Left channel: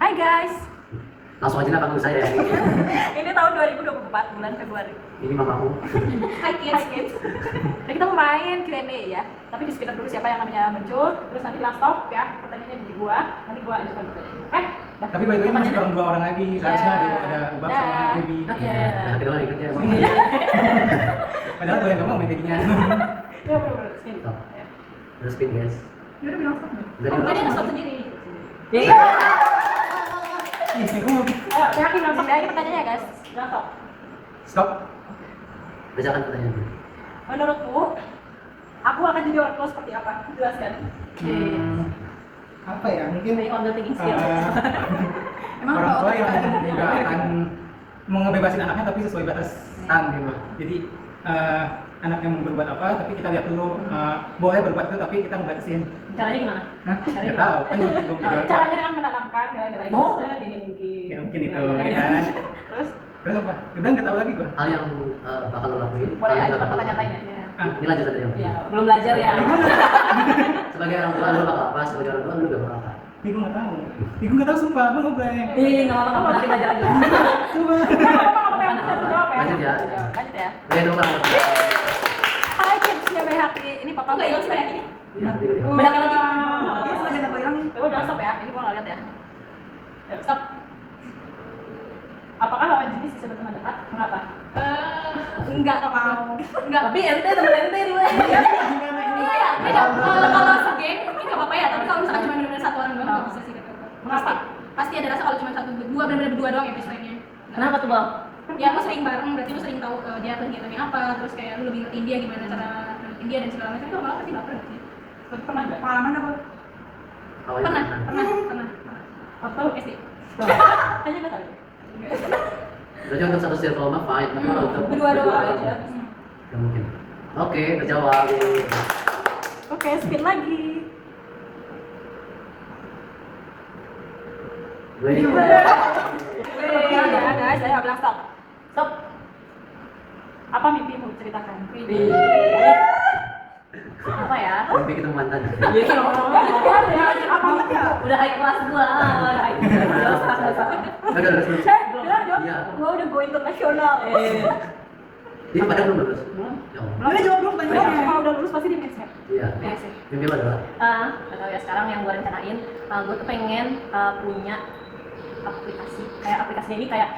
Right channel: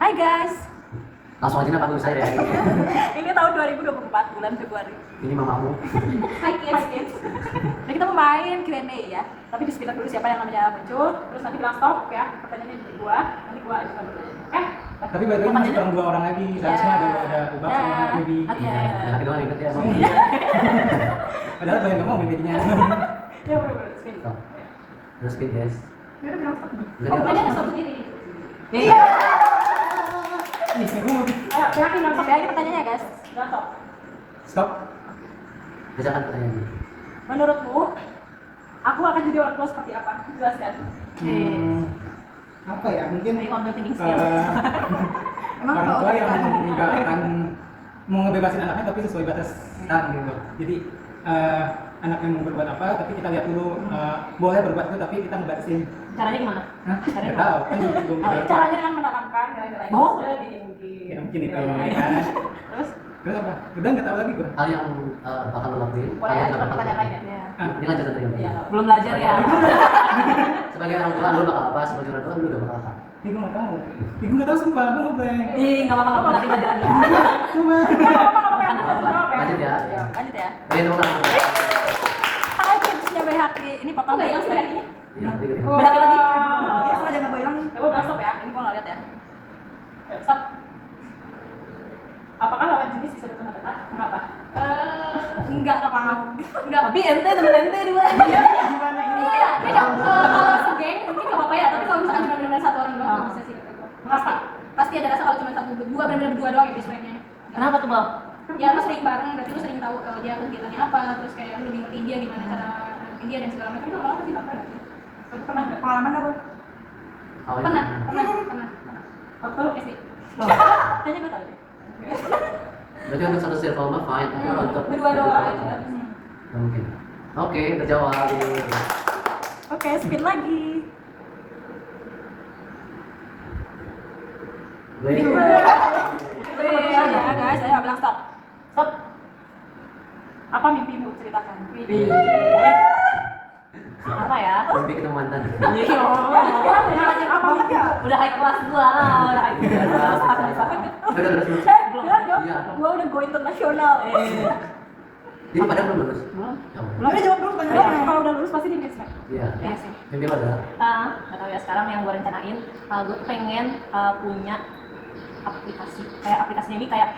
Hai guys. Langsung aja lah panggil saya ya. Ini tahun 2024 bulan Februari. Ini mamamu. Hai kids. Nah, kita mau main Q&A ya. Tapi di speaker dulu siapa yang namanya muncul, terus nanti bilang stop ya. Pertanyaannya jadi gua, nanti gua ajukan pertanyaan. Tapi by the way masih kurang 2 orang lagi. Seharusnya ada Ubab sama Baby. Nah, kita doang ikut ya. Padahal gue yang ngomong Baby-nya. Ya benar-benar spin. Stop. Ada spin guys. Dia udah bilang stop. Enggak Oh, dia. tadi ada stop sendiri. Iya. Ayo, yakin bilang stop ya. Ini pertanyaannya guys. Bilang stop. Stop. Bacakan pertanyaannya. Menurutmu, aku akan jadi orang tua seperti apa? Jelaskan. Apa ya? Mungkin Dari on the thinking skill. orang tua yang juga akan mau ngebebasin anaknya tapi sesuai batasan gitu. Jadi anaknya mau berbuat apa tapi kita lihat dulu boleh berbuat itu tapi kita ngebatasin. Caranya gimana? Hah? Nggak tahu kan belum Caranya dengan menanamkan nilai-nilai mungkin. ya mungkin itu ya kan. Terus apa? Udah nggak tahu lagi gua. Hal yang bakal lo lakuin, hal Boleh yang aja nggak bakal lo pertanyaan lakuin. lainnya. Ini lanjutan dari yang tadi. Ya, belum belajar ya. Sebagai orang tua lu bakal apa? Sebagai orang tua lu gak bakal apa? Ih, gue nggak tahu. Ih, gue nggak tahu sumpah, gue ngobrol. Ih, nggak apa-apa, berarti belajar lagi. Sumpah. Lanjut ya. Lanjut ya. Oke, tepuk tangan. Hai tipsnya Bayhaki. Ini papa Nggak hilang sih Bayhaki ini? Iya, tiga. Bayhaki lagi. Biasa aja nggak hilang. Coba bilang stop ya. Ini gua nggak lihat ya. Ayo, stop. Apakah lawan jenis bisa berteman dekat? Mengapa? Enggak mau. Enggak. Tapi ente temen ente dulu. Gimana ini? Iya, kalau segeng mungkin nggak apa-apa ya, tapi kalau misalkan cuma benar-benar satu orang doang nggak bisa sih. Mengapa? Pasti ada rasa kalau cuma satu berdua benar-benar berdua doang ya friendnya. Kenapa tuh, Bob? Ya lu sering bareng, berarti lu sering tahu dia kegiatannya apa, terus kayak lu lebih ngerti dia gimana cara dia dan segala macam. Itu malah pasti baper nanti. Pernah enggak? Pengalaman apa? Awalnya Pernah. Atau SD. tanya enggak tahu. Berarti untuk satu circle mah fine, tapi kalau untuk Berdua doang aja. nggak mungkin. Oke, terjawab. Oke, spin lagi. Gue. Ya, guys, saya bilang stop. Stop. Apa mimpimu? Ceritakan. Apa ya? Mimpi ketemu mantan. Iya, apa mimpimu? Udah high class gua. Udah high class. Udah lulus. Bilang dong, Iya. gua udah go internasional. Jadi pada belum lulus. Belum. Ya Allah. Belum ada jawab belum pertanyaannya. Kalau udah lulus pasti di next step. Iya. Iya sih. Mimpi lo adalah Nggak tahu ya, sekarang yang gue rencanain, gue tuh pengen punya aplikasi. Kayak aplikasinya ini kayak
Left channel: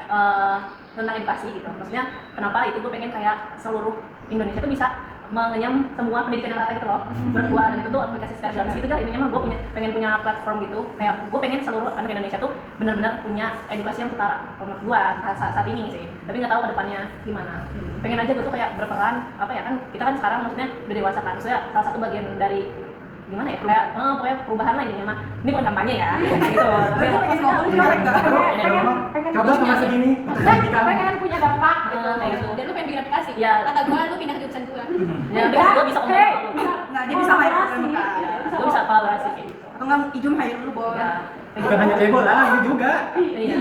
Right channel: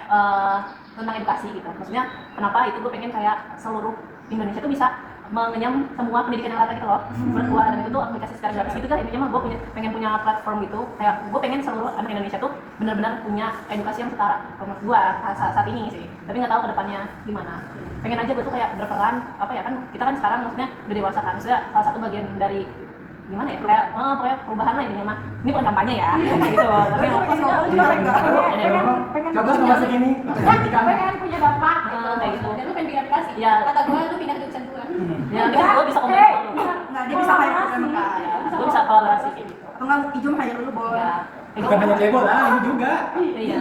tentang edukasi gitu. Maksudnya kenapa itu gue pengen kayak seluruh Indonesia tuh bisa mengenyam semua pendidikan yang rata gitu loh. Menurut gue, dan itu tuh aplikasi secara gratis gitu kan. Intinya mah gue pengen punya platform gitu. Kayak gue pengen seluruh anak Indonesia tuh benar-benar punya edukasi yang setara. Menurut gue saat ini sih. Tapi nggak tahu ke depannya gimana. Pengen aja gue tuh kayak berperan apa ya, kan kita kan sekarang maksudnya udah dewasa kan. Maksudnya salah satu bagian dari gimana ya, kayak pokoknya perubahan lah intinya mah. Ini bukan kampanye ya gitu, tapi Coba sama segini. Pengen punya bapak gitu. kayak gitu. Dan lu pengen bikin aplikasi. Ya. Kata gue lu pindah ke jurusan gue. Ya gue bisa ngomong gitu. Nah, dia bisa main Gue bisa kolaborasi kayak gitu. Atau enggak Ijum hire dulu, Boy. Ya, Bukan hanya cewek lah, ini juga. iya.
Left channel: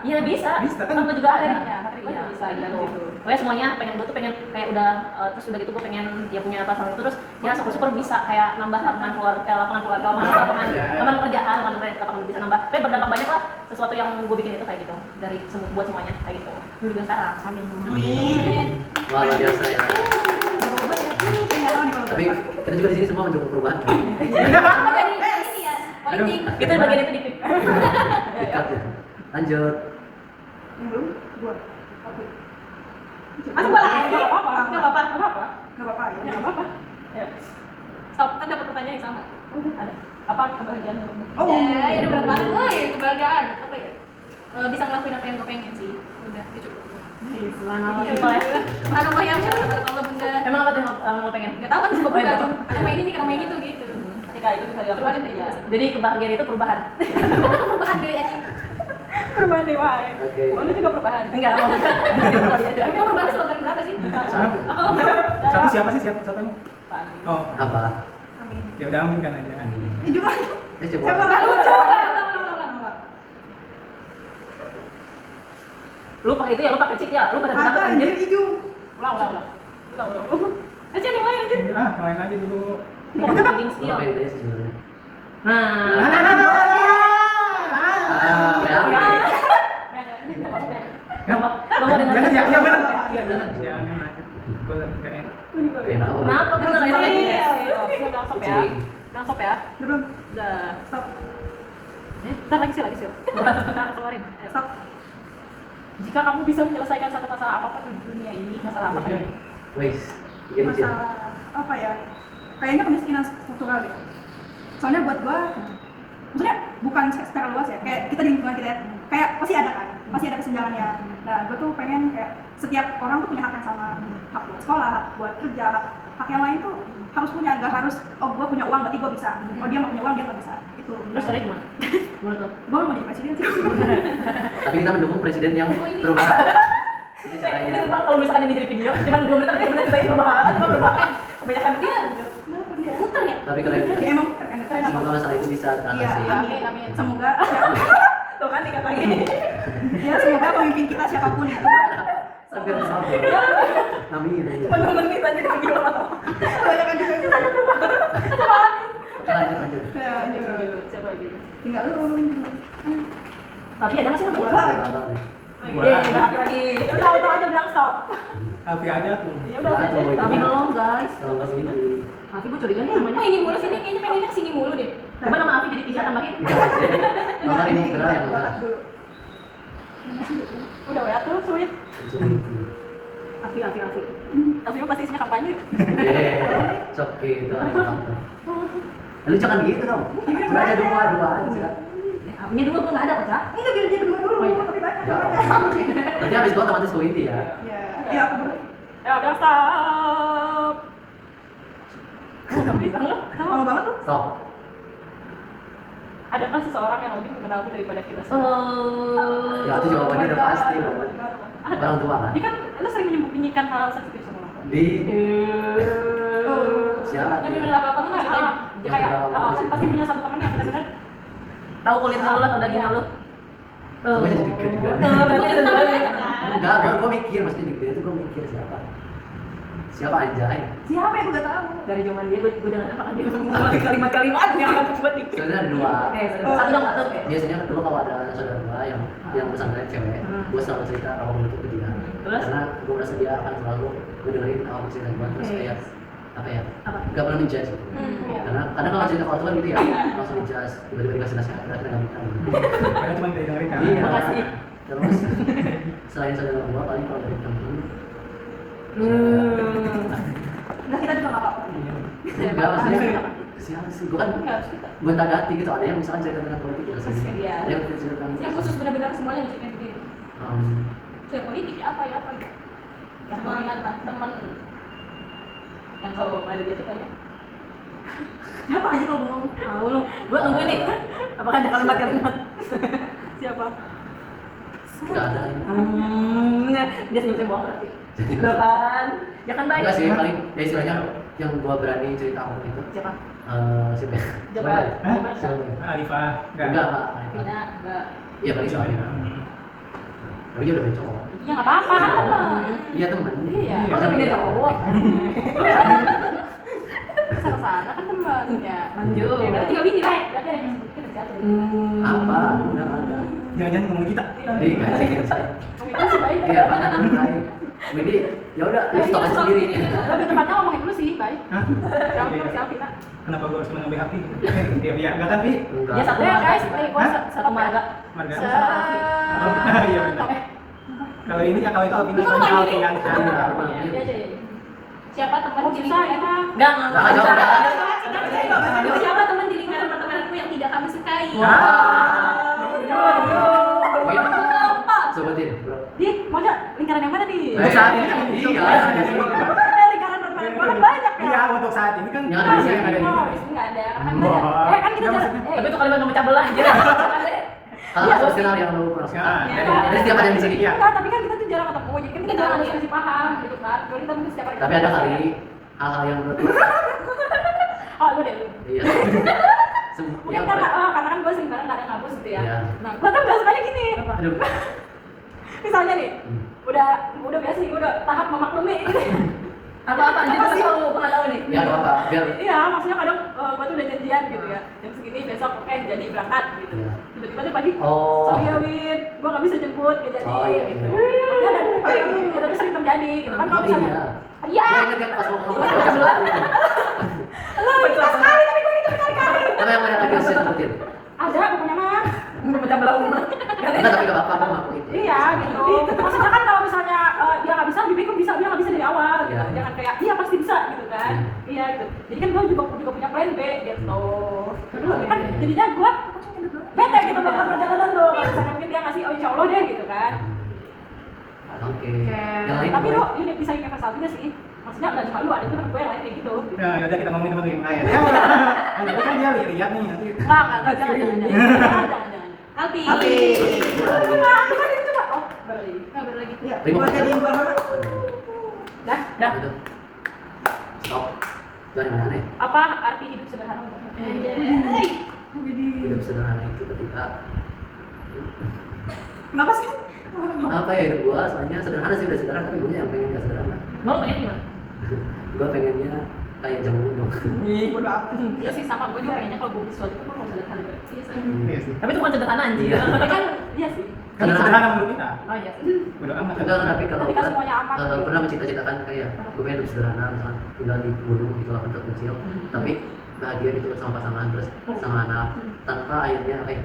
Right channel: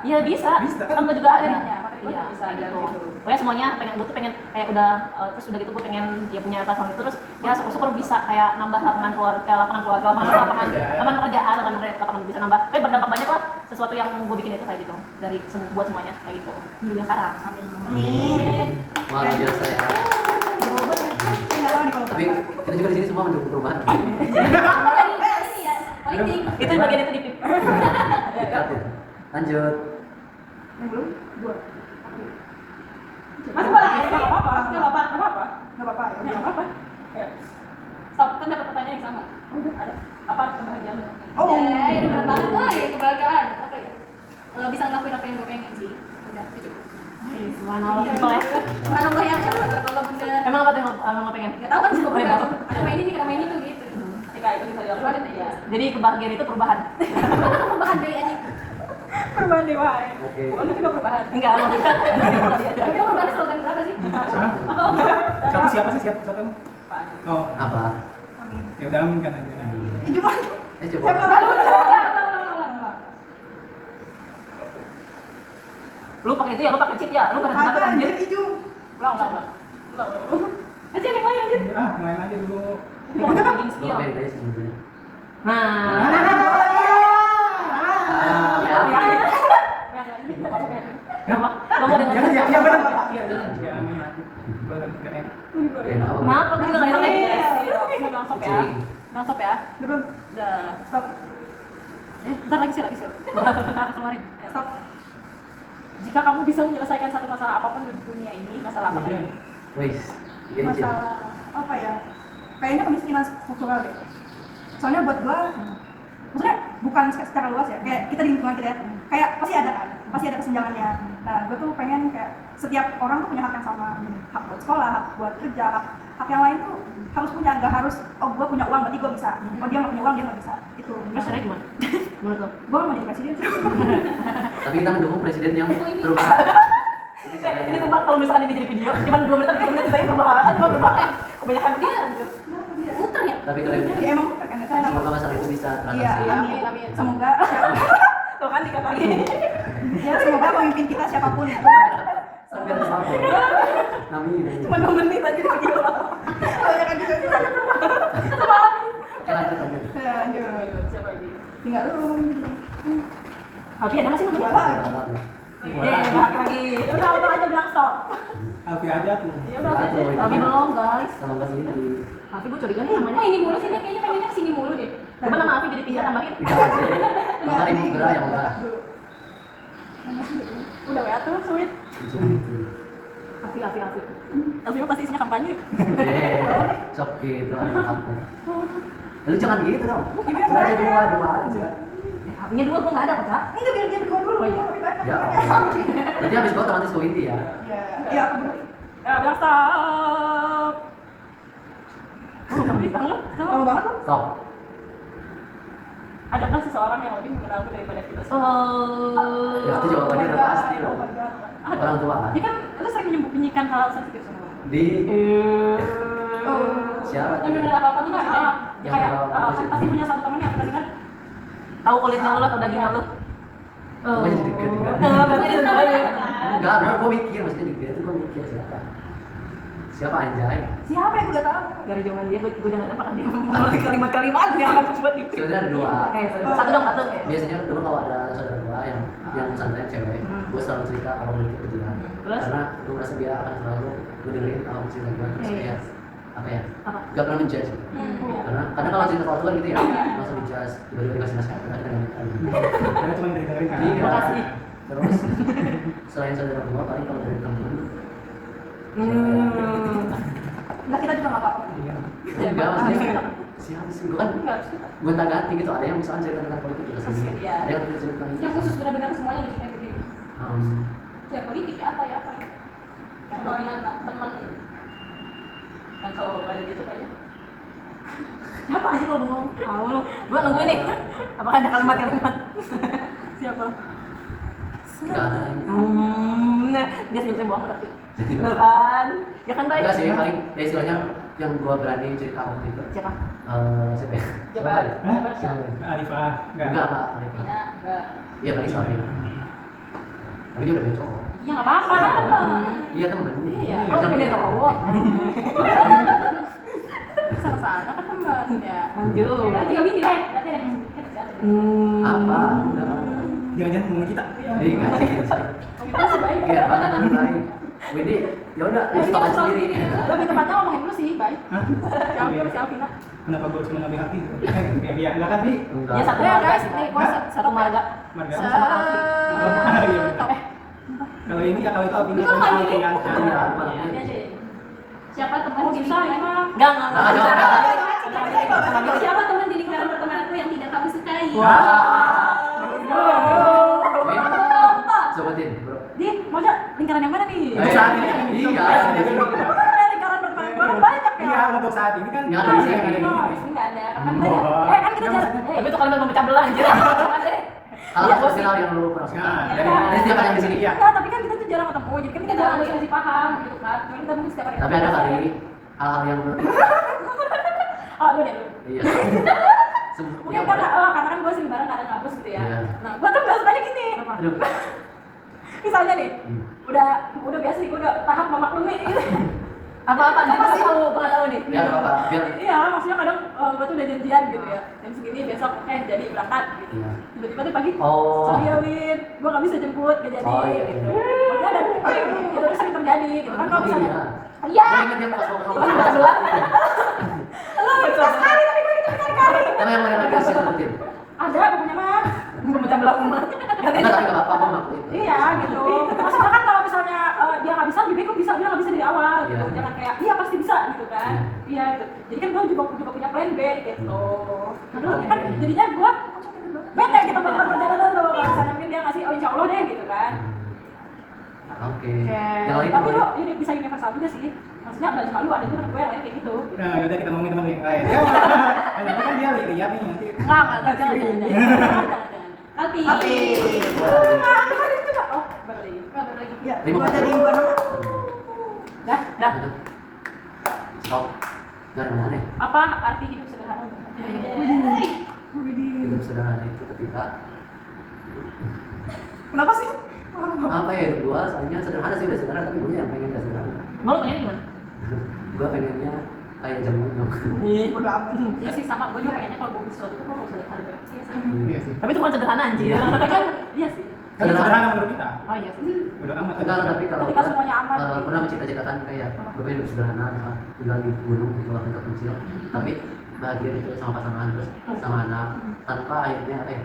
Iya bisa. Bisa. Kan gue juga ada. Ya, materi gue Iya, bisa gitu. Pokoknya semuanya gue tuh pengen kayak udah terus udah gitu gue pengen dia punya platform itu, terus ya super bisa kayak nambah lapangan keluarga, lapangan kerjaan, lapangan bisa nambah. Tapi berdampak banyak lah sesuatu yang gue bikin itu kayak gitu dari buat semuanya kayak gitu. Juga sekarang. Amin. wah luar biasa ya. Tapi kita juga di sini semua mendukung perubahan. Apa tadi? Iya, politik. Itu bagian itu di Dekat ya. Lanjut. Yang belum? Dua. Masih boleh. Nggak apa-apa. Nggak apa-apa. Nggak apa-apa. Nggak apa-apa. Ya. Nggak apa-apa. Ayo. Stop, kan dapat pertanyaan yang sama. Ada. Apa kebahagiaan lo? Oh, ya udah berat banget. Kebahagiaan. Apa ya? Bisa ngelakuin apa yang gue pengen sih. Udah, itu cukup. Subhanallah, simpel ya. Subhanallah ya, kalau bener. Emang apa tuh yang lo pengen? Gak tau kan gue berubah. Ada main ini, kita main itu gitu. Ketika itu bisa Perubahan dilakukan. itu ya. Jadi kebahagiaan itu perubahan. Perubahan dari aja. Perubahan dewa. Oke. Oh, itu juga perubahan. Enggak, maksudnya Tapi kamu perubahan slogan berapa sih? Satu siapa sih? Siapa yang? Pak Andi. Oh, Apa? Amin. ya udah amin kan aja. Cuma, Coba. lu pakai itu ya, lu pakai chip ya, lu pakai apa anjir? Ulang. aja yang lain aja. Yang lain aja dulu. Bikin Lu skill. pengen aja sih sebenarnya. Nah, Ah, Jangan ya, ya benar. Iya, jangan. Jangan lanjut. Gue lagi gak enak. Enak apa? Kenapa kita nggak enak? Bilang stop ya. Kucing. Bilang stop ya. Belum. Udah. Stop. Bentar lagi sih. Kita keluarin. Stop. Jika kamu bisa menyelesaikan satu masalah apapun di dunia ini, masalah apa tadi? Wes, bikin aja. Masalah apa ya? Kayaknya kemiskinan struktural deh. Soalnya buat gua, maksudnya bukan secara luas ya, kayak kita di lingkungan kita ya, kayak pasti ada kan, pasti ada kesenjangannya. Nah, gua tuh pengen kayak setiap orang tuh punya hak yang sama, hak buat sekolah, hak buat kerja, hak yang lain tuh harus punya, nggak harus, oh gua punya uang berarti gua bisa, oh dia nggak punya uang dia nggak bisa. Itu. Terus caranya gimana? Menurut lo? Gua mau jadi presiden sih. Tapi kita mendukung presiden yang berusaha. Itu Ini caranya. rumah kalau misalkan ini jadi video, cuma 2 menit 3 menit saya perubahan, kebanyakan dia muter ya. Tapi keren. Ya emang kan saya Semoga masalah itu bisa Iya, teratasi. Amin, amin. semoga Tuh kan dikata lagi. ya semoga pemimpin kita siapapun itu Sampai sama. Amin. Cuma 2 menit aja di video. banyak kan juga Oke, lanjut. ya Siapa lagi? tinggal lu Tapi ada masih gua nggak? lagi Iya, lagi. Udah, auto aja bilang stop. Alfi aja tuh. Ya udah. Aduh, Tapi belum guys. Kalau nggak begini, Tapi gue curiga nih namanya ini mulu sini, kayaknya pengennya kesini mulu deh. Coba nama Afi jadi 3 tambahin. tidak aja. Bahkan ini benar yang udah. Udah ya tuh, sweet. Afi. Tapi pasti isinya kampanye. Sok gitu. Lu jangan gitu dong. Sudah ada dua aja. Afinya 2 gue nggak ada kok, Cak. enggak biar dia berdua dulu tapi banyak Ya. Nanti habis gua otomatis gua inti ya. ya aku dulu Ya bilang stop. lama banget tuh Stop. Adakah seseorang yang lebih mengenalku daripada kita semua? Oh. Ya itu jawabannya udah pasti loh. Orang tua kan. Ini kan lu sering menyembunyikan hal sensitif sama orang tua. Di oh siapa? Yang benar apa enggak gitu ya? Yang Kayak benar-benar kan pasti punya satu teman yang benar-benar Tahu kulit lu atau daging lu? Gua jadi deg-degan juga. Oh, Enggak, gua mikir maksudnya deg-degan itu gua mikir siapa. Siapa anjay? siapa yang udah tahu dari zaman dia gue jangan apa kan dia kalimat-kalimat yang akan cepet nih. Sebenarnya ada dua. Satu dong, satu. Biasanya kan dulu kalau ada saudara gua yang pesantren cewek, gua selalu cerita apapun itu ke dia. Terus? Karena gua merasa dia akan selalu gua dengerin apapun cerita gua terus kayak apa ya? Apa? Gak pernah menjudge gitu. Karena kadang kalau cerita ke orang tua kan gitu ya, langsung menjudge, tiba-tiba dikasih nasihat, udah kita nggak Karena cuma dari dengerin kan. Iya. Makasih. Terus selain saudara gua paling kalau dari temen nah kita juga nggak apa-apa enggak maksudnya siapa sih? Gua kan enggak harus kita. gonta ganti gitu, ada yang misalkan cerita tentang politik gitu sendiri. Iya. Ada yang cerita tentang Yang khusus benar-benar semuanya diceritain ke diri. Ya politik apa ya? Teman. Dan kalau ada dia tuh kayaknya Apa aja lo bengong? Tahu lo. Gua nungguin nih. Apakah ada kalimat-kalimat? siapa? Enggak ada yang Dia senyum bohong berarti. Bener kan? Ya kan baik. enggak sih, paling ya istilahnya yang gua berani cerita apapun itu Siapa? siapa ya? Jabat. Hah? Jabat. Siapa ya? Arifah. Enggak, Pak. Arifah. Bina, enggak. Iya, paling sama Arifah. Tapi dia udah punya cowok. Ya nggak apa-apa, kan teman. Iya, temen. Iya. Oh, Macam dia dia. cowok. Sana-sana kan teman ya. Lanjut. Berarti nggak bisa, berarti ada yang sedikit ada. Apa? Enggak ada. Jangan ngomong kita. Jadi nggak sih saya. Komunikasi baik. Iya, mana kan baik. Jadi ya udah, lu stop aja sendiri. Lebih tepatnya ngomongin dulu sih, baik. Hah? Siapa Vina? Kenapa gue harus mengambil hati? Biar enggak kan, Pi? Enggak. Ya satu Ya marga guys, sih. dari Pak. gua Satu marga. Marga. Se- Iya benar. Kalau ini kalau itu Alfi namanya Alfi yang Iya, apa Iya, namanya? iya. siapa teman Oh, di susah lingkungan ya. Enggak. Enggak, jawab. siapa teman di lingkungan pertemananku yang tidak kamu sukai Wait, sebutin, bro. Di, mana lingkaran yang mana nih? Saat ini iya, ada sini. Lingkaran pertemanan gua kan banyak ya. Iya, untuk saat ini kan Yang ada di sini, yang ada di sini. Oh, di sini nggak ada, karena kan Oh. banyak. Kan kita Nggak, jarang. maksudnya- Tapi itu kalimat memecah belah gitu. Hal personal yang lu pernah suka. Jadi setiap ada yang di sini. Iya. Enggak, tapi kan kita tuh jarang ketemu, jadi kan kita jarang diskusi paham gitu kan. Jadi kita mungkin setiap hari. Tapi ada kali hal-hal yang menurut lu. Oh, lu deh. Iya. Mungkin Yang karena kan gue sering bareng kadang kampus gitu ya. Iya. Nah, gue tuh nggak sukanya gini. Aduh. Misalnya nih, Hmm. udah biasa nih, gue udah tahap memaklumi. Apa anjir aku selalu pengalaman nih. Biar apa? Biar Iya, maksudnya kadang gue tuh udah janjian gitu ya. Jam segini besok oke jadi berangkat gitu. Iya. Tiba-tiba tuh pagi, Oh. sorry ya Win, gue gak bisa jemput, gak jadi Oh, iya. gitu. Maksudnya ada sering terjadi gitu kan kalau misalnya. Iya. Iya. Gue inget yang pas mau ketemu. Lo kita sekali tapi gue gitu berkali-kali. Karena yang mana lagi usia sebutin. Ada pokoknya mah. Macam berapa? Enggak, tapi gak apa-apa, mau ngaku itu. Iya gitu. Maksudnya kan kalau misalnya dia nggak bisa, lebih baik gue bisa, dia nggak bisa dari awal. Gitu. Iya. Jangan kayak iya pasti bisa gitu kan. Iya gitu. Jadi kan gue juga punya plan B gitu. Terus kan jadinya gue bete gitu dengan perjalanan tuh. Kalau misalnya mungkin dia ngasih oh insya Allah deh gitu kan. Oke. Yang lain Tapi apa? lo ini bisa universal juga sih. Maksudnya nggak cuma lu, ada juga gue yang lain kayak gitu. Nah, yaudah kita ngomongin teman yang lain. Nah, kan dia lihat nih nanti. Enggak, jangan. Alpi. Alpi. Coba. Oh, baru lagi. Baru lagi. Ya, Lima buat jadi buat nama. Dah. Betul. Stop. Dari mana nih? Apa arti hidup sederhana untuk Hidup sederhana itu ketika Kenapa sih? apa ya hidup gua soalnya sederhana sih udah sederhana tapi gue yang pengen gak sederhana. Mau pengen gimana? Gua pengennya kayak jamu-jamu. Bodo amat. Iya sih sama gue juga pengennya kalau gue visual itu kok sederhana gitu. Iya sih. Iya sih. Tapi itu bukan sederhana anjir. Iya. Tapi kan iya sih. Kan sederhana menurut kita. Oh iya sih. Bodo amat. Enggak, tapi kalau Ketika semuanya aman. pernah mencita-citakan kayak gue pengen hidup sederhana misalnya tinggal di gunung di tempat terpencil tapi bahagia gitu sama pasangan terus sama anak tanpa akhirnya apa ya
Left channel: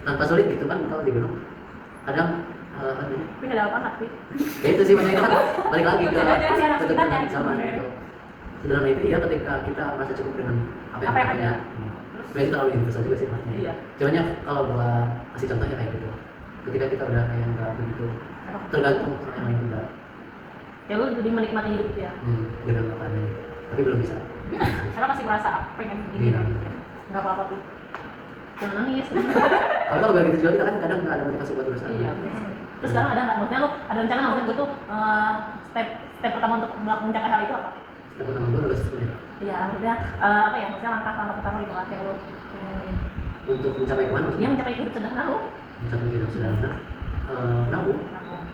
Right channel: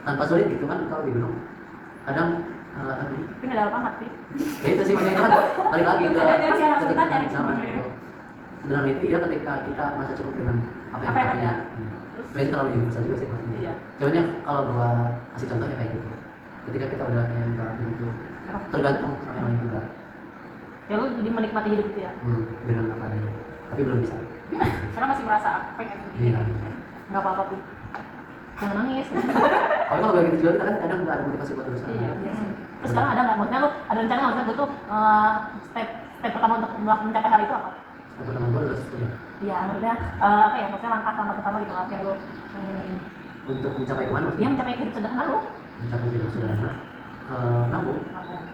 tanpa sulit gitu kan kalau di gunung kadang apa ini Tapi nggak ada apa hati. ya itu sih makanya itu kan balik lagi ke Iya, ketentuan iya. zaman gitu sederhana itu ya ketika kita merasa cukup dengan apa yang Apa yang kita punya ada. sebenarnya terlalu universal juga sih maksudnya Iya. cuman ya kalau gua kasih contohnya kayak gitu ketika kita udah kayak nggak begitu tergantung sama yang lain juga Ya lu jadi menikmati hidup itu ya. dengan apa adanya tapi belum bisa Karena masih merasa pengen begini. iya Enggak apa-apa tuh. Jangan nangis. tapi kalau kayak gitu juga kita kan kadang nggak ada motivasi buat berusaha Iya. Terus sekarang ada nggak? Maksudnya lu ada rencana nggak? Maksudnya gue tuh step pertama untuk mencapai hal itu apa? step pertama gua adalah sebenarnya Iya, maksudnya apa ya? Maksudnya langkah pertama gitu lah yang lu untuk mencapai kemana dia maksudnya mencapai hidup sederhana lu. mencapai hidup sederhana nabung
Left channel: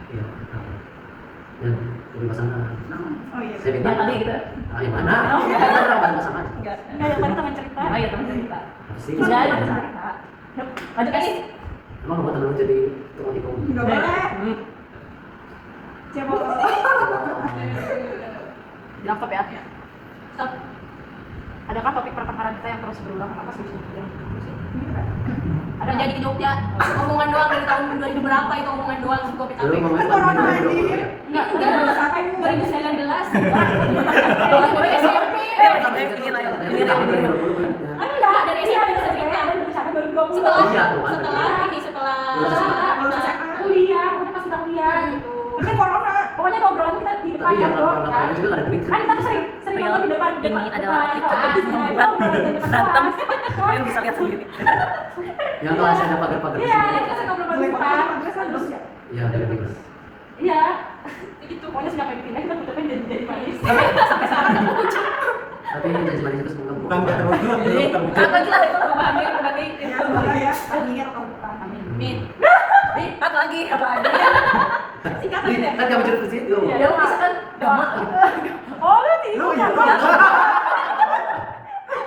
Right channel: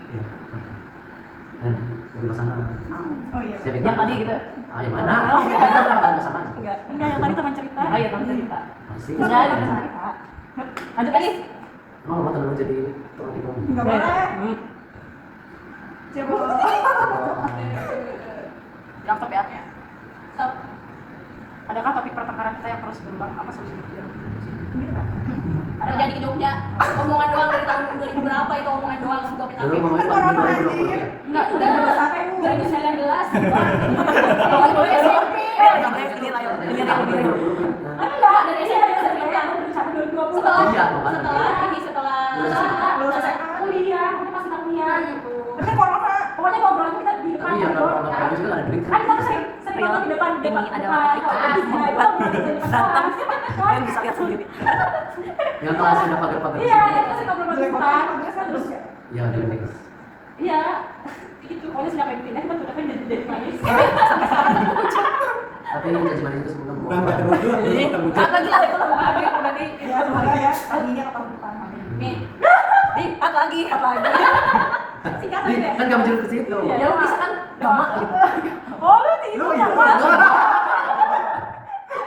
iya nabung. Dan lebih pasangan Oh iya. saya Yang pikir tadi gitu. yang mana kita pernah bahas pasangan Enggak. Enggak, yang tadi teman cerita. Oh iya, teman cerita. apa sih Enggak ada cerita. Lanjut lagi. emang mau temen lu jadi tukang tikung Enggak boleh. Coba. Bilang stop ya. Stop. Adakah topik pertengkaran kita yang terus berulang? Apa solusinya? Ada jadi ke Jogja. Omongan doang dari tahun 2000 berapa itu omongan doang sebuah PKP. dulu ngomongin Kan corona, 2020 ya anjir. Enggak, udah 2019. Kalau gue SMP. ini tahun 2020 Enggak, dari SMP udah cerita. Setelah Iya, tuh kan. setelah Lulus SMA. kuliah, udah pas kita kuliah gitu. Kan corona. Pokoknya ngobrol kita di depan tapi ya kantor, kalau kan. juga nggak ada duit Kan kita tuh sering nonton di depan Ini adalah datang. Kalian bisa lihat sendiri. yang kelas ada pagar-pagar Iya, kita sih ngobrol di depan. Terus ya. ya dari bagus Iya, itu pokoknya sejak kayak dipindah kita udah jadi manis. tapi janji manis itu semoga Bukan bukan terwujud, belum terwujud. Lagi lah itu berarti. Ya, semoga ya. Akhirnya ketemu depan. Nih, satu lagi. kan kamu curug ke situ Iya, Ya bisa kan doa. Oh, lu itu Lu ya.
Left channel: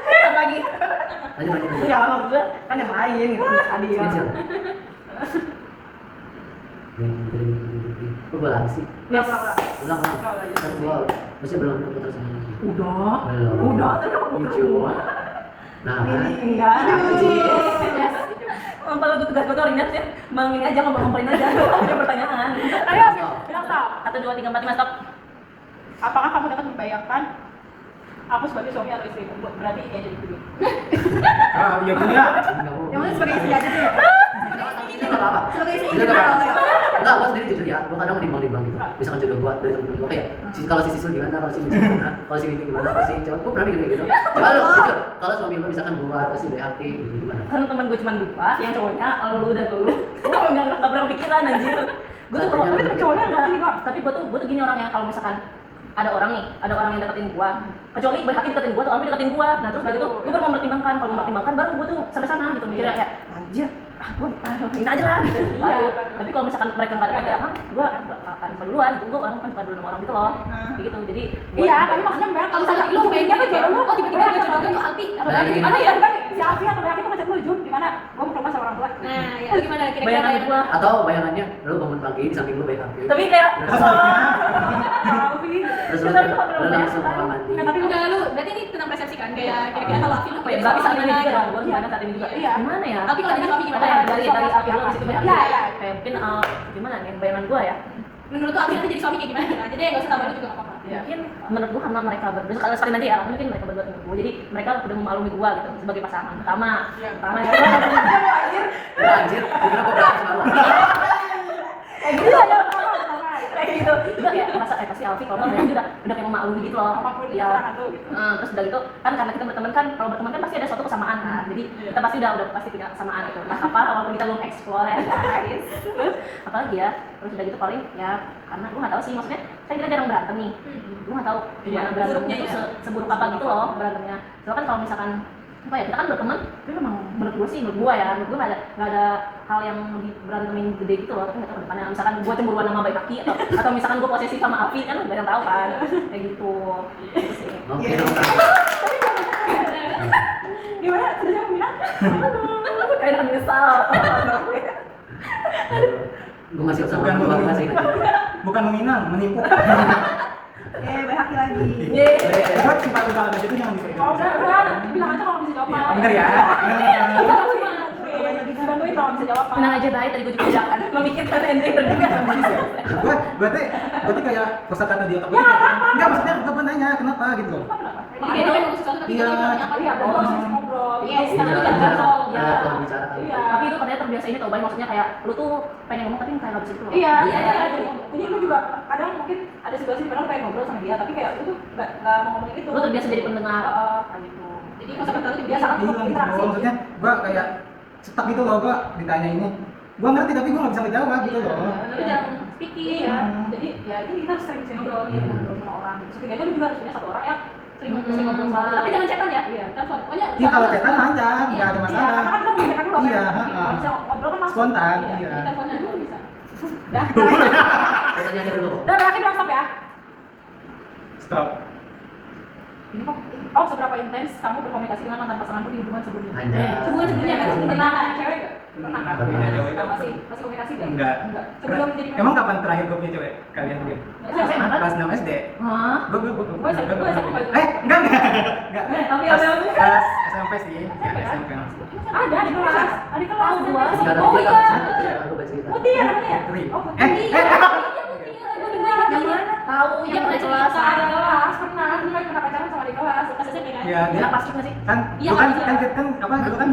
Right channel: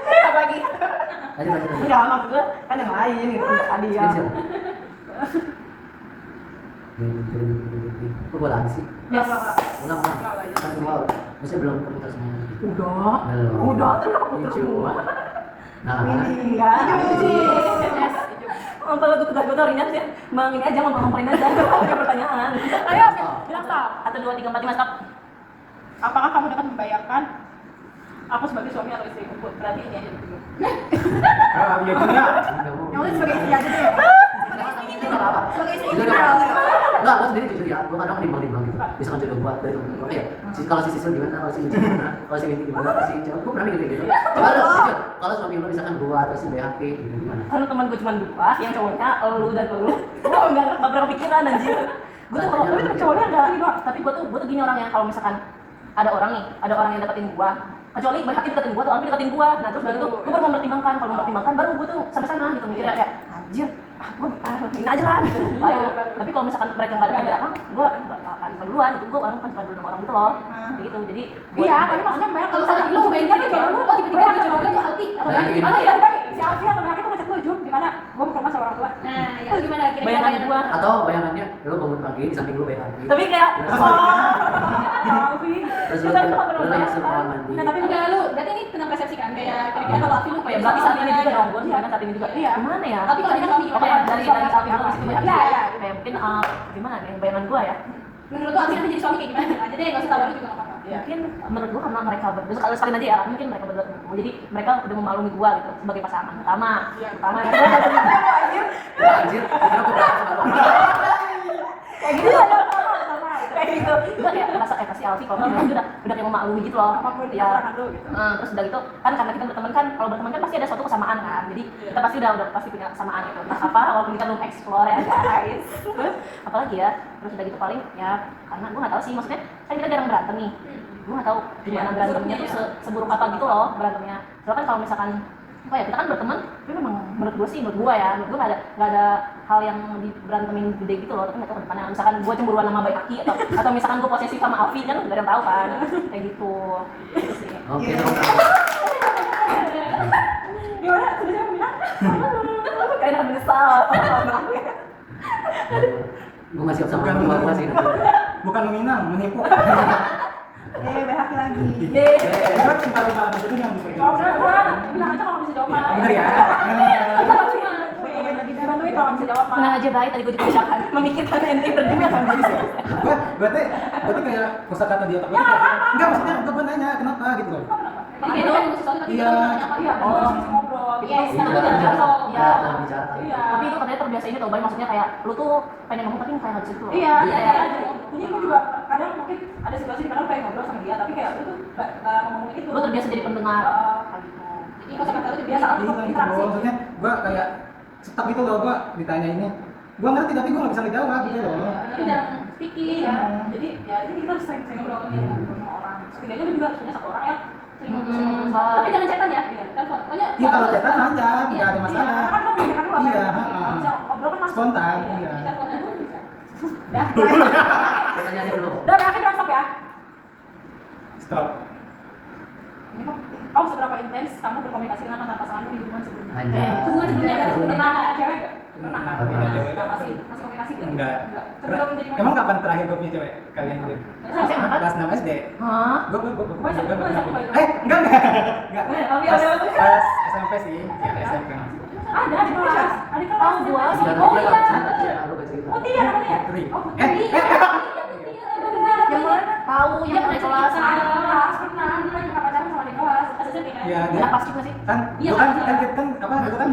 Satu lagi. lanjut Ya maksud gue kan yang lain gitu. Tadi ya. Spesial. Kok bola sih? Yes. Ulang. Kan gua masih belum keputar semuanya. Udah. Belum. Udah, terus kamu putar Cuma. semua. Nah, Enggak. Yes. Kalau gue tugas gue tuh Rinat ya, bang ini aja ngomongin aja. Ada pertanyaan. Ayo, bilang stop. 1, 2, 3, 4, 5 stop. Apakah kamu dapat membayangkan aku sebagai suami atau istri? Berarti ini aja dulu. Ah, iya juga. Yang penting sebagai istri aja tuh ya. Itu nggak apa-apa. Sebagai istri Itu nggak kita apa-apa. kalau ya. Enggak, gua sendiri jujur ya. Gua kadang menimbang-nimbang gitu. Misalkan jodoh gua dari temen gua kayak kalau si Sisul gimana, kalau si Mici gimana, kalau si Winti gimana, kalau si Cewek gua pernah mikir kayak gitu. Coba lu jujur, kalau suami lu misalkan gua atau si Behati gitu gimana? Kan teman gue cuma 2, yang cowoknya lu dan lu. Gue nggak pernah pikiran anjir. Gue tuh kalau Tapi cowoknya enggak sih, Kak. tapi gue tuh gini orangnya kalau misalkan ada orang yang deketin gua, kecuali Boy Hakim deketin gua atau Amri deketin gua, nah terus baru tuh gua baru mempertimbangkan, kalau mempertimbangkan baru gua tuh sampai sana gitu mikirnya kayak anjir gue ini aja lah gitu. Iya. Tapi kalau misalkan mereka nggak ada apa gue nggak akan duluan gitu, gue orang kan suka dulu sama orang gitu loh kayak gitu. Jadi Iya, tapi maksudnya Mbak, kalau misalnya lu kayaknya tuh jodoh lu, oh tiba-tiba ada jodoh lu Alfi, atau Nah, Alfi ini. gimana ya? Kan si Alfi atau Alfi tuh ngechat lu Jum, gimana? Gua mau ke rumah sama orang tua. Nah, ya. Itu gimana kira-kira? bayangan gue, Atau bayangannya lu bangun pagi di samping lu banyak tapi kayak Alfi. terus lu Kita tuh ngobrol lu banyak langsung kan. kamar mandi. Nah, tapi udah lu, berarti ini tentang persepsi kan? Kayak kira-kira kalau Alfi lu ya berarti saat ini juga kan, gue sebenarnya saat ini juga Iya. gimana ya? Tapi kalau dia suami gimana? Kayak dari Alfi lu di situ banyak. Iya, iya. Kayak mungkin gimana nih bayangan gue ya? Menurut lu Alfi nanti jadi suami kayak gimana? Aja deh, enggak usah tahu juga enggak apa-apa. Mungkin menurut gue karena mereka berdua sekali aja ya, mungkin mereka berdua temen gue, jadi mereka udah memaklumi gue gitu sebagai pasangan pertama. Iya. Pertama ya. Ya anjir, kira gua berapa sama lu. Kayak gitu aja pertama kayak gitu. Enggak ya, merasa pasti Alfi kalau ngomong udah kayak memaklumi gitu loh. Apapun di Ya. keterangan lu gitu. Terus udah gitu kan karena kita berteman kan, kalau berteman kan pasti ada suatu kesamaan kan, jadi kita pasti udah pasti punya kesamaan gitu. Nah apa walaupun kita belum explore ya guys. Terus apalagi ya, terus udah gitu paling ya karena gue nggak tahu sih, maksudnya kan kita jarang berantem nih, gue nggak tahu gimana berantemnya tuh seburuk apa gitu loh berantemnya. Soalnya kan kalau misalkan apa ya, kita kan berteman, tapi memang menurut gue nggak ada hal yang berantemin gede gitu loh. Tapi nggak tahu ke depannya, misalkan gue cemburuan sama baik kaki atau misalkan gue posesif sama Alfi kan nggak ada yang tahu kan kayak gitu. Gitu sih. Oke, dong. Gimana? Sudah siapa minat? Kayak akan menyesal. Gue masih siap sama Bukan lu, meminang. masih ingat. Bukan meminang, menipu. BHK lagi. Gue lupa aja itu jangan Kalau dipegang. udah, bilang aja kalau bisa jawab. Ya, bener ya. Bantuin kalau bisa jawab. Tenang aja baik, tadi gue juga udahan memikirkan ending dan dia akan bisa. Gue tuh kayak kosakata di otak gue. Enggak, maksudnya gue nanya kenapa gitu loh. Itu sesuatu tapi Iya. kita nanya apa ya? Ngobrol. Iya, Iya, sekarang kita kita bicara. ngomong. Ya, kalau bicara kali. Iya. Tapi itu katanya terbiasa ini tau, Bay, maksudnya kayak lu tuh pengen ngomong tapi kayak nggak bisa gitu loh. Iya, Iya. jadi gue juga kadang mungkin ada situasi di mana lu pengen ngobrol sama dia, tapi kayak lu tuh nggak mau ngomongin itu. Lu terbiasa jadi pendengar. Heeh. Kayak gitu. Jadi kosakata lu biasa kan Iya gitu interaksi. loh. Maksudnya gue kayak stuck gitu loh, gue ditanya ini. Gue ngerti tapi gue nggak bisa ngejawab gitu loh. Tapi jarang speaking ya. Hmm. Jadi ya ini kita harus sering-sering ngobrol ya dengan sama orang. Setidaknya lu juga harus punya satu orang yang sering ngobrol soal. Tapi jangan chatan ya. Iya. Telepon. Pokoknya. Iya kalau chatan lancar, nggak ada Iya, karena masalah. kan lu memikirkan dulu apa Iya, yang heeh. bisa ngobrol kan langsung. Spontan, iya. Jadi teleponnya dulu bisa. Dah. Pertanyaannya dulu. Udah berakhir bilang stop ya. Stop. Ini kok. Oh, seberapa intens kamu berkomunikasi dengan mantan pasanganmu di hubungan sebelumnya? Hanya. Hubungan sebelumnya kan pernah cewek nggak? Pernah. Tapi ada cewek. Masih komunikasi nggak? Enggak. Sebelum jadi Emang kapan terakhir gue punya cewek kalian dia? SMA? Kelas 6 SD. Hah? Gue Gue SMP. enggak. Tapi Pas ada- pas SMP sih, ya SMP. Ada di kelas. Ada di kelas. Oh, gua. Sekarang Oh dia iya. kan ya, aku baca cerita. Putih ya namanya? Putri. Oh, Putri. Yang mana? Tahu Iya yang pernah di kelas. cerita di kelas. Pernah. Dulu kan pernah pacaran sama di kelas. Pas SMP kan? Iya, Dia dia pasti masih. kan Iya, dulu kan Pak. kan apa dulu kan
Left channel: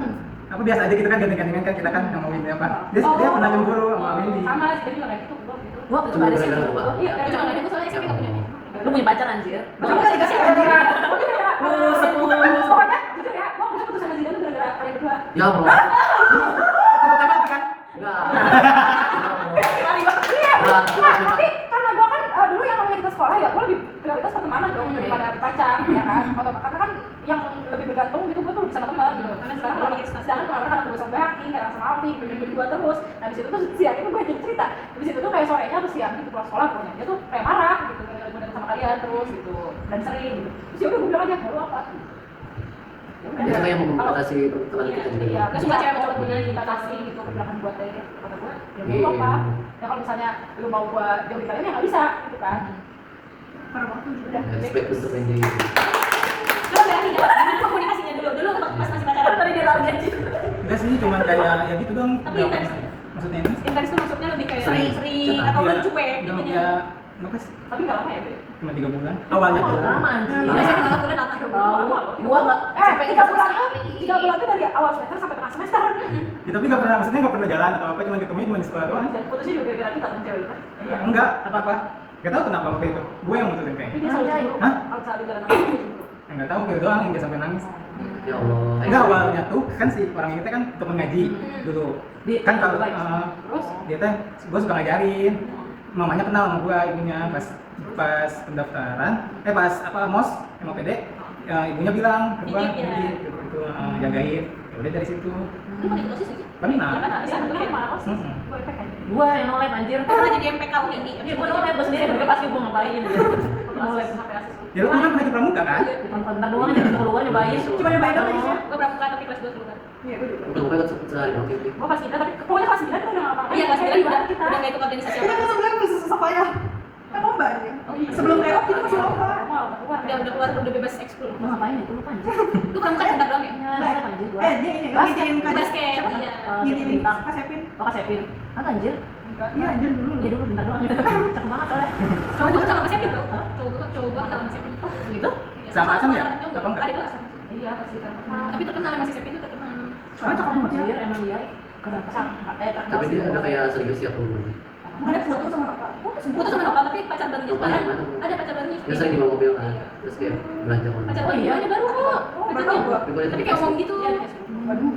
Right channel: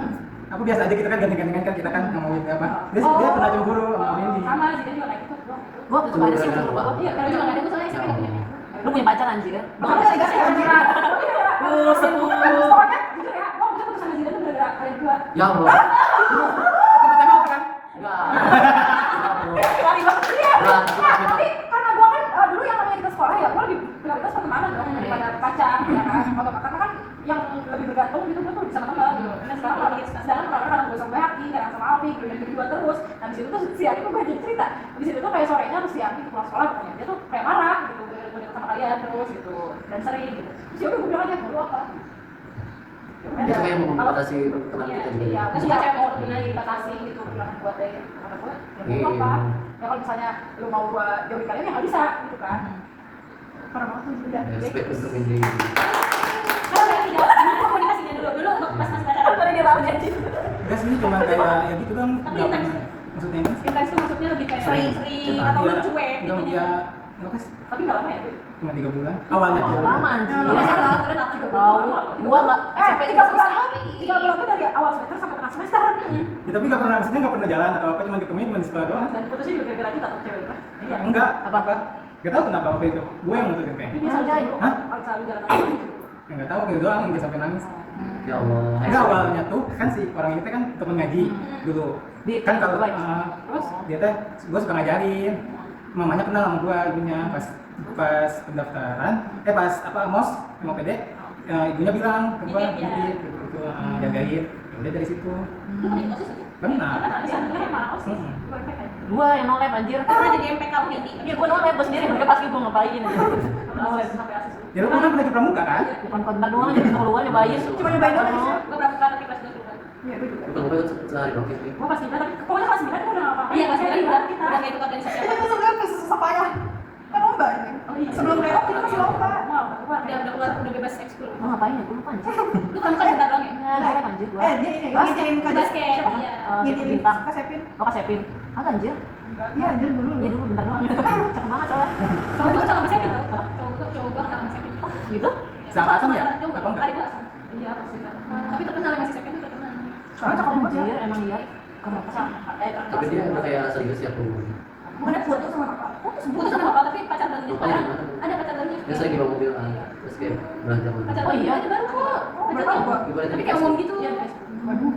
apa biasa aja gitu kan ganti-gantian kan kita kan ngomongin apa. Dia pernah cemburu sama Windy. Sama, dia juga kayak gitu. Gua Cuma juga ada sih. gara-gara gua. Iya, tapi cuma kayak gitu soalnya SMP nggak punya. Lu punya pacar anjir. Makanya saya kasih gara-gara. Pokoknya jujur ya, gua putus sama Zidane tuh gara-gara kalian berdua. Ya Allah. Tembak kan? Enggak. Lari banget iya. Nah, Nah, tapi karena gua kan dulu yang namanya kita sekolah ya, gua lebih prioritas pertemanan dong daripada pacar, ya kan? Atau karena kan yang lebih bergantung gitu gua tuh sama teman gitu. Karena sekarang kalau sedangkan kadang gua sama Haki, kadang sama Alfi, berdua terus. Nah, di situ tuh si Haki tuh gue jadi cerita. Di situ tuh kayak sorenya terus si Haki pulang sekolah pokoknya dia tuh kayak marah gitu, mau datang sama kalian terus gitu dan sering gitu. Terus ya udah gua bilang aja, "Lu apa?" Dia kayak mau membatasi teman kita juga. Iya, aku suka cewek cowok punya dibatasi gitu, bilang buat deh kata gue, ya mau apa? Ya kalau misalnya lu mau gua jauhin kalian ya nggak bisa gitu kan. Parah banget nih, udah. Respect untuk Wendy. Kalau berarti ya, komunikasinya dulu untuk pas masih pacaran tadi dia lawan janji. Enggak sih, cuman kayak ya gitu dong. Tapi Nggak intens. pernah. Maksudnya ini Intens tuh maksudnya lebih kayak Sering. sering atau lu cuek gitu. Enggak ya, enggak sih. Tapi nggak lama ya, Bi? Cuma 3 bulan. Awalnya tuh. Lama anjir. Biasanya kalau kita datang ke Gua enggak. 3 bulan tuh dari awal semester sampai tengah semester. Ya, tapi nggak pernah, maksudnya nggak pernah jalan atau apa, cuma ketemu cuma di sekolah doang. Dan putusnya juga gara-gara kita temen cewek itu. Iya. Enggak, apa-apa. Gak tahu kenapa waktu itu. Gue yang mutusin kayaknya. Dia selalu cemburu. Hah? Selalu gara-gara Enggak tahu gitu doang, enggak sampai nangis. Ya Allah. Enggak, awalnya tuh kan si orang kita kan temen ngaji dulu. Di- Kan kalau Terus? dia teh gue suka ngajarin. Mamanya kenal sama gue, ibunya pas pendaftaran, pas apa mos MOPD, ibunya bilang ke gue, Nitip ya. jagain. Ya udah dari situ. Lu mau ikut OSIS sih? Pernah. Bisa tentunya mana kos? Mm-mm. Gue efek kan. Gua yang no lab anjir. Pernah jadi MPK ini. Iya, gua no lab gua sendiri, mereka pasti gua ngapain aja. No lab. Sampai asis. Ya lu kan pernah ke pramuka kan? Bukan kontak doang aja, keluar nyobain. Cuma nyobain doang aja. Gue pramuka tapi kelas 2 dulu kan. Iya, gue juga. Bukan gue sehari dong kayak Gue pas kita tapi pokoknya pas kita udah nggak apa-apa. Iya kelas 2 udah kita. udah nggak ikut organisasi Kan apa. sebelum apa ya? Kan lomba ya. Sebelum lewat kita masih lomba. Udah keluar udah bebas ekskul. Gua ngapain ya? Gua lupa anjir. Lu pramuka bentar doang ya? Ya, gua anjir gua. Dia ini ngikutin Basket. Iya. ngikutin Bintang. Kak Sepin. Oh, Kak Sepin. Apa anjir? Iya, anjir dulu. Iya dulu bentar doang. Cakep banget soalnya. Cowok gue sama Mas Ekin tuh. Cowok gue sama Mas Ekin. Gitu? Seangkatan ya? Apa enggak? Ada kelas. Iya pasti kan. Tapi terkenal ya masih Sepin itu terkenal. Soalnya cakep banget anjir, emang iya. Kenapa sih? tapi dia ada kayak serius ya tuh Bukan foto sama apa? Putus sama Nopal tapi pacar barunya. Nopal yang mana? Ada pacar barunya. dia sering bawa mobil kan terus kayak belanja Pacar mana Oh iya? barunya baru kok. Pacarnya. Baru. tapi gue Tapi kayak ngomong gitu. Waduh.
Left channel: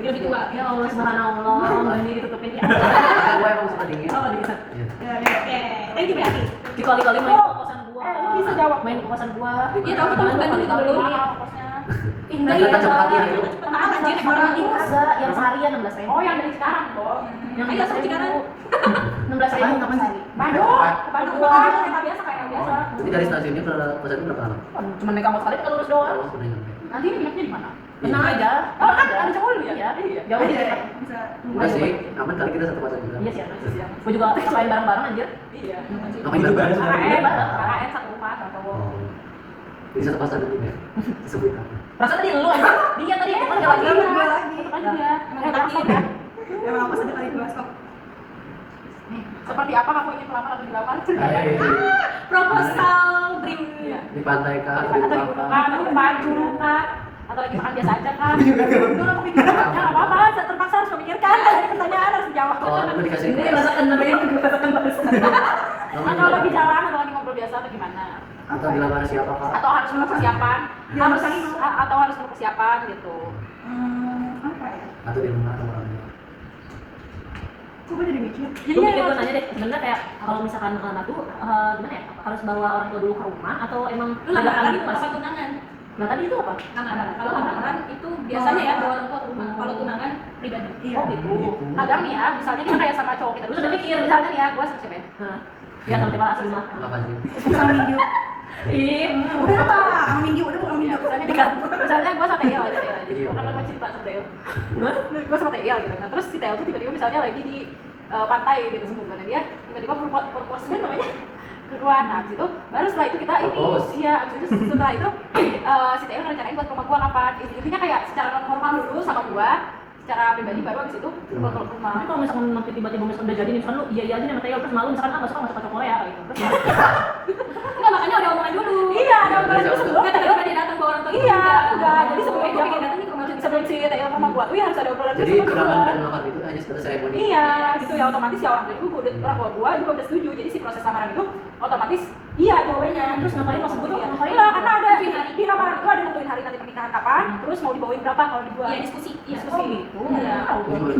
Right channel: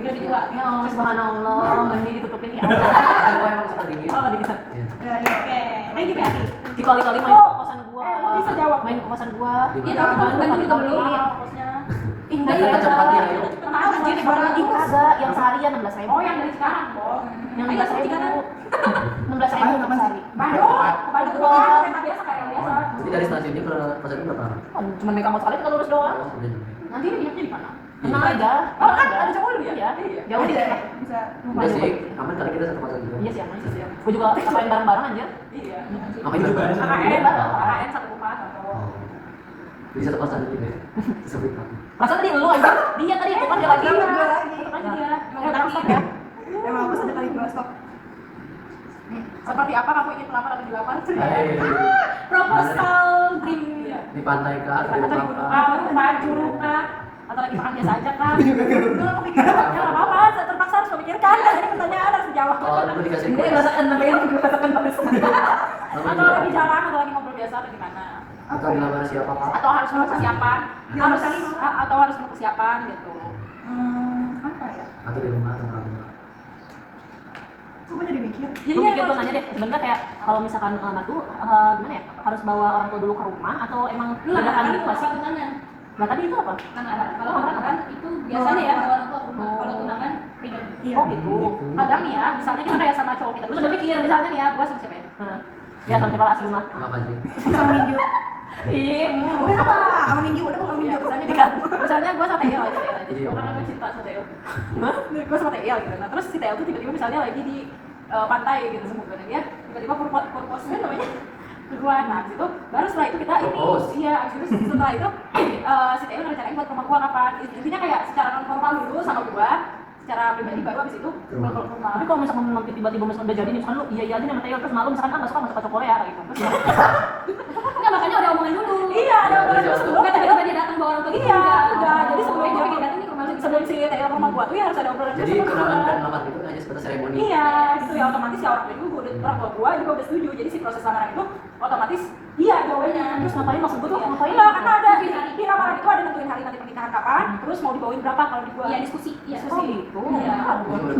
Udah dijual. Ya Allah, subhanallah, ini ditutupin ya. gue emang suka dingin Apa di sana? Iya. Ya, ya. Oke. Thank you Beati. Dikali-kali main ke kosan gua. bisa jawab. Main ke kosan gua. Iya tahu kita ke Bandung juga belum. Enggak Kata cepat ya ayo Mahal anjir barang Ih, kagak, yang seharian 16.000. Oh yang dari sekarang kok. Yang Ayo, 16.000. sekarang. 16.000 Apaan, apaan sih? sehari. Bandung. Bandung doang. Kayak biasa kayak biasa. jadi dari stasiunnya ke kosan itu berapa lama? Cuma naik angkot sekali kita lurus doang. Oh udah nyampe Nanti ini duduknya di mana? Tenang aja. Oh kan ada cowok lu ya? Iya. Ya Ada udah. ya, bisa. udah sih aman kali kita satu kosan juga Iya sih, aman sih. Gua juga selain bareng-bareng aja. Iya. apa Itu juga ada juga sama KKN, dia. KKN satu rumah sama cowok. oh jadi satu kosan aja ya disebut apa Perasaan tadi lu aja. Dia tadi itu kerja lagi. Iya, gue lagi. Tetep aja dia. Emang ada stop ya? Emang apa ada kali dua stop. Nih, seperti apa kamu ingin melamar atau dilamar? proposal dream. Iya. di pantai kah Atau di di rumah gunung kah kah, atau baju kah, atau lagi makan biasa aja kah? Itu aku pikirin, ya nggak apa-apa, saya terpaksa harus memikirkan. Ini pertanyaan harus dijawab. oh lu dikasih Ini request rasakan namanya, rasakan bagus. Atau lagi jalan, atau lagi ngobrol biasa atau gimana? atau dilamar siapa kak Atau harus perlu persiapan? Atau harus perlu persiapan gitu. Apa ya? atau di rumah atau orang tua Kok gue jadi mikir? Gue mikir gue nanya deh, sebenarnya kayak kalau misalkan anak tuh gimana ya? Harus bawa orang tua dulu ke rumah atau emang Lu lamaran gitu itu nggak sih? apa tunangan? Nah tadi itu apa? Lamaran. Kalau lamaran itu biasanya ya bawa orang tua ke rumah. Kalau tunangan pribadi. Iya. Oh gitu. Kadang nih ya, misalnya kita kayak sama cowok kita. Lu udah mikir, misalnya nih ya, gue sama siapa ya? Nah, ya sama siapa asli mah. apa sih Sama Minggu. Ih, Udah apa? Sama Minggu, udah bukan Minggu. Misalnya gue sama Teo aja ya. Iya. Karena gue cinta sama Teo. Gue sama Teo gitu. Nah terus si Teo tuh tiba-tiba misalnya lagi di pantai gitu sebutnya dia tiba-tiba propose kan namanya kedua nah abis itu baru setelah itu kita Propose. iya abis itu setelah itu si Teo rencanain buat ke rumah gua kapan intinya kayak secara non formal dulu sama gua secara pribadi baru abis itu gua ke rumah. tapi kalau misalkan nanti tiba-tiba misalkan udah jadi nih, misalkan lu iya iya aja nih sama Teo terus malu misalkan nggak suka cowok Korea gitu. Terus Enggak makanya ada omongan dulu. Iya ada orang itu sebelum Enggak tiba-tiba dia datang bawa orang tua. iya enggak jadi sebelum Gue dia pengen datang nih ke rumah lu. sebelum si Teo ke rumah gua tuh ya harus ada obrolan jadi dulu sama tunangan gua. dan lamar itu hanya sekedar seremoni Iya, gitu ya otomatis ya orang tua gue udah orang tua juga udah setuju. Jadi si proses lamaran itu otomatis iya jawabannya. terus ngapain pas sebut tuh ngapain Iya, karena ada di lamaran itu ada nentuin hari nanti pernikahan kapan, terus mau dibawain berapa kalau di gua. Iya diskusi. Iya. oh gitu. Iya.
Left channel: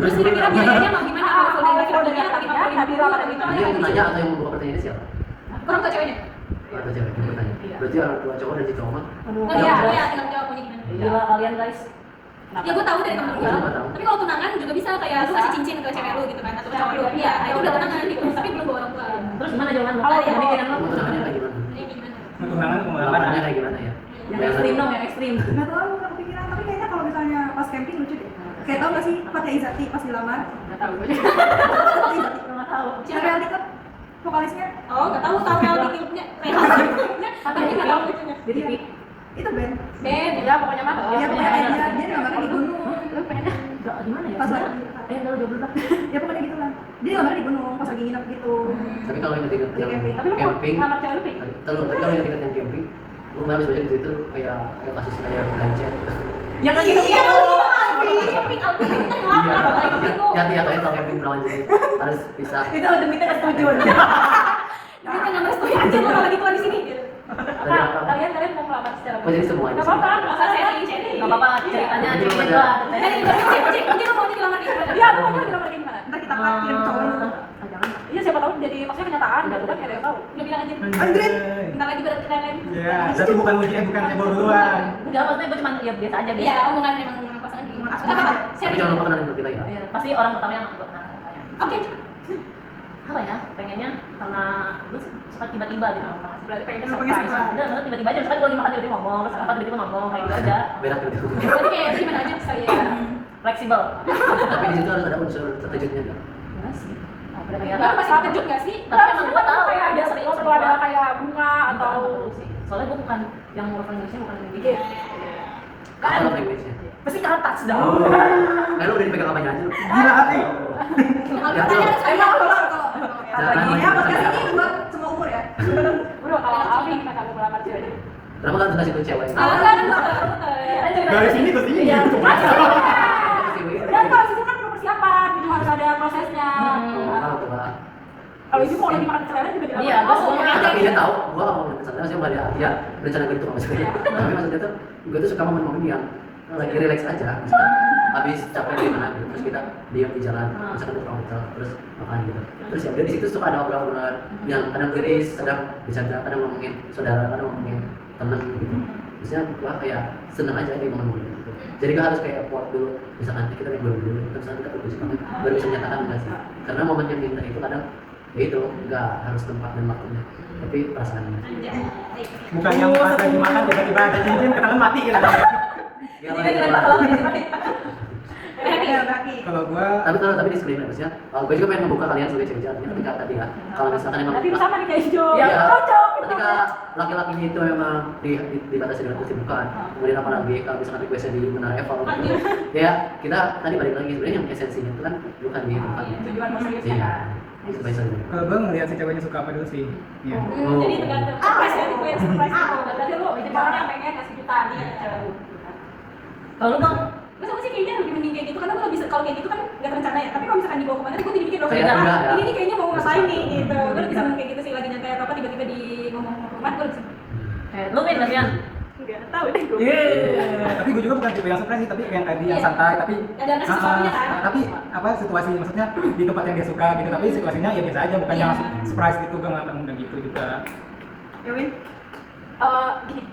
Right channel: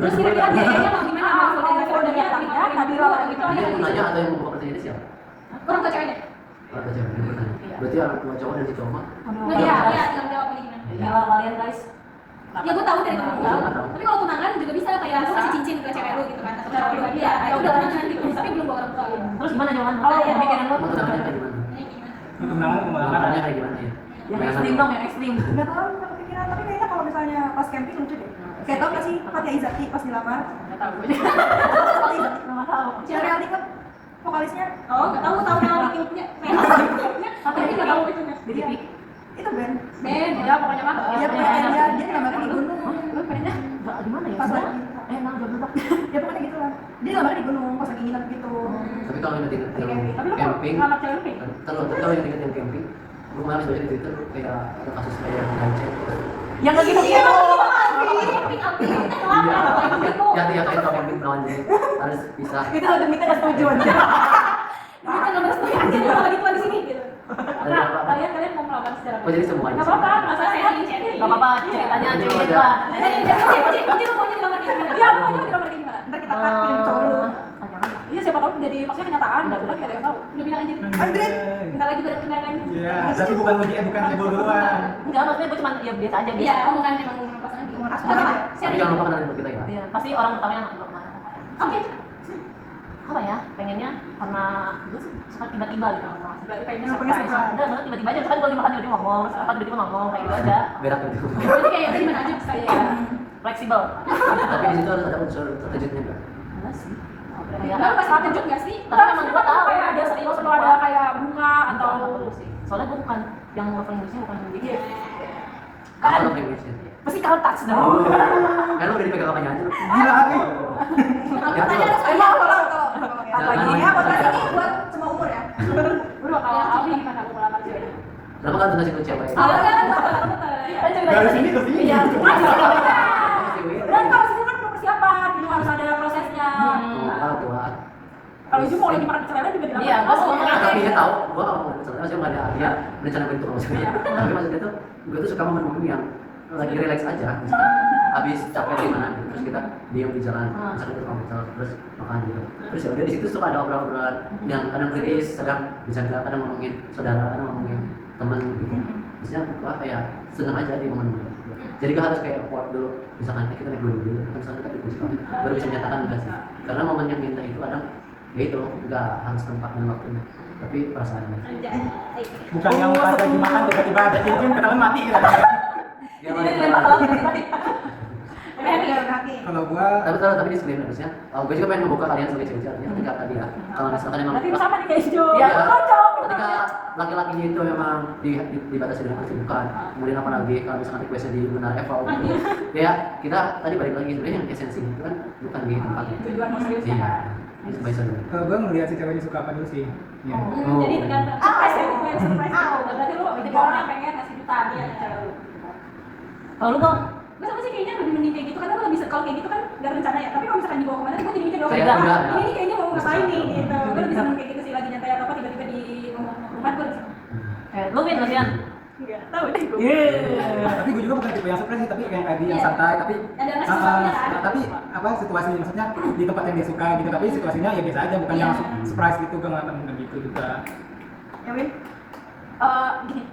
Terus kira-kira biayanya mau gimana? Mau Kalau saudara udah saudara niat ya, di lamaran itu jadi yang nanya atau yang membuka pertanyaan siapa Orang tua ceweknya. atau cewek yang bertanya berarti orang tua cowok dan si cowok mah Aduh, Iya, iya. iya, tinggal jawab mau gimana. Gila kalian guys. Ya gue tahu dari temen gue. Iya, gua tahu. Tapi kalau tunangan juga bisa kayak lu kasih cincin ke cewek lu gitu kan atau ke cowok lu. Iya, ya udah tunangan gitu. Tapi belum bawa orang tua. Terus gimana jawaban lu? Kalau Yang pikiran lu? mau tunangannya kayak gimana Ini gimana? Tunangan ke lamarnya lamaran. kayak gimana ya Yang ekstrim dong, yang ekstrim. Nggak tahu, nggak kepikiran. Tapi kayaknya kalau misalnya pas camping lucu deh. Kayak tau nggak sih Fathia Izati pas dilamar? nggak tahu gue. Fathia Izati. Nggak tahu. Yang reality club vokalisnya Oh, enggak tahu reality clubnya. Tapi enggak tahu itu. Di TV. itu band. Ben, Ya pokoknya mah. Iya, pokoknya kayak dia dilamarnya di gunung. Lu pengennya Nggak, gimana ya? Pas lagi. Enggak, jawab dulu, Pak. Ya pokoknya gitu lah. Dia dilamarnya di gunung pas lagi nginep gitu. tapi kalau yang tingkat di yang camping. Tapi lu kalau camping ngelamar cewek lu pengen? tapi kalau yang tingkat yang camping gue malah baca di Twitter kayak ada kasus kayak gancet Yang lagi gitu. iya camping apa? ya tiap kali tau camping berawan jadi harus pisah Itu ada minta setuju. Kita enggak merestui aja gue malah dituan di sini gitu. ada apa Kalian mau melamar secara oh jadi semuanya nggak apa-apa, sih? masa sharing. Nggak apa-apa, ceritanya Iya. ceritanya Iya. lah. Mungkin lu maunya dilamar kayak gimana? Iya, aku mau dilamar di mana? Ntar kita kirim cowok lu. Jangan. Iya siapa tahu jadi maksudnya kenyataan gitu kan nggak ada yang tahu. Udah bilang aja. Andrin. Bentar lagi baru kenalin. Iya, tapi bukan ujian, bukan cebol duluan. Enggak, maksudnya gue cuma ya biasa aja Iya, biasa. omongan emang pas nanti. Tapi jangan lupa kenalin kita ya. Iya, pasti orang pertama yang aku kenal. Oke. Apa ya? Pengennya karena dulu suka tiba-tiba gitu. Berarti pengen Yang pengen surprise. surprise. Udah, maksudnya tiba-tiba aja, misalkan gue lagi makan tiba-tiba ngomong, terus apa tiba-tiba ngomong, kayak gitu aja. Berat gitu. Jadi kayak gimana aja saya. Fleksibel. Tapi di situ harus ada unsur terkejutnya kan. Enggak sih. Oh, Bapak enggak. pasti terkejut nggak sih? Tapi emang gue tahu kayak ada sering perlu ada kayak bunga atau soalnya gue bukan yang love language-nya bukan yang Iya. Apa lo language-nya? pasti kan touch dong. Oh. Kan lu udah dipegang apanya aja lu. Gila hati. Ya tuh. Jangan main Ya, sama podcast cewek. ini buat semua umur ya. bro kalau Alfi gimana kamu melamar cewek? Kenapa kan kasih ke cewek? Awal kan Dari sini ke sini. Iya. Dan kalau itu kan perlu persiapan, gitu harus ada prosesnya. Oh, tua. Kalau itu mau lagi makan selera juga tidak Iya, apa-apa. gue semua. Tapi dia tahu, gua nggak mau sebenarnya sih nggak dia berencana begitu sama cewek. Tapi maksudnya tuh, gua tuh suka momen-momen yang lagi relax aja, misalkan habis capek dari mana gitu, terus kita diam di jalan, misalkan ke komputer, terus makan gitu. Terus ya udah di situ suka ada obrolan yang kadang kritis, kadang bercanda, kadang ngomongin saudara, kadang ngomongin teman gitu. Maksudnya gua kayak seneng aja di momen-momen gitu. Jadi gak harus kayak effort dulu, misalkan nanti kita naik gunung dulu, kan misalkan kita baru bisa menyatakan enggak sih. Karena momen yang minta itu kadang ya itu nggak harus tempat dan waktunya, tapi perasaannya. Bukan yang pas lagi makan tiba-tiba ada cincin ketahuan mati gitu. Yang Ini lain keren apa? banget ini. Ya, Baki. Kalau gua Tapi disclaimer maksudnya, gue juga pengen membuka kalian sebagai cewek ya, ketika tadi ya, kalau misalkan emang Nanti sama nih kayak hijau. Ya, Cocok. ketika laki-lakinya itu memang dibatasi dengan kesibukan, kemudian apalagi kalau misalkan requestnya di Menara Eva, ya kita tadi balik lagi sebenarnya yang esensinya itu kan bukan di tempatnya. Tujuan mau seriusnya Iya, kan. itu bisa dulu. kalau gua ngelihat si ceweknya suka apa dulu sih. Iya. Oh. Jadi tergantung. Surprise ya, itu yang surprise itu. Berarti lu jadi orang yang pengen kasih kita nih cewek lu. Kalau lu dong, Masa sih kayaknya lebih mending kayak gitu karena gue bisa kalau kayak gitu kan nggak rencana ya. Tapi kalau misalkan dibawa kemana tuh gue jadi mikir dong. Kayak "Nah, enggak, ya. ini nih kayaknya mau ngapain nih gitu. Gue lebih seneng kayak gitu sih lagi nyantai atau apa tiba-tiba di ngomong rumah gue lebih seneng. lu Win latihan. Enggak tahu deh gue. Tapi gue juga bukan tipe yang surprise sih, tapi yang tadi yang Iya. santai, tapi Ada sesuatunya kan? tapi apa situasi maksudnya di tempat yang dia suka gitu, tapi situasinya ya biasa aja, bukan Iya. yang surprise gitu, gue nggak pernah gitu juga. Ya, Win. Gini,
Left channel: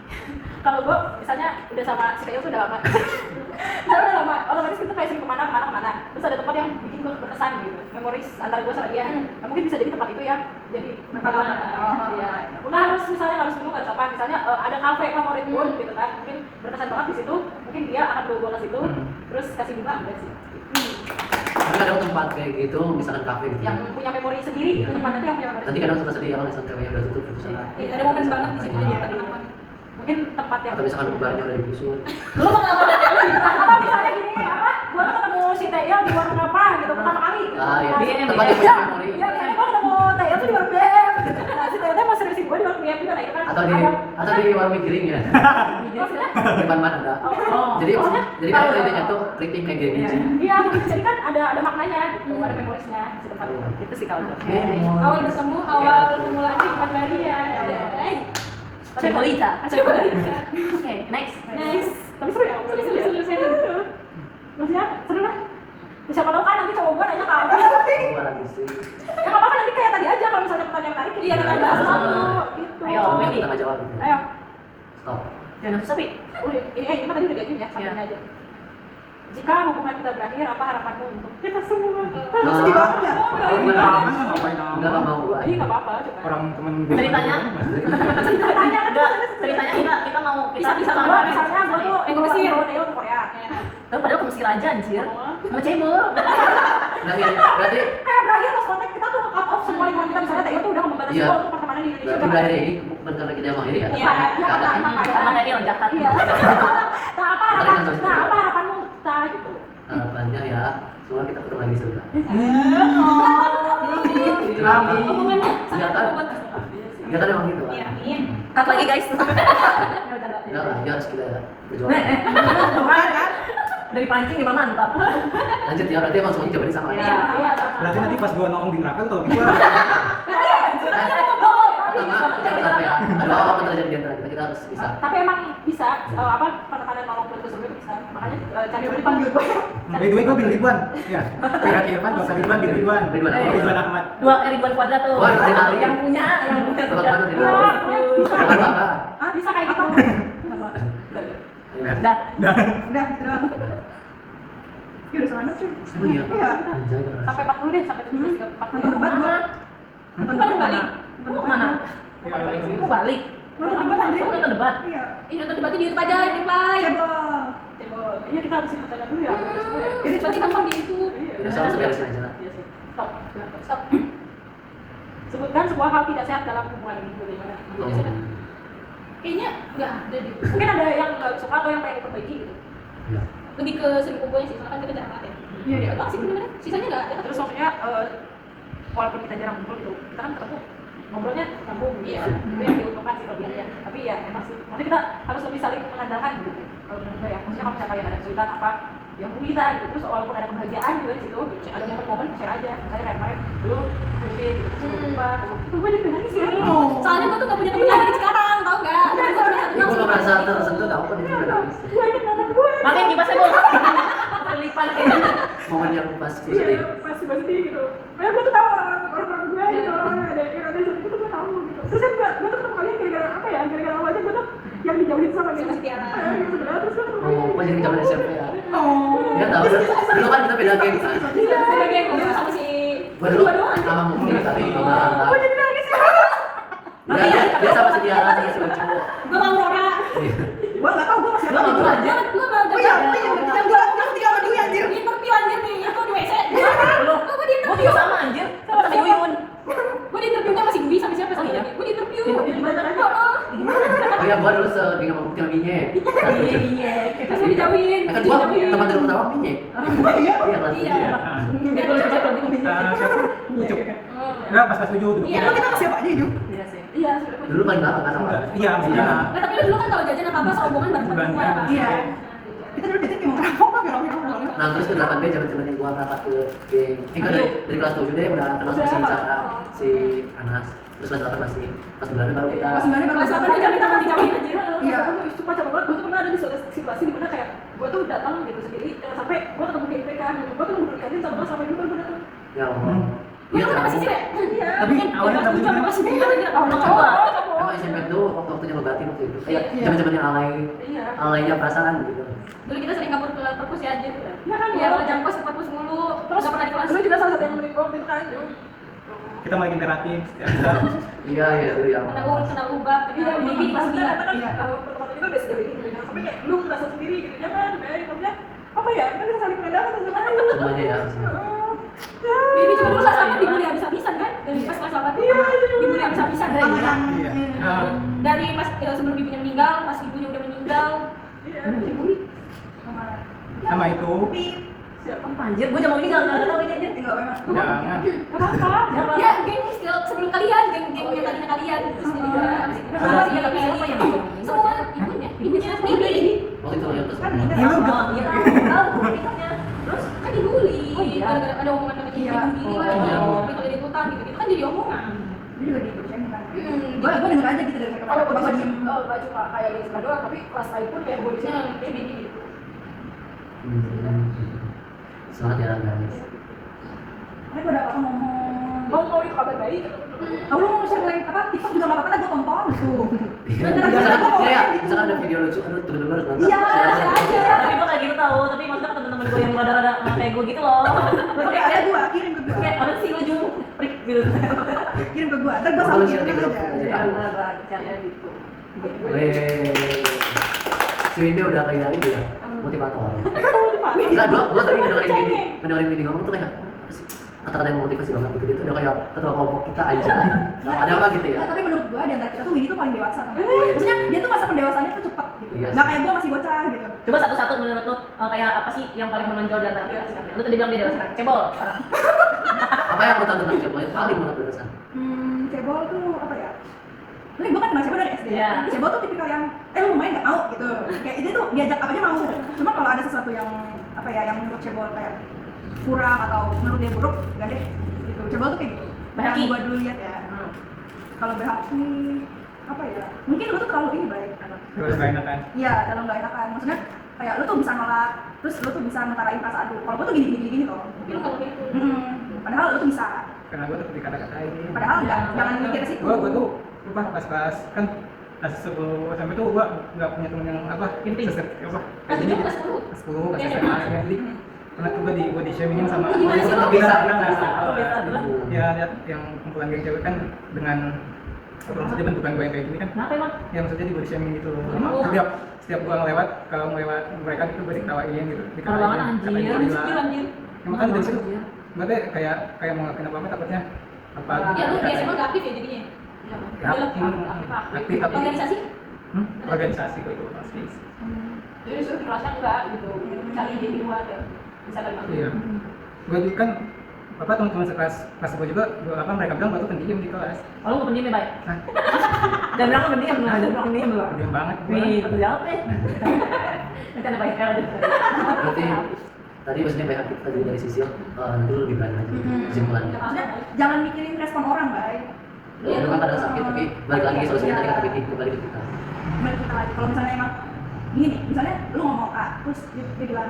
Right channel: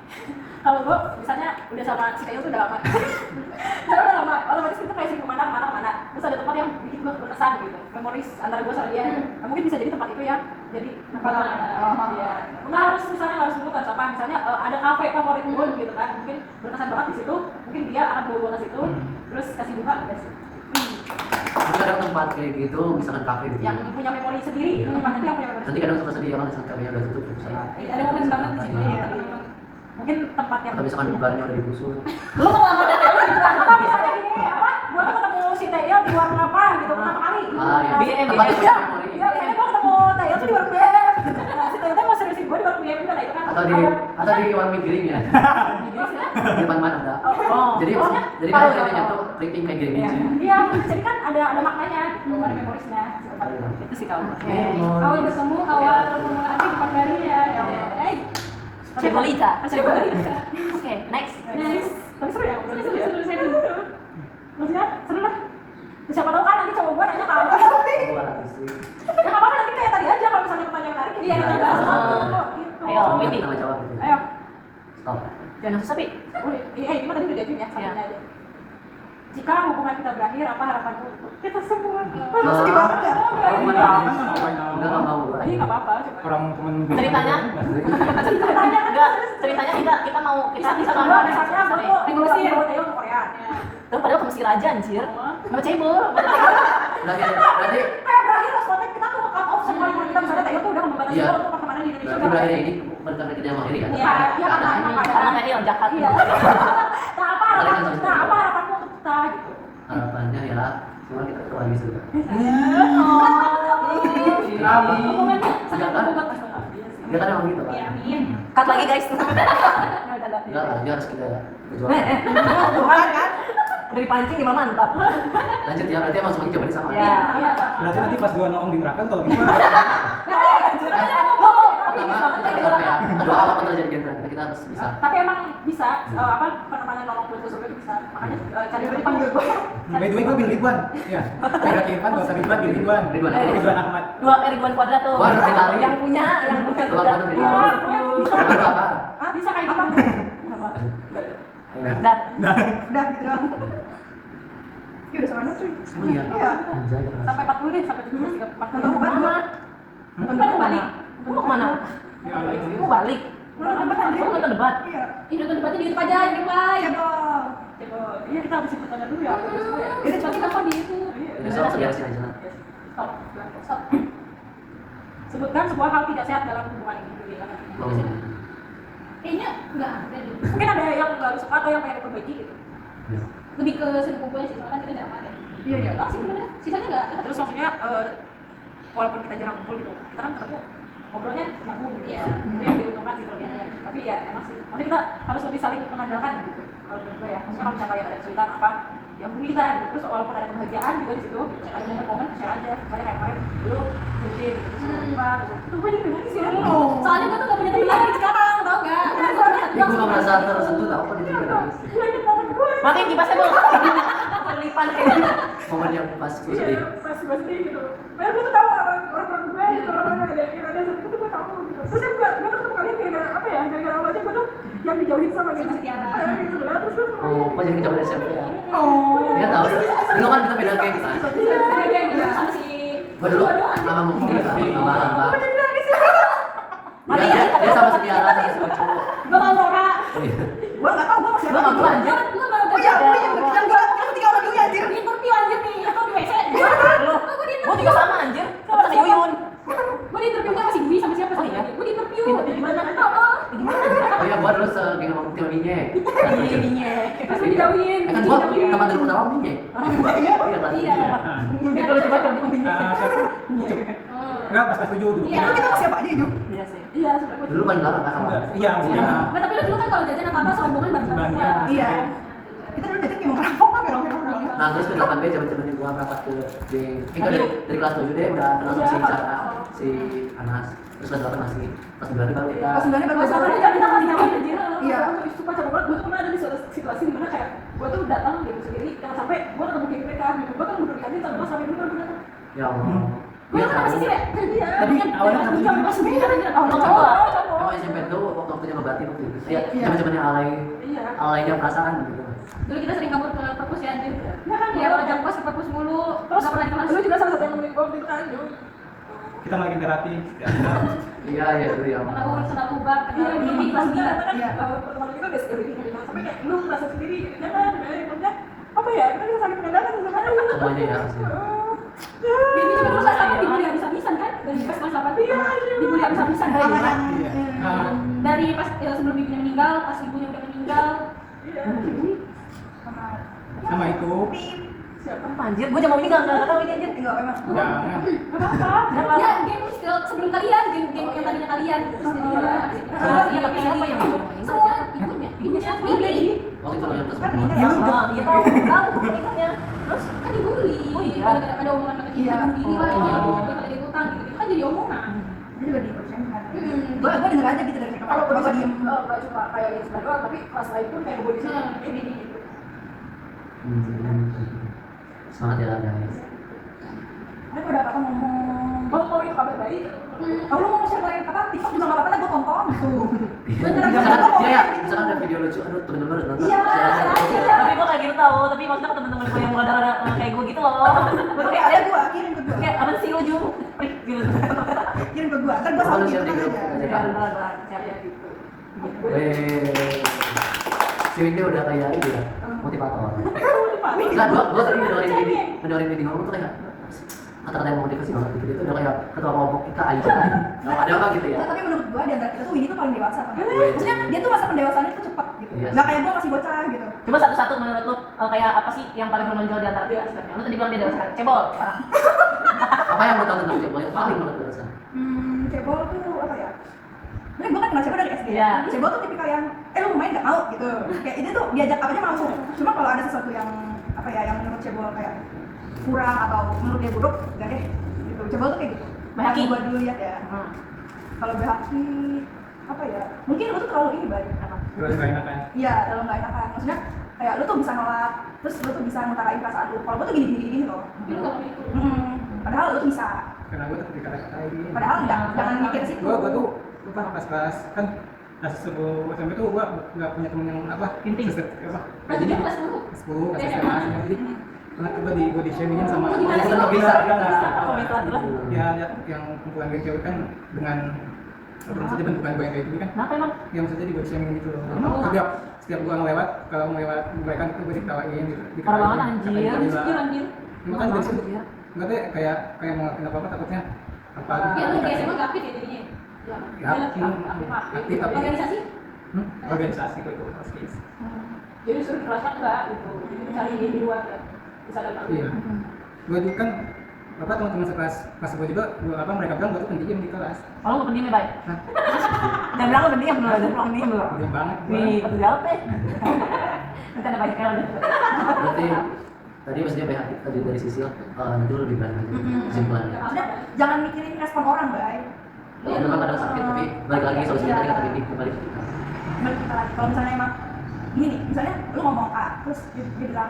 kalau gue misalnya udah sama si Kayo tuh udah lama misalnya udah lama, otomatis kita kayak sering kemana, terus ada tempat yang bikin gue berkesan gitu, memoris antara gue sama dia. Nah, mungkin bisa jadi tempat itu ya, jadi pengalaman. Ya, nah harus misalnya harus dulu kan apa, misalnya ada kafe favorit gue gitu kan, mungkin berkesan banget di situ, mungkin dia akan bawa gue ke situ, terus kasih bunga, udah sih. Tapi kadang tempat kayak gitu, misalkan kafe gitu. Yang punya memori sendiri, Iya. tempatnya tuh yang punya memori Nanti sendiri. kadang suka sedih kalau misalkan kafenya udah tutup gitu. Iya, ada momen banget di situ. Iya. Teman-teman. Mungkin tempat yang Atau misalkan barnya udah digusur. lu mau ngelamar cewek gitu kan, apa misalnya gini apa gua tuh ketemu si Taya di warung apa gitu pertama kali gitu. Ah iya, Nah, tempat yang punya memori. iya kayaknya gua ketemu Taya tuh di warung BM nah si Taya tuh mau seriusin gua di warung BM juga, nah itu kan Atau di warung mie giring ya. Di depan mana ada. Oh. Jadi Maksudnya, jadi kan intinya tuh printing kayak gini. iya jadi kan ada maknanya gitu, ada memorisnya si tempat itu sih kalau gua. Awal bertemu, awal permulaan tempat baru ya. Cebolita. Coba. Oke, next. Next. Tapi seru ya ngobrol itu ya. Seru. Maksudnya seru lah. Siapa tahu kan nanti cowok gua nanya kalau Gua lagi sih. ya nggak apa-apa nanti kayak tadi aja kalau misalnya pertanyaan menarik Iya, kita iya. bahas dulu gitu. Ayo, Kita Wendy. tengah jawab gitu. Ayo. Stop. Jangan nafsu tapi. Ini mah tadi udah jadi ya, sambil aja. Jika hubungan kita berakhir, apa harapanmu untuk kita semua? Sedih banget ya. Enggak mau gua. Iya nggak apa-apa, cuma. Orang temen Ceritanya? Ceritanya kan Enggak, ceritanya kita mau kita bisa sama misalnya gue tuh Mesir. bawa Theo ke Korea. Tapi padahal ke Mesir aja anjir. Sama cebol. Berarti Kayak berakhir pas kontak kita tuh cut off semua hubungan kita, misalnya Theo tuh udah membatasi Iya. gue untuk pertemanan di Indonesia. berarti berakhir ini bukan karena kita mau ini kan? Iya, iya karena emang Sama kayak. kayak jahat. Iya. Nah apa harapanmu untuk kita gitu? Harapannya ya semua kita ketemu lagi sudah. Kenapa? Hubungannya sangat Enggak kan? bobot. Ya kan emang gitu kan? Iya, amin. Cut lagi guys. Enggak lah, dia harus kita berjuang. Tuhan kan. Udah dipancing gimana mantap. Lanjut ya, berarti emang semuanya coba di sana. Iya. Berarti nanti pas gua nongol di neraka kalau gitu Pertama, jangan sampai ya. Ada apa terjadi di antara kita, kita harus bisa. Tapi emang bisa apa pertemanan maupun ke surga bisa. Makanya cari dipanggil gue. by the way gue bin Ridwan. Iya. Kayak Irfan gak usah Ridwan, bin Ridwan. Ridwan Ahmad. Dua Ridwan Kuadrat tuh. Wah, dari kali. Yang punya. Tebak mana nih? Tebak apa? Ah bisa kayak gitu. Iya. Dan Udah gitu doang. Ya udah sama anak cuy. Oh iya. Iya. Anjay keras. Sampai 40 deh, sampai 17, 40. Nonton debat gua. Nonton debat balik. Lu mau kemana? Mau balik. Nonton debat anjir. Lu nonton debat? Iya. Ih, nonton debatnya di YouTube aja, yang reply. Cebol. Iya, kita harus ikut tanya dulu ya. Ini coba kita di YouTube. Ya soal seberesin aja lah. Iya sih. Stop. Stop. Sebutkan sebuah hal tidak sehat dalam hubungan ini. Gimana? Oh. Kayaknya nggak ada deh. Mungkin ada yang nggak suka atau yang pengen diperbaiki gitu. Ya. Lebih ke sering kumpulnya sih, soalnya kan kita jarang ya. Iya, iya. Doang sih sebenarnya. Sisanya nggak. Ya, terus maksudnya walaupun kita jarang ngumpul gitu, kita kan ketemu ngobrolnya nyambung gitu. Iya. Itu yang diuntungkan sih kelebihannya. Tapi ya emang sih, maksudnya kita harus lebih saling mengandalkan gitu. Kalau menurut gue ya, maksudnya kalau misalnya kalian ada kesulitan apa, yang hubungi kita gitu. Terus walaupun ada kebahagiaan juga di situ, ada yang momen share aja. Misalnya kayak kemarin dulu mungkin gitu, terus gue lupa, itu gue jadi nangis ya. Soalnya gue tuh nggak punya temen lagi sekarang, tau nggak? Gue cuma satu Ya, gue gak merasa tersentuh tau kok dia nangis. Gue inget momen gue. Makanya kibasnya dong. Terlipan kayak. Momen yang pas gue sedih. Pas gue sedih gitu. Padahal gue tuh tahu orang-orang gue gitu, orang ada seperti itu gue tahu gitu. Terus gue tuh ketemu kalian gara-gara apa ya? Gara-gara awalnya gue tuh yang dijauhin sama dia. Sama si Tiara. Gitu sebenarnya terus gue ketemu Oh, kok jadi zaman SMP ya? Oh. Dia tahu dulu kan kita beda geng kan. Iya, dia ngomong sama si Gue dulu sama Mungkin tapi sama Hamba. gue jadi nangis ya. Dia sama si Tiara sama si Ucu. gue mau Nora. Gua enggak tahu gua masih Lu ada. mau anjir? Gue mau Oh iya, oh iya, yang gua tinggal sama dia anjir. interview anjir nih, itu di WC. Lu. Gue di Gua juga sama anjir. Sama Yuyun. Gue di interview sama si Dwi sama siapa Oh, sih? iya? Gue di interview. Di mana? Oh, Gimana? Oh iya, gue dulu segeng sama Putih Minye. Iya. terus gue dijauhin. Kan gue teman dari pertama Minye. Iya, kelas Iya. 7 ya. Siapa? Ucup. Enggak, pas kelas 7 duduk. Iya. Itu kita masih apa aja, Ju? Iya sih. Iya, sebenarnya Dulu paling belakang kan sama. Enggak, iya, iya. Nggak, tapi dulu kan kalau jajan apa-apa serombongan bareng-bareng semua. Iya. Kita dulu dating kayak mau merampok kan, merampok. Nah terus ke 8B zaman-zamannya gue merapat ke geng. Kan dari kelas 7 deh udah kenal sama si Sarah, si Anas. Terus kelas 8 masih kelas 9 baru kita. Pas 9 baru Pas bisa. apa kita dijauhin anjir. iya, gue sumpah capek banget. Gue tuh pernah ada di suatu situasi di mana kayak gue tuh datang gitu sendiri, jangan sampai gue ketemu geng mereka gitu. Gue tuh mundur di kantin sama sampai dulu baru gue datang. Ya Allah. Gue tuh kenapa sih sih? Iya. Tapi awalnya Kan sama masih dia anjir. Awalnya Coba. cowok. Emang SMP tuh waktu-waktunya ngebatin waktu itu. Iya, Iya. zaman-zamannya alay, Iya. alaynya perasaan gitu. Dulu kita sering kabur ke perpus ya anjir. Iya kan, Iya, kalau jam kos ke perpus mulu. Terus Nggak pernah di kelas. dulu juga salah satu yang nemenin gue waktu itu kan. kita mau bikin terapi. Iya, iya dulu ya. Kena ubah, Iya, kena ini bimbing pas pas dia dia. kan Iya. pertemuan kita udah sejauh ini gitu. Jangan sampai kayak lu merasa sendiri gitu. Jangan, maksudnya apa ya? Kita bisa saling mengandalkan satu sama lain. Semuanya ya harusnya. Bibi cuma dulu kelas 8 dibully habis-habisan kan? Dari pas kelas 8 tuh dibully habis-habisan kan? Sama yang Iya. Ah, Dari pas sebelum bibinya meninggal, pas ibunya udah meninggal. Iya. sama sama itu. Pip. Apa anjir? Gua jangan mau ini enggak tahu ini anjir. Enggak memang. Jangan. Gak apa-apa. Ya, geng still sebelum kalian, geng yang tadinya kalian. Iya, tapi siapa yang Semua ibunya sendiri. Waktu itu yang terus. Kan ini Iya, tahu. udah. Iya, tahu nikahnya. Terus kan dibully. Oh, iya. Gara-gara ada omongan pakai Iya. diri lah. Oh, iya. Kalau dia utang gitu-gitu kan jadi omongan. Dia juga dipercaya kan. Hmm. Gua denger aja gitu dari mereka. Kalau gue Bapak bisa diem. gak cuma kayak Insta doang, tapi kelas lain pun kayak gue di sini kayak gini gitu. Semangat ya guys. Ada gua ada apa ngomong. Mau itu kabar baik. Aku mau nge-share like apa? TikTok juga enggak apa-apa lah gua tonton gitu. Misalkan, ya, misalkan ada video lucu, aduh temen-temen harus nonton. Iya, Share. Tapi gua kayak gitu tahu, tapi maksudnya ke temen-temen gua yang rada-rada kayak gua gitu loh. Oke, ada gua, kirim ke gua. Kayak apa sih lu Ju? Prik gitu. Kirim ke gua. Ntar gua Kalau salin share di tenang grup aja. aja. Ya udah gua cari gitu. Weh, si Windy udah kayak ini ya, motivator. Enggak, gua tadi ngedengerin Windy ngomong tuh kayak apa sih? Kata-kata yang motivasi banget gitu, itu udah kayak ketua kelompok kita aja. Nah, ada apa gitu ya? Tapi menurut gua di antara kita tuh Winnie tuh paling dewasa kan. Maksudnya dia tuh masa pendewasaannya tuh cepat gitu. Iya. Nggak kayak gua masih bocah gitu. Coba satu-satu menurut lu kayak apa sih yang paling menonjol di antara kita sekarang? Lu tadi bilang dia dewasa. Cebol. Parah. Apa yang gua tahu tentang Cebol yang paling banget berkesan? Cebol tuh apa ya? Ini gua kan kenal Cebol dari SD. Iya. Cebol tuh tipikal yang lu main nggak mau gitu. Kayak itu tuh diajak apa aja mau. Cuma kalau ada sesuatu yang apa ya yang menurut Cebol kayak kurang atau menurut dia buruk, enggak deh. Gitu. Cebol tuh kayak gitu. Bahaki. Yang gua dulu lihat ya. Kalau Bahaki apa ya? Mungkin lu tuh terlalu ini baik. Terus nggak enakan. Iya, dalam nggak enakan. Maksudnya kayak lu tuh bisa nolak, terus lu tuh bisa ngutarain perasaan lu. Kalau gua tuh gini loh. Tapi lu kalau gitu. Padahal lu tuh bisa. Karena gue tuh dikata-katain. Padahal enggak, jangan mikir ke situ. Gua tuh lupa pas kelas kan kelas 10 SMP tuh gua nggak punya temen yang apa Inti. apa Kelas 7 kelas 10. kelas 10 kelas SMA ya. Jadi pernah tuh di body shamingin sama Oh, gimana sih? kita Kok bilang bisa? bilang Kok bisa? ya lihat yang kumpulan geng cewek kan dengan apa saja bentukan gue yang kayak gini kan Kenapa emang? ya maksudnya di body shaming gitu loh. Oh. Setiap gua ngelewat kalau melewat mereka itu gue diketawain gitu Parah banget, anjir. katain gila. Insecure anjir. Ya, makanya dari situ Anjir. nggak deh kayak mau ngelakuin apa takutnya apa Ya lu dikatain. di SMA nggak aktif ya jadinya. Ya, Ya, aktif tapi Organisasi? organisasi kok itu pasti. jadi suruh kerasa enggak gitu, cari ide di luar ya, misalkan Bang. Iya. Gue kan apa teman-teman sekelas kelas gue juga apa mereka bilang gue tuh pendiam di kelas. Oh, lu nggak pendiam ya, Bay? Nah, Jangan bilang lu pendiam, jangan bilang pendiam lu. pendiam banget gue. Wih, pekerja apa ya? Nanti ada baiknya lagi. Berarti tadi maksudnya banyak kita dari sisi nanti lu lebih berani aja kesimpulannya. Maksudnya jangan mikirin respon orang, Bay. Ya memang kadang sakit tapi balik lagi solusinya tadi kata Vicky kembali ke kita. Balik kita lagi. Kalau misalnya emang gini nih, misalnya lu ngomong A, terus dia bilang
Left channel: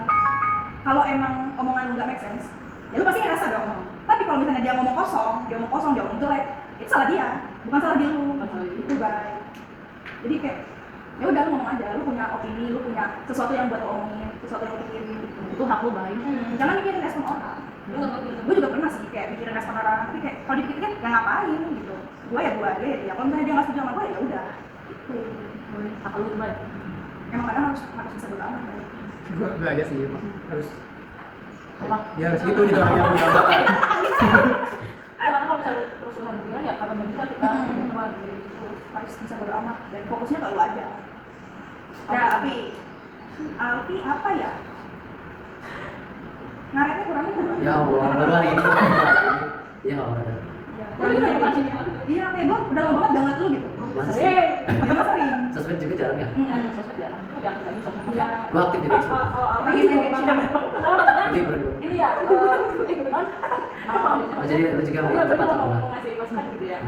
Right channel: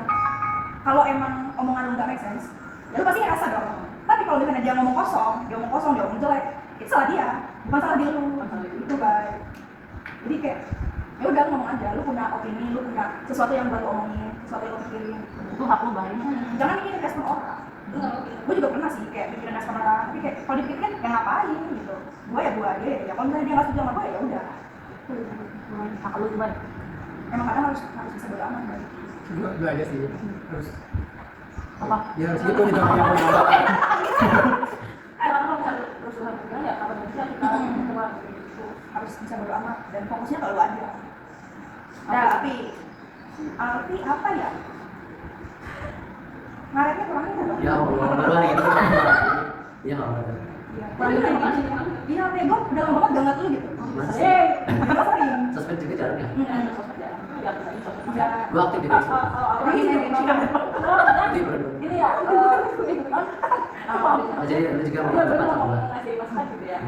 kalau emang omongan lu nggak make sense, ya lu pasti ngerasa dong. Tapi kalau misalnya dia ngomong kosong, dia ngomong jelek, itu salah dia, bukan salah dia lu. Itu baik. Jadi kayak ya udah lu ngomong aja, lu punya opini, lu punya sesuatu yang buat lu omongin, sesuatu yang lu pikirin. Itu hak lu, Bay. Jangan mikirin respon orang. Lu nggak mau gitu. Gue juga pernah sih kayak mikirin respon orang, tapi kayak kalau dipikir kan ya ngapain gitu. Gue ya dia ya dia. Kalau misalnya dia nggak setuju sama gue ya udah. Hak lu tuh, Bay. Emang kadang harus bisa beraman. Bay. Gue aja sih harus Apa? ya harus gitu jadi orang yang punya otak. Ya karena kalau misalnya terus Tuhan bilang ya kapan bisa kita coba gitu. Harus bisa beramat dan fokusnya ke lu aja. Nah, Alfi apa ya? Ngaretnya kurangnya kan? Ya Allah, baru hari ini. Iya nggak apa-apa. Kurangnya apa sih? Iya, kayak gue udah lama banget gak ngeliat lu gitu. Masih. Makanya sering. Sosmed juga jarang ya. Sosmed jarang, itu jarang lagi sosmed. Iya. Gue aktif di Facebook. Kalau aku Ini ini Aktif. ini ya, kebetulan Oh, jadi lu juga Iya, dapat bener, mau tabungan. ngasih masukan gitu ya.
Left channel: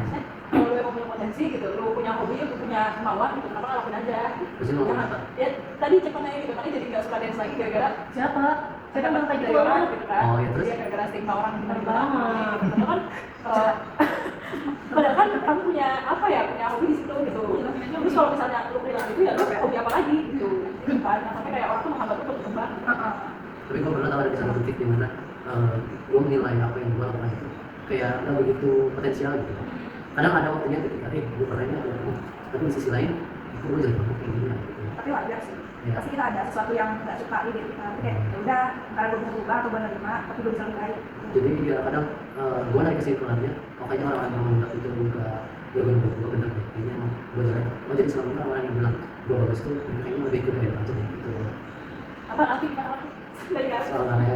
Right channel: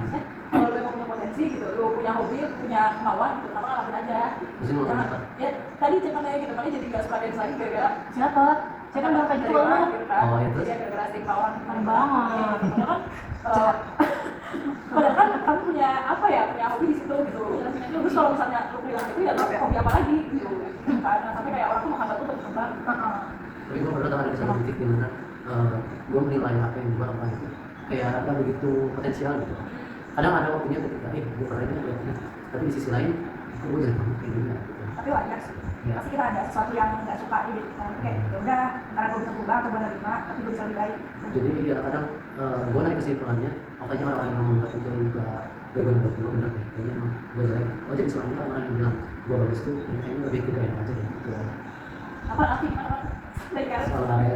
Kalau lu emang punya potensi gitu, lu punya hobi, lu punya kemauan gitu, kenapa nggak lakuin aja? Maksudnya mau Jangan, apa? ya tadi ceritanya gitu, makanya jadi nggak suka dance lagi gara-gara Siapa? saya kan kayak gitu orang gitu kan. Oh, ya, terus? Iya, gara-gara stigma orang Keren banget. Padahal kan, padahal kan kamu punya apa ya, punya hobi di situ gitu. Terus kalau misalnya lu bilang itu ya lu hobi apa lagi gitu kan? Nah, sampai kayak orang tuh menghambat lu berkembang. Tapi gue pernah tahu ada di satu titik di mana gue menilai apa yang gue lakukan itu kayak nggak begitu potensial gitu. Kadang ada waktunya ketika gue pernah ini ada tapi di sisi lain gue jadi banget kayak gini ya. Gitu. Tapi wajar sih. Iya. Pasti kita ada sesuatu yang nggak suka di diri kita. Tapi kayak ya udah, karena gue bisa berubah atau menerima, tapi gue bisa lebih baik. Jadi ya kadang gue narik kesimpulannya makanya orang-orang yang menganggap itu juga gue benar deh kayaknya gue jelek. Oh jadi selama ini orang yang bilang gue bagus tuh kayaknya lebih ke gue aja deh gitu. Apa aktif apa dari garis? Soal namanya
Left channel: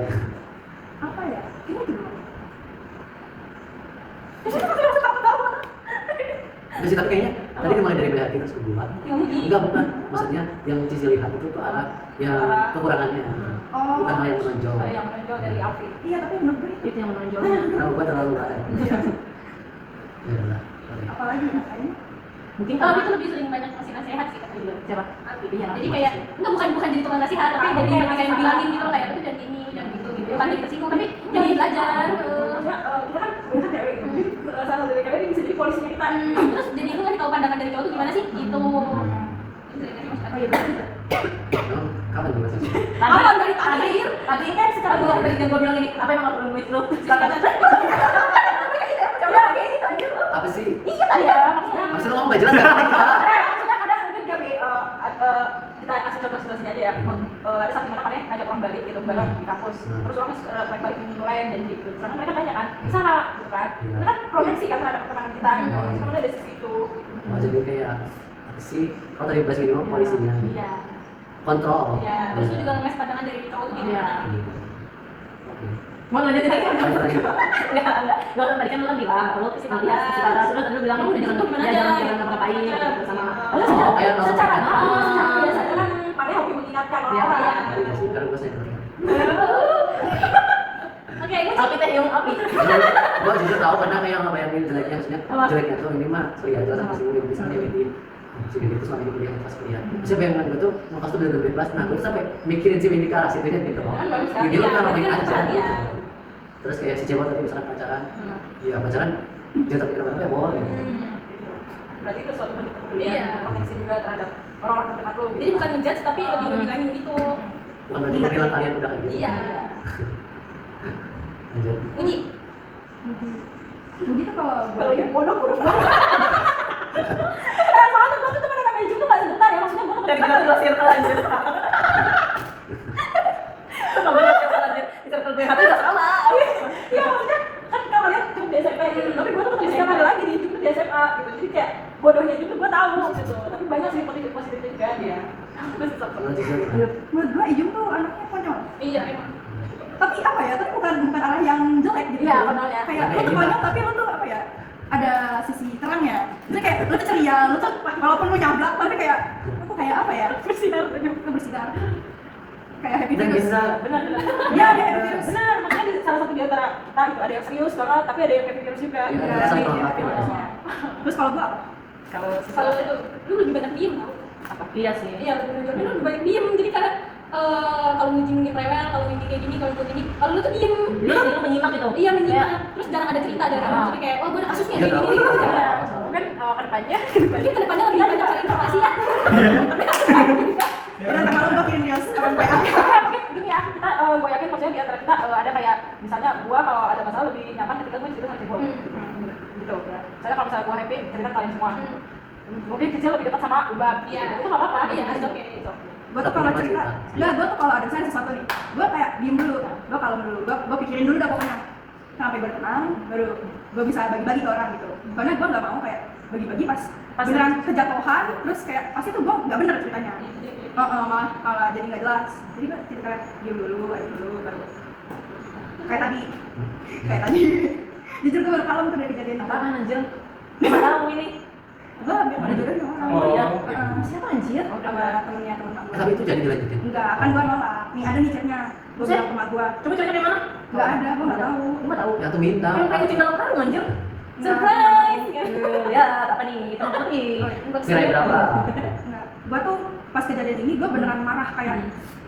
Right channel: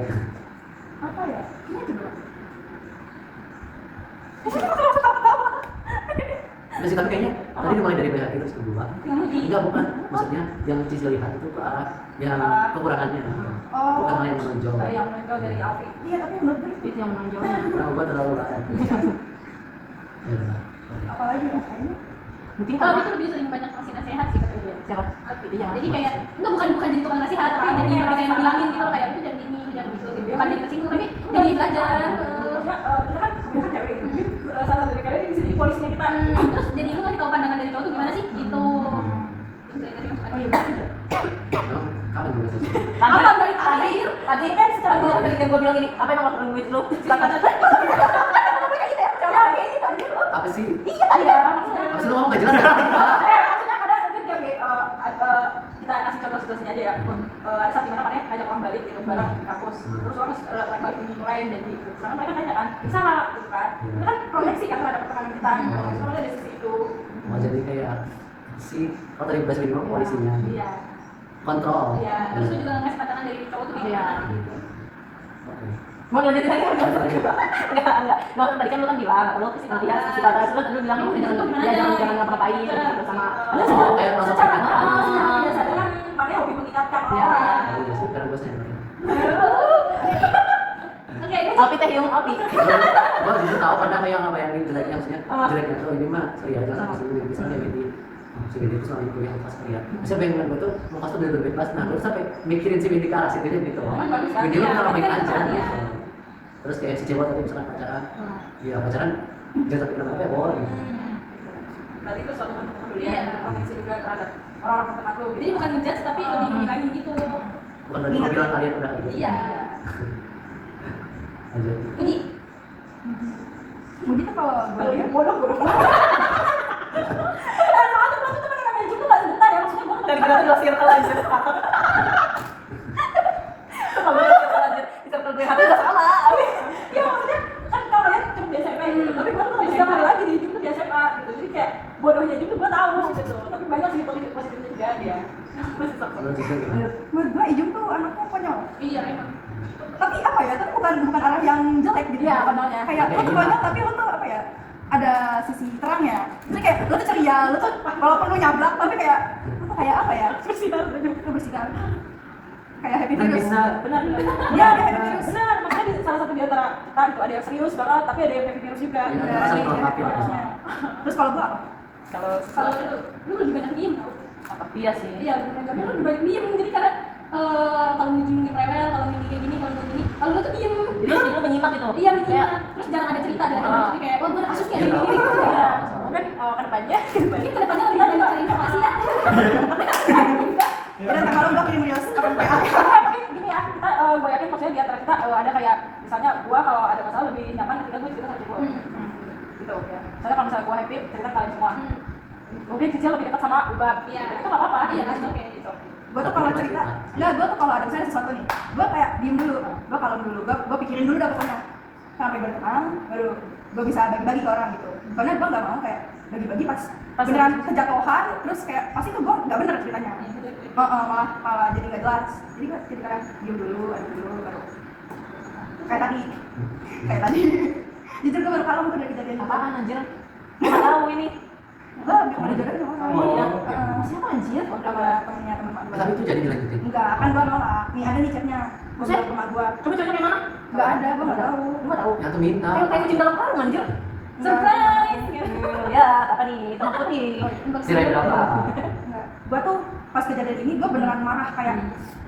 Apa ya? Ini itu doang. masih tapi kayaknya tadi mulai dari BHT terus kedua enggak bukan maksudnya yang Cici lihat itu ke arah yang kekurangannya Oh. bukan hal yang menonjol Yang menonjol dari Alfi. Iya, tapi menurut gue itu. Itu yang menonjol. karena gue terlalu rakyat ya udah lah sorry. Apalagi ya, kayaknya. Mungkin Kalau karena itu lebih sering banyak ngasih nasihat sih kata dia. siapa? Iya. Jadi kayak bukan jadi tukang nasihat, tapi jadi kayak bilangin gitu loh kayak itu jangan gini, jangan gitu. Bukan jadi tersinggung tapi jadi belajar. Kita kan biasa cewek gitu. Jadi salah dari kalian bisa jadi polisinya kita. Terus jadi lu ngasih tahu pandangan dari cowok tuh gimana sih? Gitu. Oh iya, betul. Emang kapan gue selesai Tadi tadi kan sekarang gue bilang ini apa yang maksud gue lu? Coba ini tadi. apa sih Iya, maksudnya. maksud lu ngomong gak jelas kan Maksudnya kadang mungkin kami kita kasih contoh situasinya aja ya. Ada saat dimana Pak ngajak orang balik gitu bareng di kampus. Terus orang naik balik mulai janji gitu. Sedangkan mereka tanya kan, bisa nggak gitu kan? Itu kan proyeksi kan terhadap pertemanan kita. Sebenarnya ada sisi itu. oh jadi kayak apa sih kalau tadi bahas minimal polisinya Iya. kontrol Ya, terus lu juga ngasih pandangan dari cowok tuh Iya. gimana gitu. Oke. Mau lanjutin lagi kan? Lanjut lagi. Enggak. Tadi kan lu kan bilang kalau lihat sisi kata terus lu bilang Udah gitu gimana aja? jangan ngapa-ngapain gitu sama. Oh, kayak langsung Secara cerita. biasanya kan makanya hobi mengingatkan Iya. orang. Oh, iya sih, karena gue senior. Oke, ini Api teh yang api. Gue justru tahu karena kayak ngebayangin jeleknya maksudnya Apa? jeleknya tuh ini mah sorry aja sama si Win misalnya ini si Win itu selama ini kuliah pas kuliah bisa bayangan gue tuh mau pas tuh udah bebas nah gue sampai mikirin si Win di arah situ gitu loh Kan bagus kan? Win lu Iya, kenapa main kan aja iya. gitu terus kayak si cewek tadi misalkan pacaran ya pacaran jangan sampai kenapa-napa ya boleh gitu Berarti itu suatu bentuk kepedulian, Iya. proteksi juga terhadap orang-orang terdekat lu. jadi bukan ngejudge tapi lebih ngilangin gitu. bukan berarti gue bilang kalian udah kayak gitu Iya. Lanjut. Uji. Muji tuh kalau Kalau gue yang bodoh soalnya gue tuh temen sama Ijung tuh gak sebentar ya, maksudnya gue Dan kita di circle anjir. Kalau gue circle anjir, di circle gue hati udah sama. iya maksudnya kan kalau lihat cuma di SMP gitu, tapi gue tuh bisa kemana lagi nih, cuma di SMA gitu, jadi kayak bodohnya juga gue tahu gitu, tapi banyak sih positifnya juga dia. Masih satu. Kalau Cisna gimana? menurut gue Ijung tuh anaknya konyol. Iya emang. Tapi apa ya, tapi bukan arah yang jelek gitu. Iya, konyolnya. Kayak lo tuh konyol tapi lo tuh apa ya, ada sisi terangnya. Jadi kayak lo tuh ceria, lo tuh walaupun lo nyablak tapi kayak lo tuh kayak apa ya, Bersinar, lo bersinar. Kayak happy Dan terus. bisa benar. Iya, ada happy terus. Benar, makanya di salah satu di antara kita gitu ada yang serius banget, tapi ada yang happy virus juga. Iya, Iya, merasa iya, melengkapi lah. iya. Terus kalau gue apa? Kalau Kalau lu lebih banyak diem tau. Apa? Iya sih. Iya betul. Tapi lu lebih banyak diem, jadi kadang kalau ngijing rewel, kalau ngijing kayak gini, kalau gini, kalau lu tuh diem. Lu menyimak gitu. Iya menyimak. Terus jarang ada cerita dari lu. Jadi kayak, oh gue ada kasusnya Iya, kayak tahu. gini. ya, kemudian kedepannya Mungkin kedepannya lebih banyak cari informasi ya. Dan kalau gue kirim reels orang PA. mungkin gini ya, kita gue yakin maksudnya di antara kita ada kayak misalnya gue kalau ada masalah lebih nyaman ketika gue cerita sama gue gitu ya. Soalnya kalau misalnya gue happy cerita ke kalian semua. Mungkin Cicil lebih dekat sama Ubab, Iya. itu nggak apa-apa. Iya, gitu. oke. Gitu. Gue tuh kalau cerita, enggak, gue tuh kalau ada misalnya sesuatu nih, gue kayak diem dulu, gue kalem dulu, gue pikirin dulu dah pokoknya sampai gue tenang, baru gue bisa bagi-bagi ke orang gitu. Karena gue nggak mau kayak bagi-bagi pas beneran kejatuhan, terus kayak pasti tuh gue nggak bener ceritanya. Malah jadi nggak jelas. Jadi gue jadi kayak diem dulu, adem dulu, baru kayak tadi. Jujur gue baru kalem tuh dari kejadian itu. Apaan anjir? Gak tahu ini. Gue bilang ada jodoh sama orang. Oh, Iya. oke. Siapa anjir? Sama temennya temen mak gue. Tapi itu jadi dilanjutin. Enggak, kan gue nolak. Nih ada nih chatnya, gue bilang ke mak gue. Coba cocoknya mana? Nggak ada, gue nggak tahu. Lu nggak tahu? Ya tuh minta. Yang kayak kucing dalam karung anjir. Nggak. Surprise. Ya, apa nih? Teman putih. Nilai berapa? Enggak. Gue tuh pas kejadian ini gue beneran marah kayak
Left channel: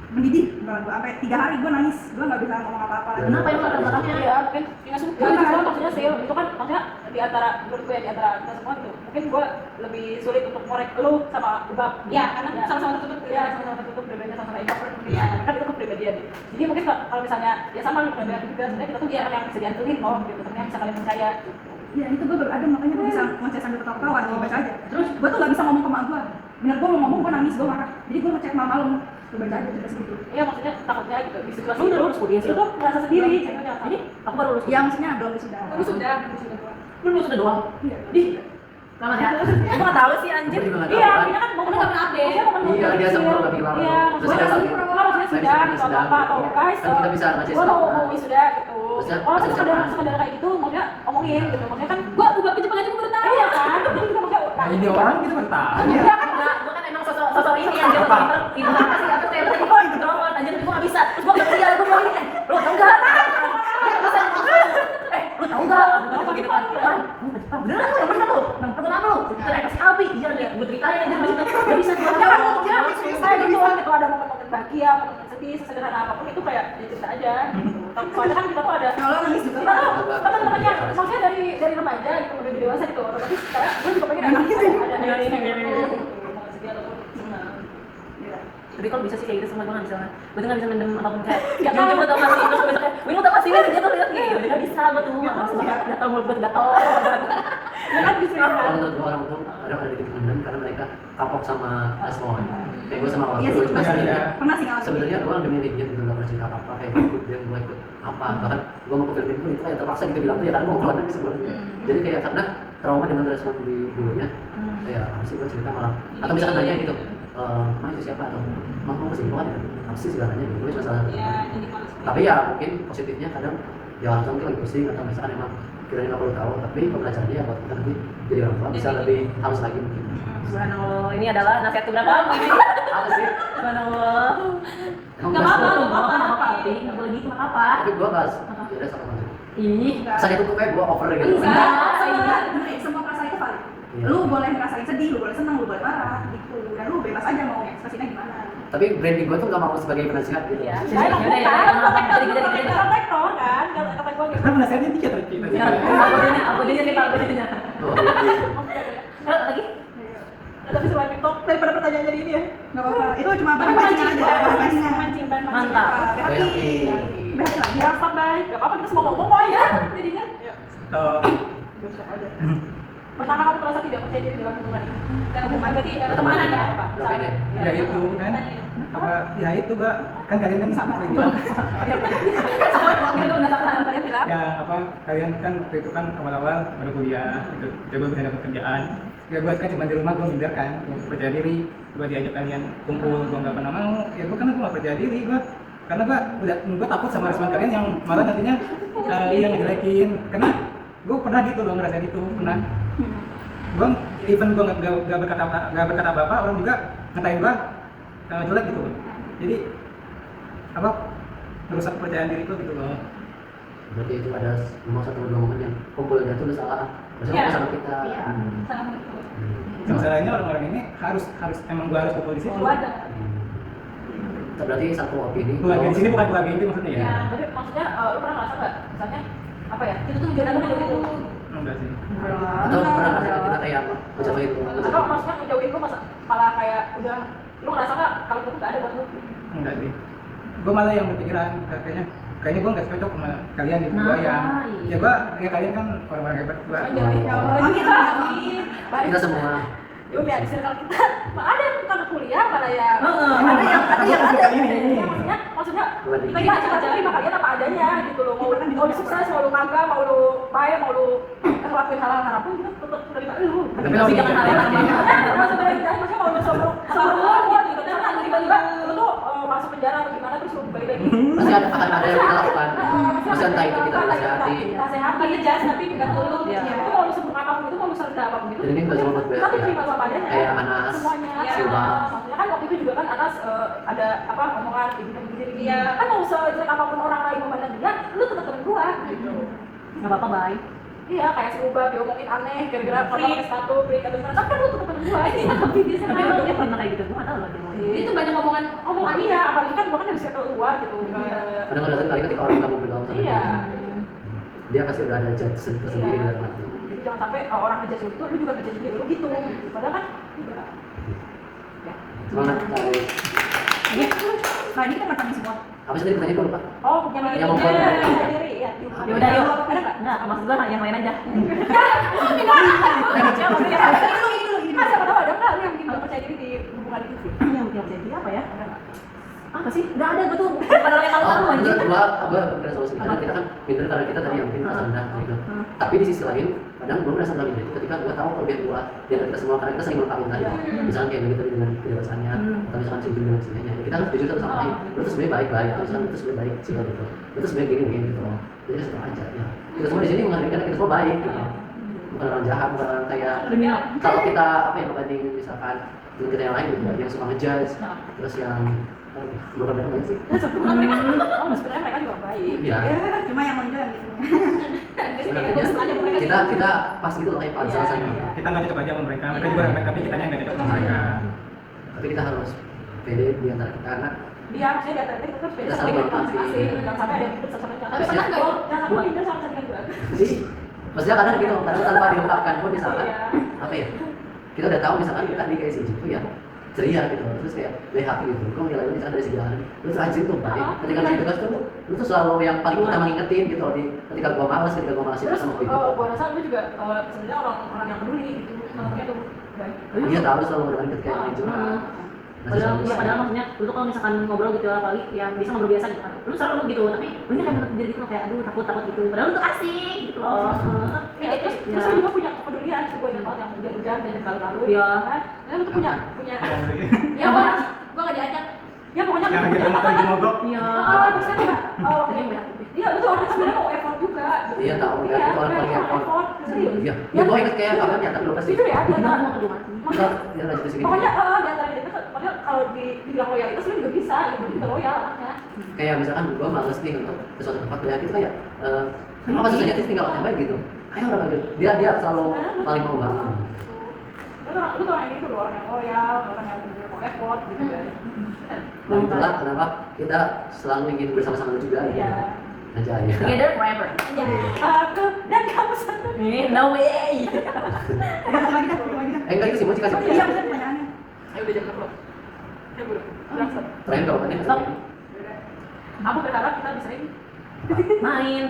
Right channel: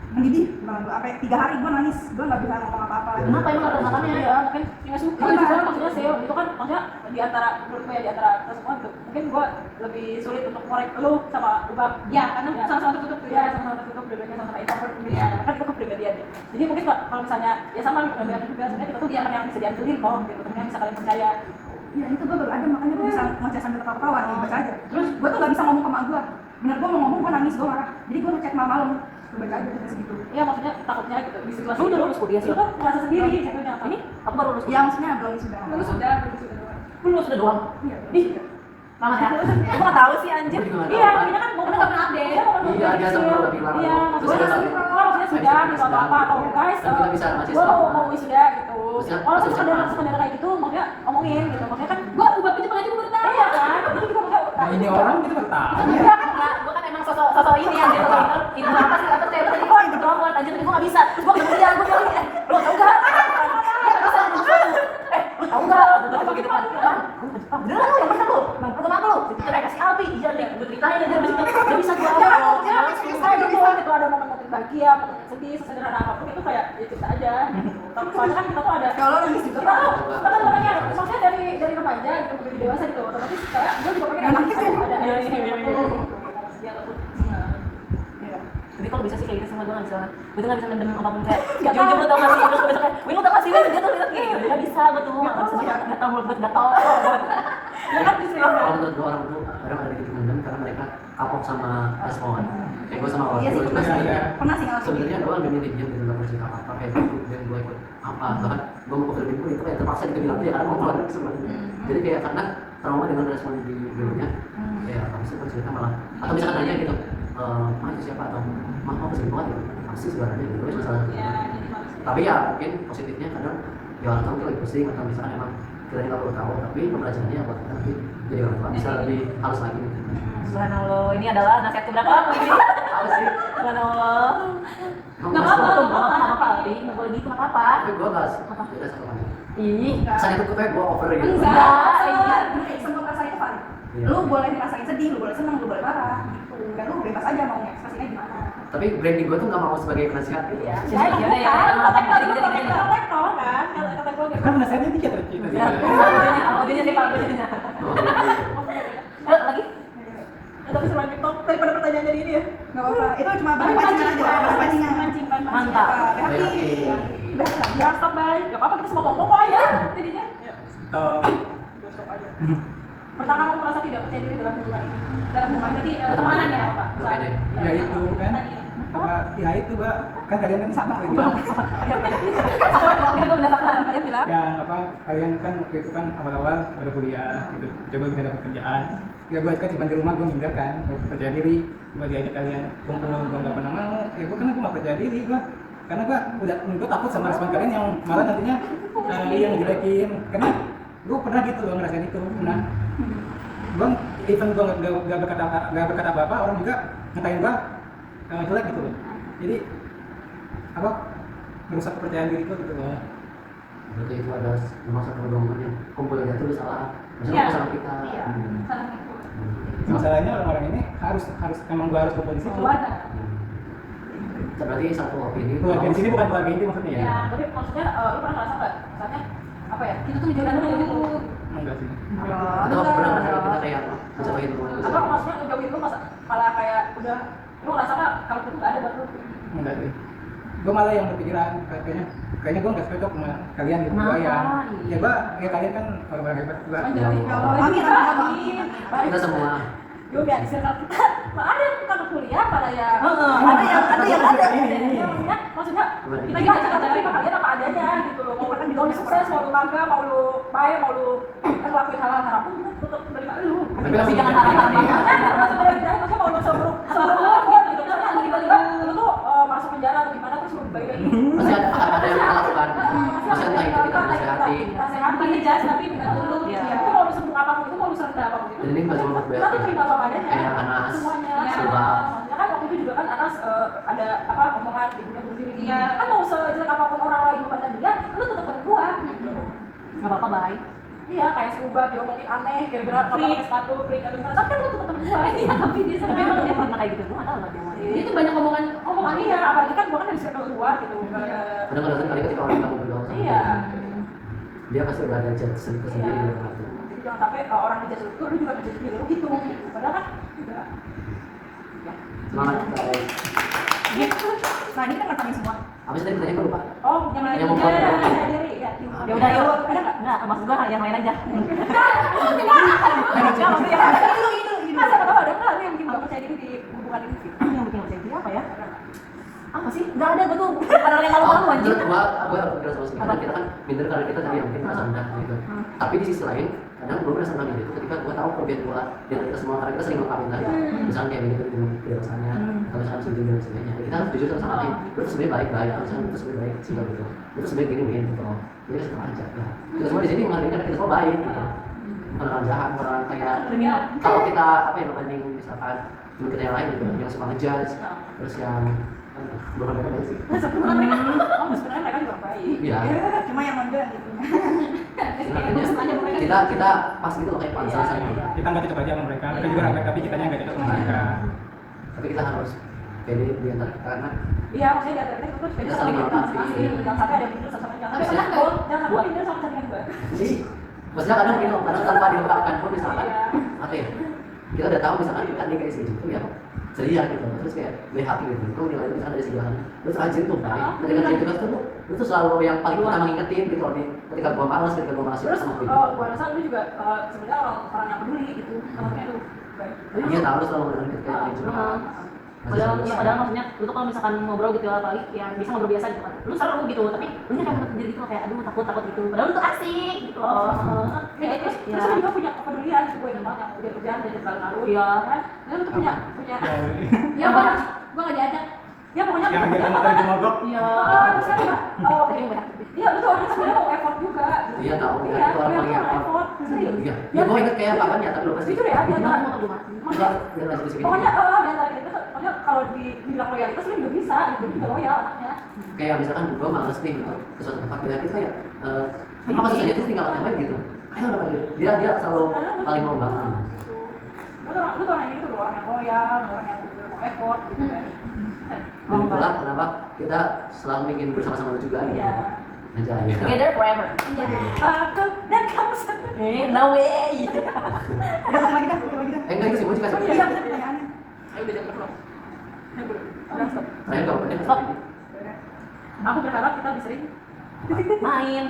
mendidih. Beneran gue sampai 3 hari gue nangis, gue nggak bisa ngomong apa-apa. Kenapa emang latar belakangnya? Ya mungkin nggak suka juga maksudnya sih itu kan maksudnya di antara menurut gue ya di antara kita semua gitu mungkin gue lebih sulit untuk korek lu sama Ubab Ya, karena sama-sama tertutup. ya sama-sama tertutup pribadinya sama-sama introvert mungkin ya kan itu kepribadian dia jadi mungkin kalau misalnya ya sama kepribadian juga sebenarnya kita tuh teman yang bisa diandelin kok gitu teman yang bisa kalian percaya gitu. Iya itu gue baru ada makanya gue bisa ngechat sambil ketawa-ketawa nih baca aja. Terus gue tuh nggak bisa ngomong ke mak gue. Bener gue mau ngomong gue nangis gue marah. Jadi gue ngechat malam gue baca aja cuma segitu. Iya maksudnya takutnya gitu di situasi Lu udah lulus kuliah sih? itu tuh merasa sendiri ceweknya Ini aku baru lulus. Ya maksudnya belum sudah. Aku sudah. Lu lulus udah doang. Iya. Ih, lama ya? Aku nggak tahu sih anjir. Gue juga nggak iya tahu kan. ini kan mau Karena nggak pernah update. Iya, dia sama udah bilang. iya Terus dia maksudnya bilang, maksudnya sudah gitu atau apa atau guys kan kita bisa ngasih gue tahu, mau kan? mau wisuda gitu Maksudnya, oh maksudnya sekedar apa? sekedar kayak gitu maksudnya omongin gitu maksudnya kan Gue ubah ke Jepang aja gue baru tahu. iya kan jadi juga maksudnya Nah, ini orang kita baru tahu. iya kan Enggak, gua kan emang sosok ini anjir Apa? ibu apa sih apa tadi kok introvert anjir gua enggak bisa. Terus gua bilang dia gua bilang lu tahu enggak? Bisa lu tahu enggak? Gua gitu kan. Beneran lu yang bener lu. Bang, kenapa lu? Kita kasih Alpi dia nih gua ceritain aja enggak bisa gua ya jawab. ya saya gitu kan kalau ada momen-momen bahagia momen sedih sesederhana apapun itu kayak ya cerita aja gitu soalnya kan kita tuh ada Kalau nangis juga. kita tuh kan makanya maksudnya dari remaja gitu menuju dewasa gitu otomatis kayak gue juga pengen ada Nangis ya? ada ini gitu momen sedih ataupun Iya. Tapi kalau bisa sih kayak gitu semua gua enggak bisa. Gua tuh enggak bisa mendem ataupun kayak jujur gua tau enggak sih lu biasanya Wih lu tau enggak sih lu dia tuh lihat nih enggak bisa gua tuh enggak bisa gatal mulut gua gatal. ya kan bisa Kalau menurut gue orang tuh kadang ada titik mendem karena mereka kapok sama respon. Kayak gue sama Iya waktu sih juga Iya, sendiri. iya. pernah sih ngalamin. Sebenarnya gue lebih milih diam gitu nggak pernah cerita apa kayak gue ikut dia gue ikut apa bahkan gue mau ke film pun itu kayak terpaksa kita bilang tuh ya karena gue keluar dari sebenarnya. Jadi kayak karena trauma dengan respon di dulunya kayak apa sih gue cerita malah atau misalkan nanya gitu mah itu siapa atau mah mau kesimpulan gitu apa sih segalanya gitu gue masalah. Tapi ya mungkin positifnya kadang ya orang tua mungkin lagi pusing atau misalkan emang kiranya nggak perlu tahu tapi pembelajarannya buat kita nanti jadi orang tua bisa lebih halus lagi mungkin. Subhanallah, ini adalah nasihat keberapa ini? Apa sih? Subhanallah. Emang Enggak nggak apa-apa, suka? enggak apa-apa, apa Alpi? Enggak boleh gitu, enggak apa-apa. Tapi gue nggak beda satu aja. Ih, Sakit tuh kayak gue over gitu. enggak. Semua perasaan itu valid. Iya. Lu boleh ngerasain sedih, lu boleh senang, lu boleh marah gitu. Dan lu bebas aja mau ekspresinya gimana. Tapi branding gue tuh nggak mau sebagai penasihat gitu. ya Ya, ya, ya, ya. protektor kan kata gue gitu Kan penasarannya dikit tadi. Ya, aku dia nih kalau dia. Lagi? tapi selain TikTok daripada pertanyaan jadi ini ya Nggak apa-apa. Itu cuma bahan pancingan aja, bahan pancingan. mancing ban Mantap. Hati. BH lagi ya, stop bye. Gak apa-apa, kita semua ngomong kok ya. Jadinya, ya. Oh, Stop aja. Pernah kamu merasa tidak percaya diri dalam hubungan ini? Dalam hubungan berarti pertemanan ya, Pak? Berapa ini? ya itu kan. Apa? Ya itu Mbak. Kan kalian kan sama bilang. Itu udah tak kalian bilang. Ya apa? Kalian kan waktu itu kan awal-awal baru kuliah, gitu. Coba bisa dapat kerjaan. Ya gue kan cuma di rumah gue minder kan, gue percaya diri. Gue diajak kalian kumpul, gue nggak pernah mau. Ya gue kan nggak percaya diri gue. Karena gue takut sama respon kalian yang malah nantinya yang ngejelekin. Karena gue pernah gitu loh ngerasain itu, pernah. Gue even gue nggak berkata apa-apa, orang juga ngatain gue jelek gitu loh. Jadi apa merusak kepercayaan diriku gitu loh. Berarti itu ada nomor satu atau dua momen yang kumpul aja tuh salah. Misalnya Iya. sama kita. Iya. Salah itu. Masalahnya orang-orang ini harus emang gue harus kumpul di situ. Keluarga. Berarti satu opini. Keluarga di sini bukan keluarga inti maksudnya ya? Ya, tapi maksudnya lu pernah ngerasa nggak? Misalnya apa ya? Itu tuh jodoh gitu. Enggak sih. Atau pernah ngerasa kita kayak apa? Mencoba itu. Apa maksudnya ngejauhin lu malah kayak udah lu ngerasa nggak kalau itu nggak ada buat lu? Enggak sih. Gue malah yang berpikiran kayaknya gue nggak cocok sama kalian gitu. Gue yang ya kalian kan orang-orang hebat. Gue Amin, amin. Baik. Kita semua. Yaudah, di circle kita ada yang bukan kuliah, ada yang maksudnya kita gimana terima kalian apa adanya gitu loh. Mau lu sukses, mau lu kagak, mau lu baik, mau lu ngelakuin hal-hal apapun juga tetap terima lu. Tapi jangan hal-hal maksudnya dari maksudnya mau lu selalu gitu. Misalnya tiba-tiba lu tuh masuk penjara atau gimana terus lu balik lagi. Pasti akan ada yang kita lakukan. Pasti entah itu kita nasihati. Kita sehati, ngejas tapi tidak tulus. Itu mau lu sebelum apapun itu, mau lu serta apapun itu. Dan ini nggak cuma buat gue. Tapi terima apa adanya. Kayak Anas, Semuanya. Silva. Maksudnya kan waktu itu juga kan Anas ada apa omongan di diri dia. Kan mau sejelek apapun orang lain memandang dia, lu tetap temen gua gitu. Nggak apa-apa, baik. Iya, kayak si Ubah diomongin aneh, gara-gara kalau pakai sepatu, freak atau gimana. Tapi kan lu tetap temen gua. Iya, tapi dia Tapi emang dia pernah kayak gitu, gue nggak tahu loh dia mau. Itu banyak omongan iya, apalagi kan gua kan dari circle luar gitu. Kadang-kadang kali ketika orang kamu bergaul sama Iya. dia pasti udah ada judgement tersendiri di dalam hati. Jadi jangan sampai orang ngejudge lu tuh, lu juga ngejudge diri lu gitu. Padahal kan enggak. Semangat. Nah ini kan matanya semua. Apa sih tadi pertanyaan gue lupa? Oh, yang membuat diri ya. Ya udah, yuk. Nggak, maksud gue yang lain aja. Masa tahu ada nggak yang bikin gak percaya diri di hubungan itu sih? Yang bikin percaya diri apa ya? Apa sih? Nggak ada, gue tuh padahal yang malu-malu aja. Gue pikir sama sih, karena kita kan minder karena kita tadi yang mungkin merasa rendah gitu. Tapi di sisi lain, kadang gue merasa rendah gitu ketika gue tahu kelebihan gue di antara kita semua, karena kita sering melengkapi tadi. Misalnya kayak gitu dengan kejelasannya, atau misalkan cincin dan sebagainya. Kita harus jujur satu sama lain. Lu tuh sebenarnya baik-baik, atau misalkan lu tuh sebenarnya baik sih gitu. Lu tuh sebenarnya gini gitu. Jadi kita aja. Ya. Kita semua di sini menghargai kita semua baik. Gitu. Bukan orang jahat, bukan orang kayak kalau kita apa ya membanding misalkan teman kita yang lain gitu, yang suka ngejudge, terus yang bukan mereka sih. Sebenarnya mereka juga baik. Iya. Cuma yang nonjol gitu. Kita pas gitu loh kayak pansel sama mereka. Kita nggak cocok aja sama mereka juga baik, tapi kitanya nggak cocok sama mereka. Tapi kita harus pede di antara kita karena Iya, maksudnya di antara kita tuh beda sama jangan sampai ada yang pintar sama jangan Tapi pernah nggak? jangan sampai pintar sama saingan gua. jadi maksudnya kadang gitu, kadang tanpa diungkapkan pun misalkan apa ya, kita udah tahu misalkan kita di kayak si itu ya ceria gitu, terus kayak happy gitu, kok nilai misalkan dari segi jalan, lu tuh rajin tuh baik, ketika di tugas tuh lu tuh selalu yang paling utama ngingetin gitu, ketika gua malas Terus sama gue. gua rasa lu juga sebenarnya orang yang peduli gitu, orangnya tuh baik. Dia tahu selalu dengan ketika yang curhat. Padahal maksudnya lu tuh kalau misalkan ngobrol gitu apalagi yang bisa ngobrol biasa gitu kan lu seru gitu tapi lu nya kayak menutup diri gitu loh, kayak aduh takut gitu padahal lu tuh asik gitu loh. Terus lu juga punya kepedulian sih, gue ingat yang hujan-hujan dan kalu-kalu. Iya. Kan lu tuh punya Ya gua nggak diajak. ya pokoknya Yang kita tadi mogok. Iya. terus kan juga Tapi yang banyak iya betul, orang sebenarnya mau effort juga. Iya tahu, Iya, itu orang paling effort. Iya, ya gue inget kayak kapan ya, tapi lupa sih. jujur ya, Dia dia mau kedua mati. Enggak, dia lanjut sih. pokoknya di antara kita pokoknya kalau dibilang loyalitas lu juga bisa, gitu juga loyal anaknya. Kayak misalkan gue males nih untuk ke suatu tempat banyak itu kayak apa susahnya tuh tinggal nyampe gitu. Ayo udah panggil. Dia selalu paling mau banget. Lu tuh orang yang gitu loh, orang yang loyal, orang yang bener mau effort gitu kan. Dan itulah kenapa kita selalu ingin bersama-sama juga. Iya. Aja ya. Together forever. Aku dan kamu satu. No way. Kita lagi dah. Enggak itu sih, mau kasih. Iya benar pertanyaannya. Ayo udah jangan keluar. Ayo boleh. Udah stop. Terakhir jawabannya Stop. Aku berharap kita bisa ini main.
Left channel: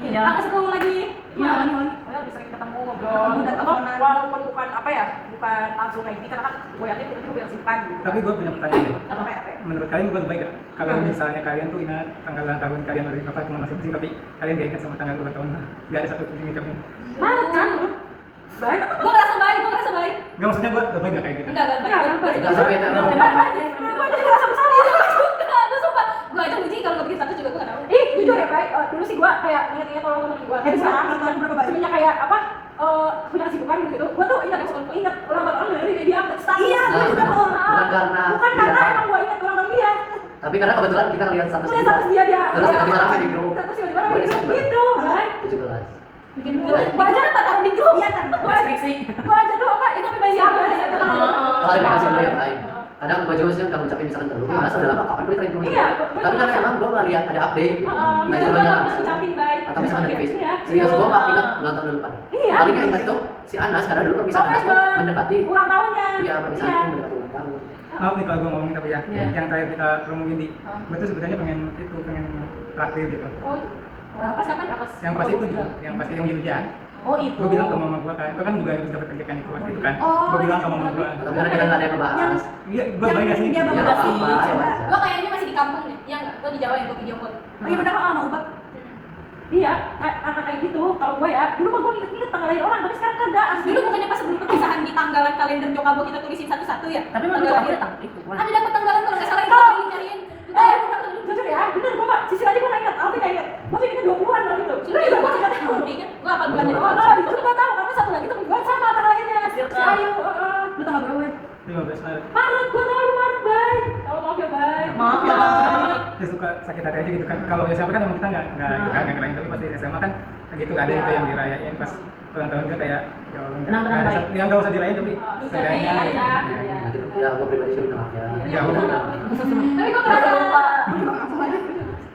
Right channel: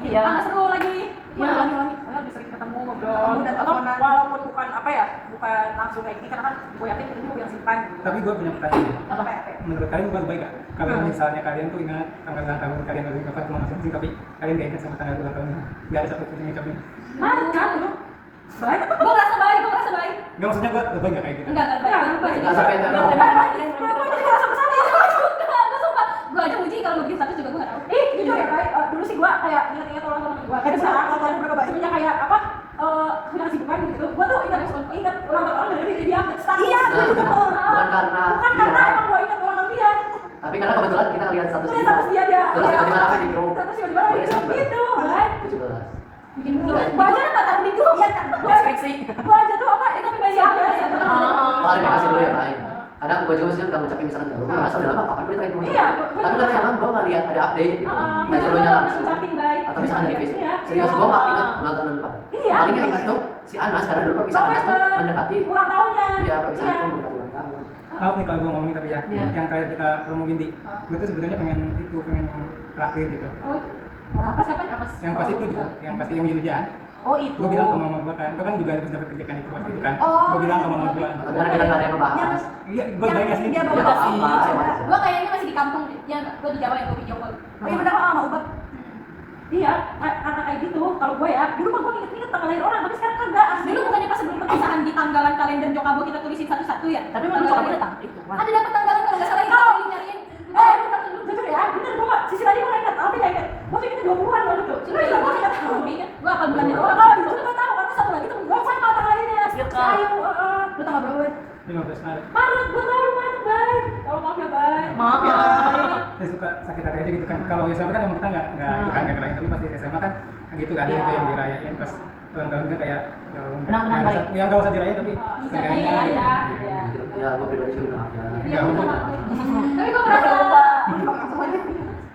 Iya. Tangga seru lagi. Iya. Pokoknya lebih sering ketemu ngobrol. Ketemu dan Atau teleponan. walaupun bukan apa ya, bukan langsung kayak gini karena kan gue yakin itu juga yang simpan gitu. Tapi gue punya pertanyaan deh. Apa ya? Menurut kalian bukan baik gak? Kalau misalnya kalian tuh ingat tanggal ulang tahun kalian dari kapan cuma masing-masing, tapi kalian gak ingat sama tanggal ulang tahun, gak ada satu pun yang ingatnya. Mana kan? Baik. Gue ngerasa baik, gue ngerasa baik. Gak, maksudnya gue baik gak kayak gitu? Enggak baik. Enggak sampai teror. Gue sumpah. Gue aja uji kalau nggak bikin status juga gue nggak tahu. Ih, jujur ya, baik. Dulu sih gue kayak ingat-ingat orang temen gue. Tapi sekarang Tahun berapa, Bay? semenjak kayak apa? Punya kesibukan gitu. Gue tuh ingat ulang tahun orang dari dia status. Iya, Nah, gue juga tuh. bukan karena Bukan karena dia. emang gue ingat ulang tahun dia. Tapi karena kebetulan kita ngeliat status Gue liat kita. status dia. Terus tiba-tiba rame di grup. Terus tiba-tiba rame di grup gitu, baik. 17. Bikin gue. Gue aja dapat taruh di grup. Iya kan? Deskripsi. Gue aja tuh apa? Itu apa siapa? Klarifikasi dulu ya, Pak. Kadang gue juga sih kalau ngucapin misalkan gue merasa udah lama kapan gue terakhir ngomong. Iya, Tapi karena emang gue nggak lihat ada update gitu. Nah, scrollnya langsung. Ucapin baik. Atau misalkan dari Facebook. Iya. Serius gue nggak ingat ulang tahun depan. Iya. Paling nggak ingat tuh si Anas karena dulu perpisahan Anas tuh mendekati. Ulang tahunnya. Iya, perpisahan itu mendekati ulang tahun. Maaf nih kalau gue ngomongin tapi ya, Iya. yang terakhir kita promongin di, gue tuh sebenarnya pengen terakhir gitu. Oh, apa siapa? Apa? Yang pas itu juga, yang pas yang hujan. Oh itu. Gue bilang ke mama gue kan, gue kan juga harus dapat kerjaan itu waktu itu kan. Oh, Gue bilang ke mama gue, Tapi karena kita nggak ada yang membahas. iya gue baik gak sih? Dia Ya bawa nggak sih. apa-apa, ya wajar. Gue kayaknya masih di kampung deh. Ya enggak, gue di Jawa yang gue video call. Oh iya benar kok sama Ubat. Iya, kayak gitu. Kalau gue ya, dulu mah gue inget-inget tanggal lahir orang, tapi sekarang kagak. Dulu bukannya pas sebelum perpisahan di tanggalan kalender nyokap kita tulisin satu-satu ya? Tapi memang Tanggal cowok lahir. datang itu kan. Ada dapat tanggalan kalau nggak salah itu Oh. nyariin. Jujur ya, bener gue mah, sisi aja gue gak inget, tapi gak inget. Gue pikirnya 20-an loh gitu. Sudah juga gue nggak tahu. Gue apa bulannya doang. Oh, itu gue tahu, karena satu lagi temen gue sama tanggal lahirnya. Si Ayu, Lu tanggal berapa, Bay? 15 Maret. Maret, gue tahu Maret, baik. Oh, maaf ya, baik. Maaf ya. Saya suka sakit hati aja gitu kan. Kalau SMA kan emang kita nggak kerayain, tapi pas di SMA kan gitu ada itu yang dirayain pas ulang tahun kan kayak ya Allah, Kenang-kenang nggak ada- baik. yang nggak usah dirayain tapi Bisa seenggaknya dirayain, ya. ya. Ya, gue pribadi sih maaf ya. Ya, udah. Tapi gue ngerasa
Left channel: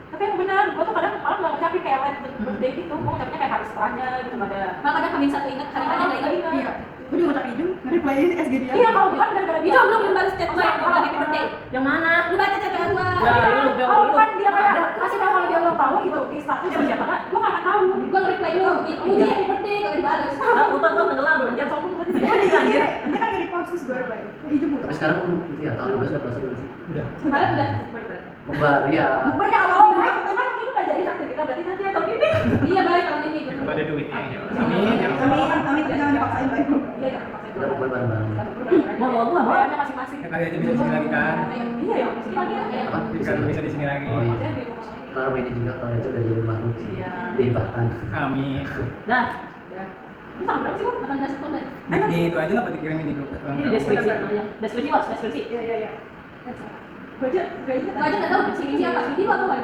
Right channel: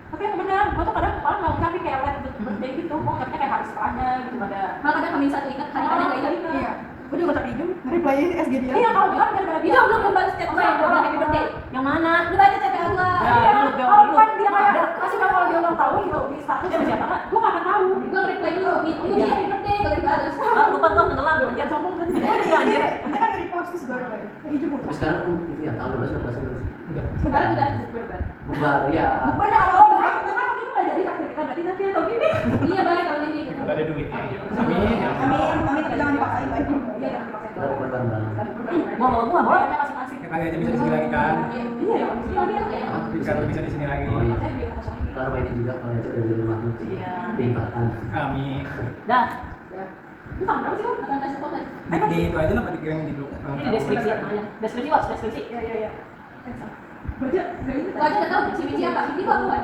Tapi yang bener, gue tuh kadang malah gak ngucapin kayak late birthday gitu. Gue ngucapinnya kayak hari setelahnya gitu, ada. malah kadang kami satu ingat hari hari nggak ingat. Iya. Gue juga ngucapin Ijum, nge-reply SG dia. Iya, kalau bukan gara-gara Itu dia. belum balas chat gue yang gue happy birthday. Yang mana? Lu baca chat gue. Ya, Iya, dulu, jauh kalau dulu. bukan dia kayak kasih tahu kalau dia ulang tahun gitu di status sama siapa, gue gak akan tahu. Gue nge-reply lu, Uji happy birthday, gue balas. Ah, lupa tuh tenggelam, jangan sombong kan. Dia kan nge-repost terus gue reply. Ijum Tapi sekarang itu ya tahun 12 udah kelas 12 sih. Udah. Sekarang udah. Bubar ya. Banyak kalau baik, memang mungkin udah jadi takdir kita, berarti nanti atau gini. Iya baik kalau ini. Kalau ada duitnya. Amin. Ya. Amin, jangan dipaksain, Bay. Iya, jangan dipaksain. Kita bubar bareng-bareng. Mau mau mau. Bayarnya masing-masing. Ya, kali aja bisa di sini lagi kan. Iya ya, di sini lagi ya. Apa? Kalau bisa di sini lagi. Oh iya. Saya beli kosong ini. Kalau ini juga tahun itu udah jadi rumahmu. Iya. Limpahkan. Amin. Dah. Itu tanggal berapa sih, Bang? 18 Oktober. Di itu aja lah Pak dikirimin di grup. Ini deskripsi namanya. Deskripsi was, deskripsi. Iya, iya, iya. Baca, gak inget. Gak aja nggak tahu si Vici apa. Vici apa nggak?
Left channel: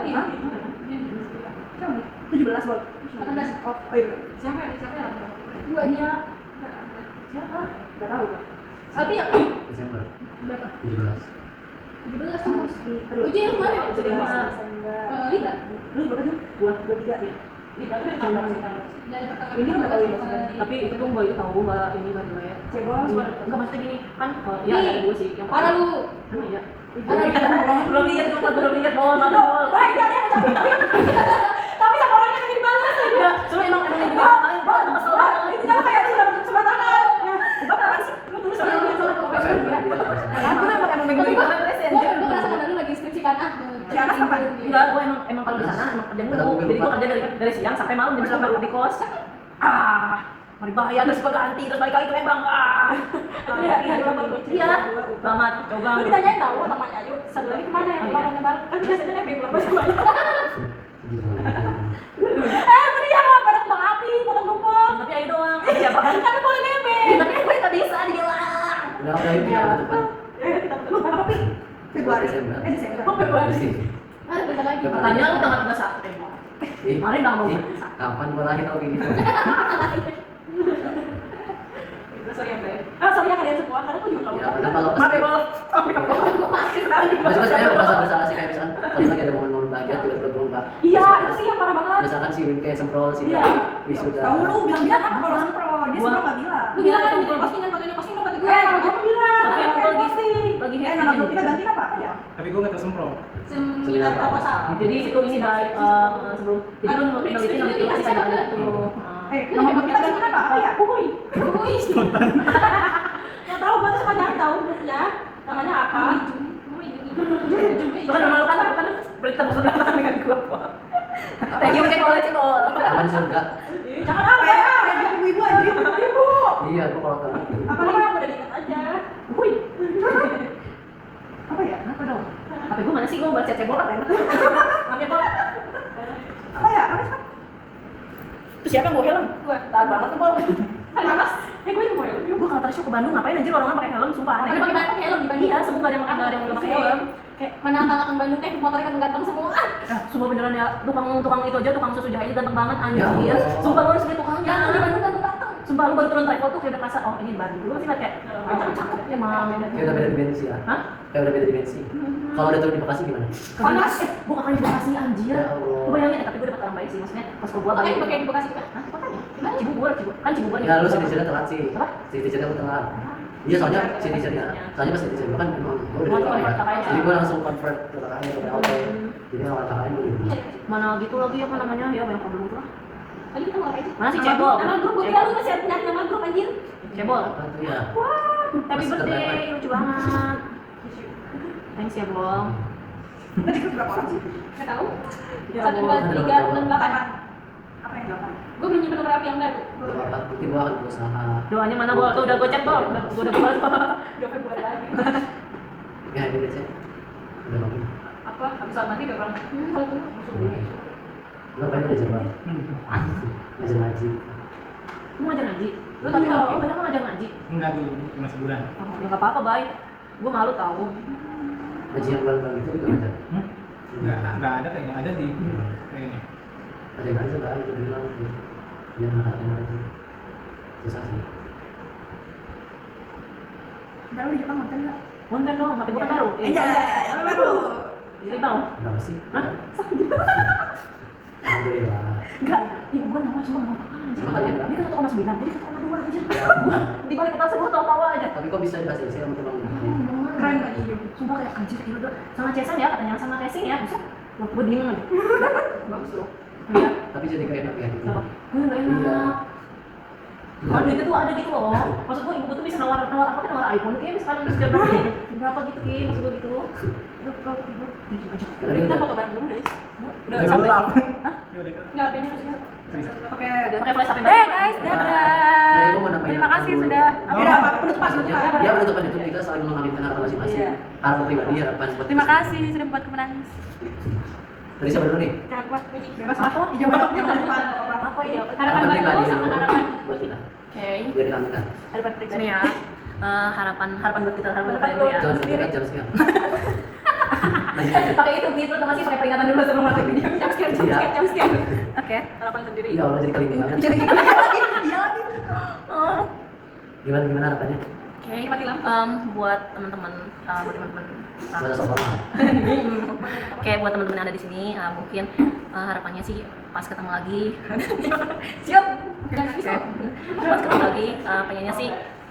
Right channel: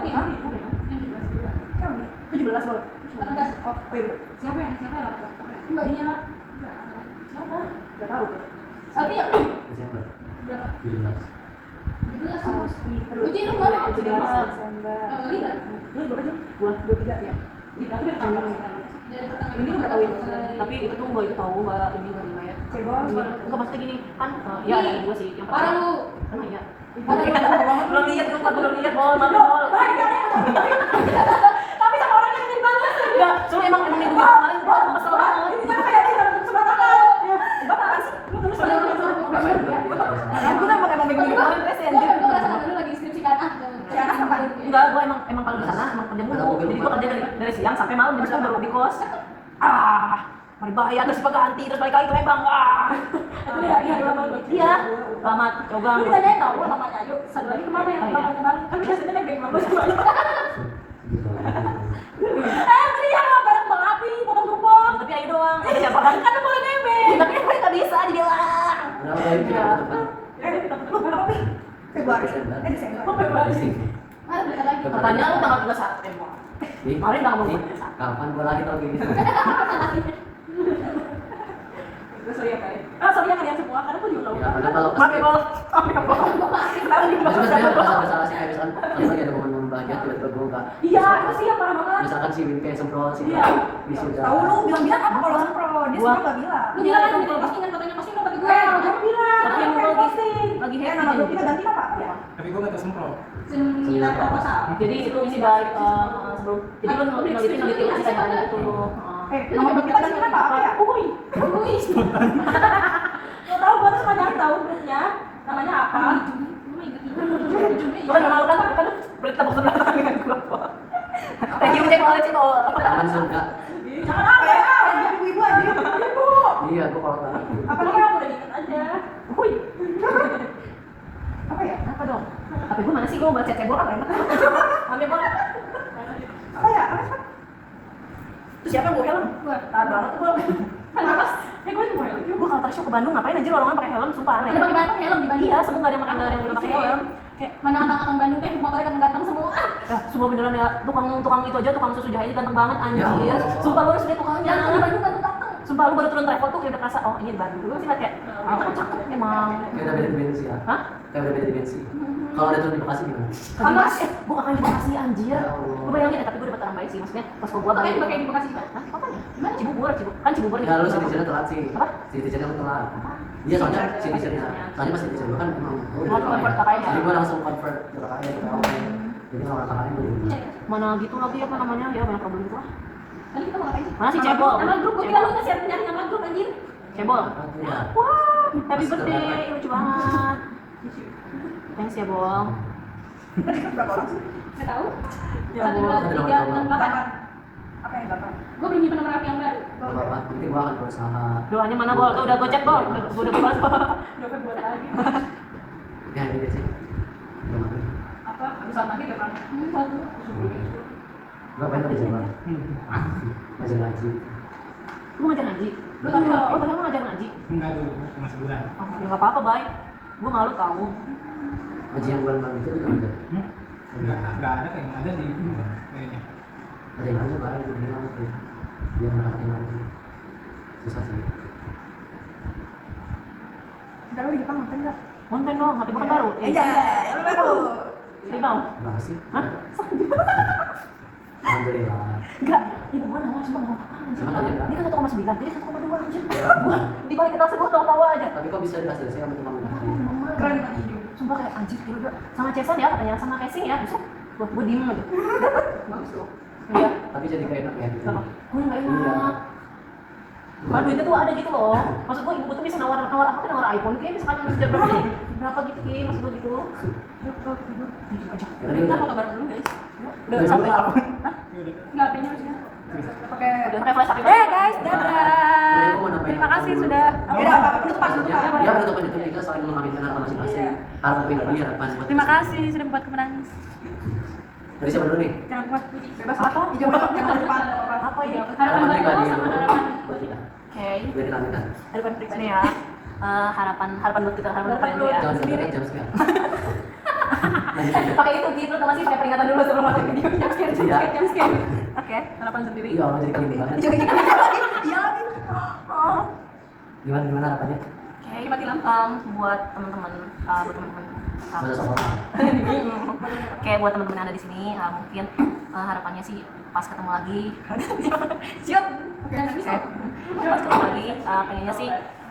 Kamu 17 boleh. 18. Oh iya. Siapa yang lapor? Dua dia. Siapa? Gak tahu. Tapi yang Desember berapa? 17. 17 sama. Uji lu mana? Desember. Lihat. Lu berapa jam? 2, 3 ya. Tidak, itu yang tanggal Dari pertama. Ini nggak tahu ya, Tapi itu tuh mbak itu tahu mbak ini mbak riwayat. Cebol. Enggak maksudnya gini kan, ya ada dua sih. Yang Parah lu. Emang iya. Parah lu. Belum lihat tuh, belum lihat bol, bol. Baik, ada yang macam tapi sama orangnya yang dibalas aja. Enggak, cuma emang ini juga kemarin bol, kesel banget. Ini kan kayak sih dapat kesempatan. Ya, Bapak apaan sih? Lu tulis sama dia sama Aku udah emang minggu Tapi kemarin gue ngerasa karena lu lagi skripsikan Si Anas kapan? Enggak, gua emang kalau di sana emang kerja mulu. Jadi gua kerja dari siang sampai malam jam 9 baru di kos. Mau dibayar terus ganti terus balik lagi ke Lembang. Iya. Selamat Yogang. Lu ditanyain tau namanya Ayu. Satu lagi kemana ya? Mamanya bareng. Kan biasanya naik bengkel masih banyak. Tadi yang bareng Bang Api, potong tumpeng. Tapi ayo doang. Ada siapa kan? Kan boleh nebeng. Tapi kan gue nggak bisa di Delang. Udah ini ya cepat. Kita ketemu mana Api? Februari. Desember. Desember. Oh, Februari sih. Mana bentar lagi. Pertanyaan lu tanggal 31 Februari. Ih, Kemarin udah mau ih, berpisah. kapan gua lagi tau kayak gitu? Sorry ya, Bay. Sorry ya kalian semua, karena aku juga nggak Ya, tahu. karena kalau Maaf ya, Bol. Gue masih Cuma saya merasa bersalah sih kayak misalkan kalau lagi ada momen-momen bahagia tiba-tiba gue enggak. Iya, itu sih yang parah banget. Misalkan si Win kayak semprol sih. Iya. Wisuda. Tahu lu bilang-bilang apa kalau sempro? Dia sempro nggak bilang. Lu bilang kan postingan fotonya posting dong buat gue. Kalau gue bilang, Tapi yang gue lagi lagi nama grup kita ganti apa ya? Tapi gue nggak tahu semprot. seminar proposal. Jadi itu ini baik sebelum jadi lu neliti masih tanya itu. Nama grup kita ganti apa ya? Uhuy. Nggak tahu gue tuh banyak tahu grupnya. Namanya apa? Bukan nama lu kan berita box belakang dengan gua. Thank you cek cebol. Aman surga. Jangan apa ya? Ibu aja. Iya, gua kalau tahu. Apa udah diingat aja. Uhuy. Apa ya? Apa dong? Tapi gua mana sih gua baca cebol kan enak. Ambil apa? Apa ya? Apa sih? Terus siapa yang bawa helm? Gue. Tahan banget tuh gua. Kenapa? Gue juga helm. Gua kalau tadi show ke Bandung ngapain anjir orang pakai helm sumpah aneh. Ada pakai helm di Bandung. Iya, sebut enggak ada yang pakai helm. Kayak mana anak-anak Bandung teh motornya kan ganteng semua. Sumpah beneran ya, tukang itu aja, tukang susu jahit ganteng banget anjir. Ya Allah. Sumpah lu harus lihat tukangnya. Yang di Bandung ganteng. Sumpah lu baru turun travel tuh kayak udah kerasa, oh ini Bandung. Lu pasti lihat kayak, cakep emang. Kayak udah beda dimensi ya. Hah? Kayak udah beda dimensi. Kalau udah turun di Bekasi gimana? Panas. Gua kakak di Bekasi anjir. Ya Allah. Gua bayangin tapi gua dapat orang baik sih, maksudnya pas gua Makanya balik. pakai di Bekasi kan? Hah? Makanya. Gimana Cibubur kan Cibubur. Ya lu citizennya telat sih. Apa? Citizennya lu telat. Iya soalnya citizennya. Soalnya pas citizen gua kan emang gua udah Oh, dipakai. convert kakaknya. Jadi gua langsung convert ke kakaknya ke PLT. Jadi kalau kakaknya gua udah dulu. Mana gitu lagi apa namanya? Ya banyak problem itu lah. Tadi kita mau ngapain sih? Mana sih Nama cebol? grup, Nama grup, gue kira lu tuh siap nyari nama grup anjir. Cebol. Apa tuh ya? Happy Masker birthday, wifi. lucu banget. Thanks ya, Bol. Kita di grup berapa orang sih? Nggak tahu. Ya, 1, 2, 3, 6, 8. Apa yang 8? Gue belum nyimpen nomor HP yang baru. Bapak, nanti gua akan berusaha. Doanya mana, Bol? Tuh udah gue cek, Bol. Gua udah balas, Bol. Udah Februari lagi. Ya ini deh sih. Gimana? Apa? Habis sholat maghrib ya, Bang? Satu. Ngapain udah jalan? Ngajar ngaji. Lu ngajar ngaji? Lu tapi Oh, banyak lu ngajar ngaji? Enggak tuh, cuma sebulan. Oh, ya nggak apa-apa, baik. Gue malu tahu. Ngaji yang bulan-bulan itu juga ngajar. Enggak ada kayaknya, ada di kayaknya. Ada yang ngajar lah, itu bilang tuh. Dia anak-anak ngaji. Susah sih. Ntar lu di Jepang nonton nggak? Konten dong, HP gue kan baru. Iya, yang baru. Jadi bang, Kenapa sih? Hah? Alhamdulillah. enggak. Ibu gue nama cuma ngomong apa anjir. Emang aja, Kak? Dia kan 1,9, jadi 1,2 anjir. Ya. Gua di balik kita sebut tawa-tawa aja. Tapi kok bisa dikasih sih sama tukang ngaji? Keren banget hidup. Sumpah kayak anjir ya udah sama Cesan ya katanya sama casing ya. Buset. Gua diem aja. Bagus loh. Iya. Tapi jadi keenak ya gitu. Apa? Gue nggak enak. Kalau duitnya tuh ada gitu loh. Maksud gue ibu gue tuh bisa nawar apa kan nawar iPhone kayak misalkan berapa gitu ki maksud gue gitu. Udah tidur aja. Tadi Kita udah. foto bareng dulu guys. Udah Udah sampai. apa? Hah? Ya udah. Nggak HP-nya maksudnya. Pakai Udah pakai flash HP. guys, Nah, itu mau nambahin Terima kasih dulu. sudah. Oh. Udah apa? Penutupan, Maksudnya, penutupan. ya penutupan itu kita saling mengaminkan harapan masing-masing. Iya. Harapan pribadi, harapan buat Terima kasih sudah membuat aku menangis. Dari siapa dulu nih? Jangan buat bebas apa? Jangan depan apa? Apa ya? Harapan baru pribadi sama dulu. harapan. Buat kita. Oke. Biar kita aminkan. Harapan pribadi ya. Harapan buat kita harapan dulu ya. Jangan sebentar jam sekian. Lanjut lanjut. Pakai itu gitu sama sih pakai peringatan dulu sebelum masuk video. Iya. Oke, harapan sendiri. Ya Allah jadi kelinci banget. Jadi gitu. Iya lagi. Oh. Gimana harapannya? Oke, buat teman-teman Masa sekolah. Oke, buat teman-teman yang ada di sini, mungkin harapannya sih pas ketemu lagi. Siap. Pas ketemu lagi, pengennya sih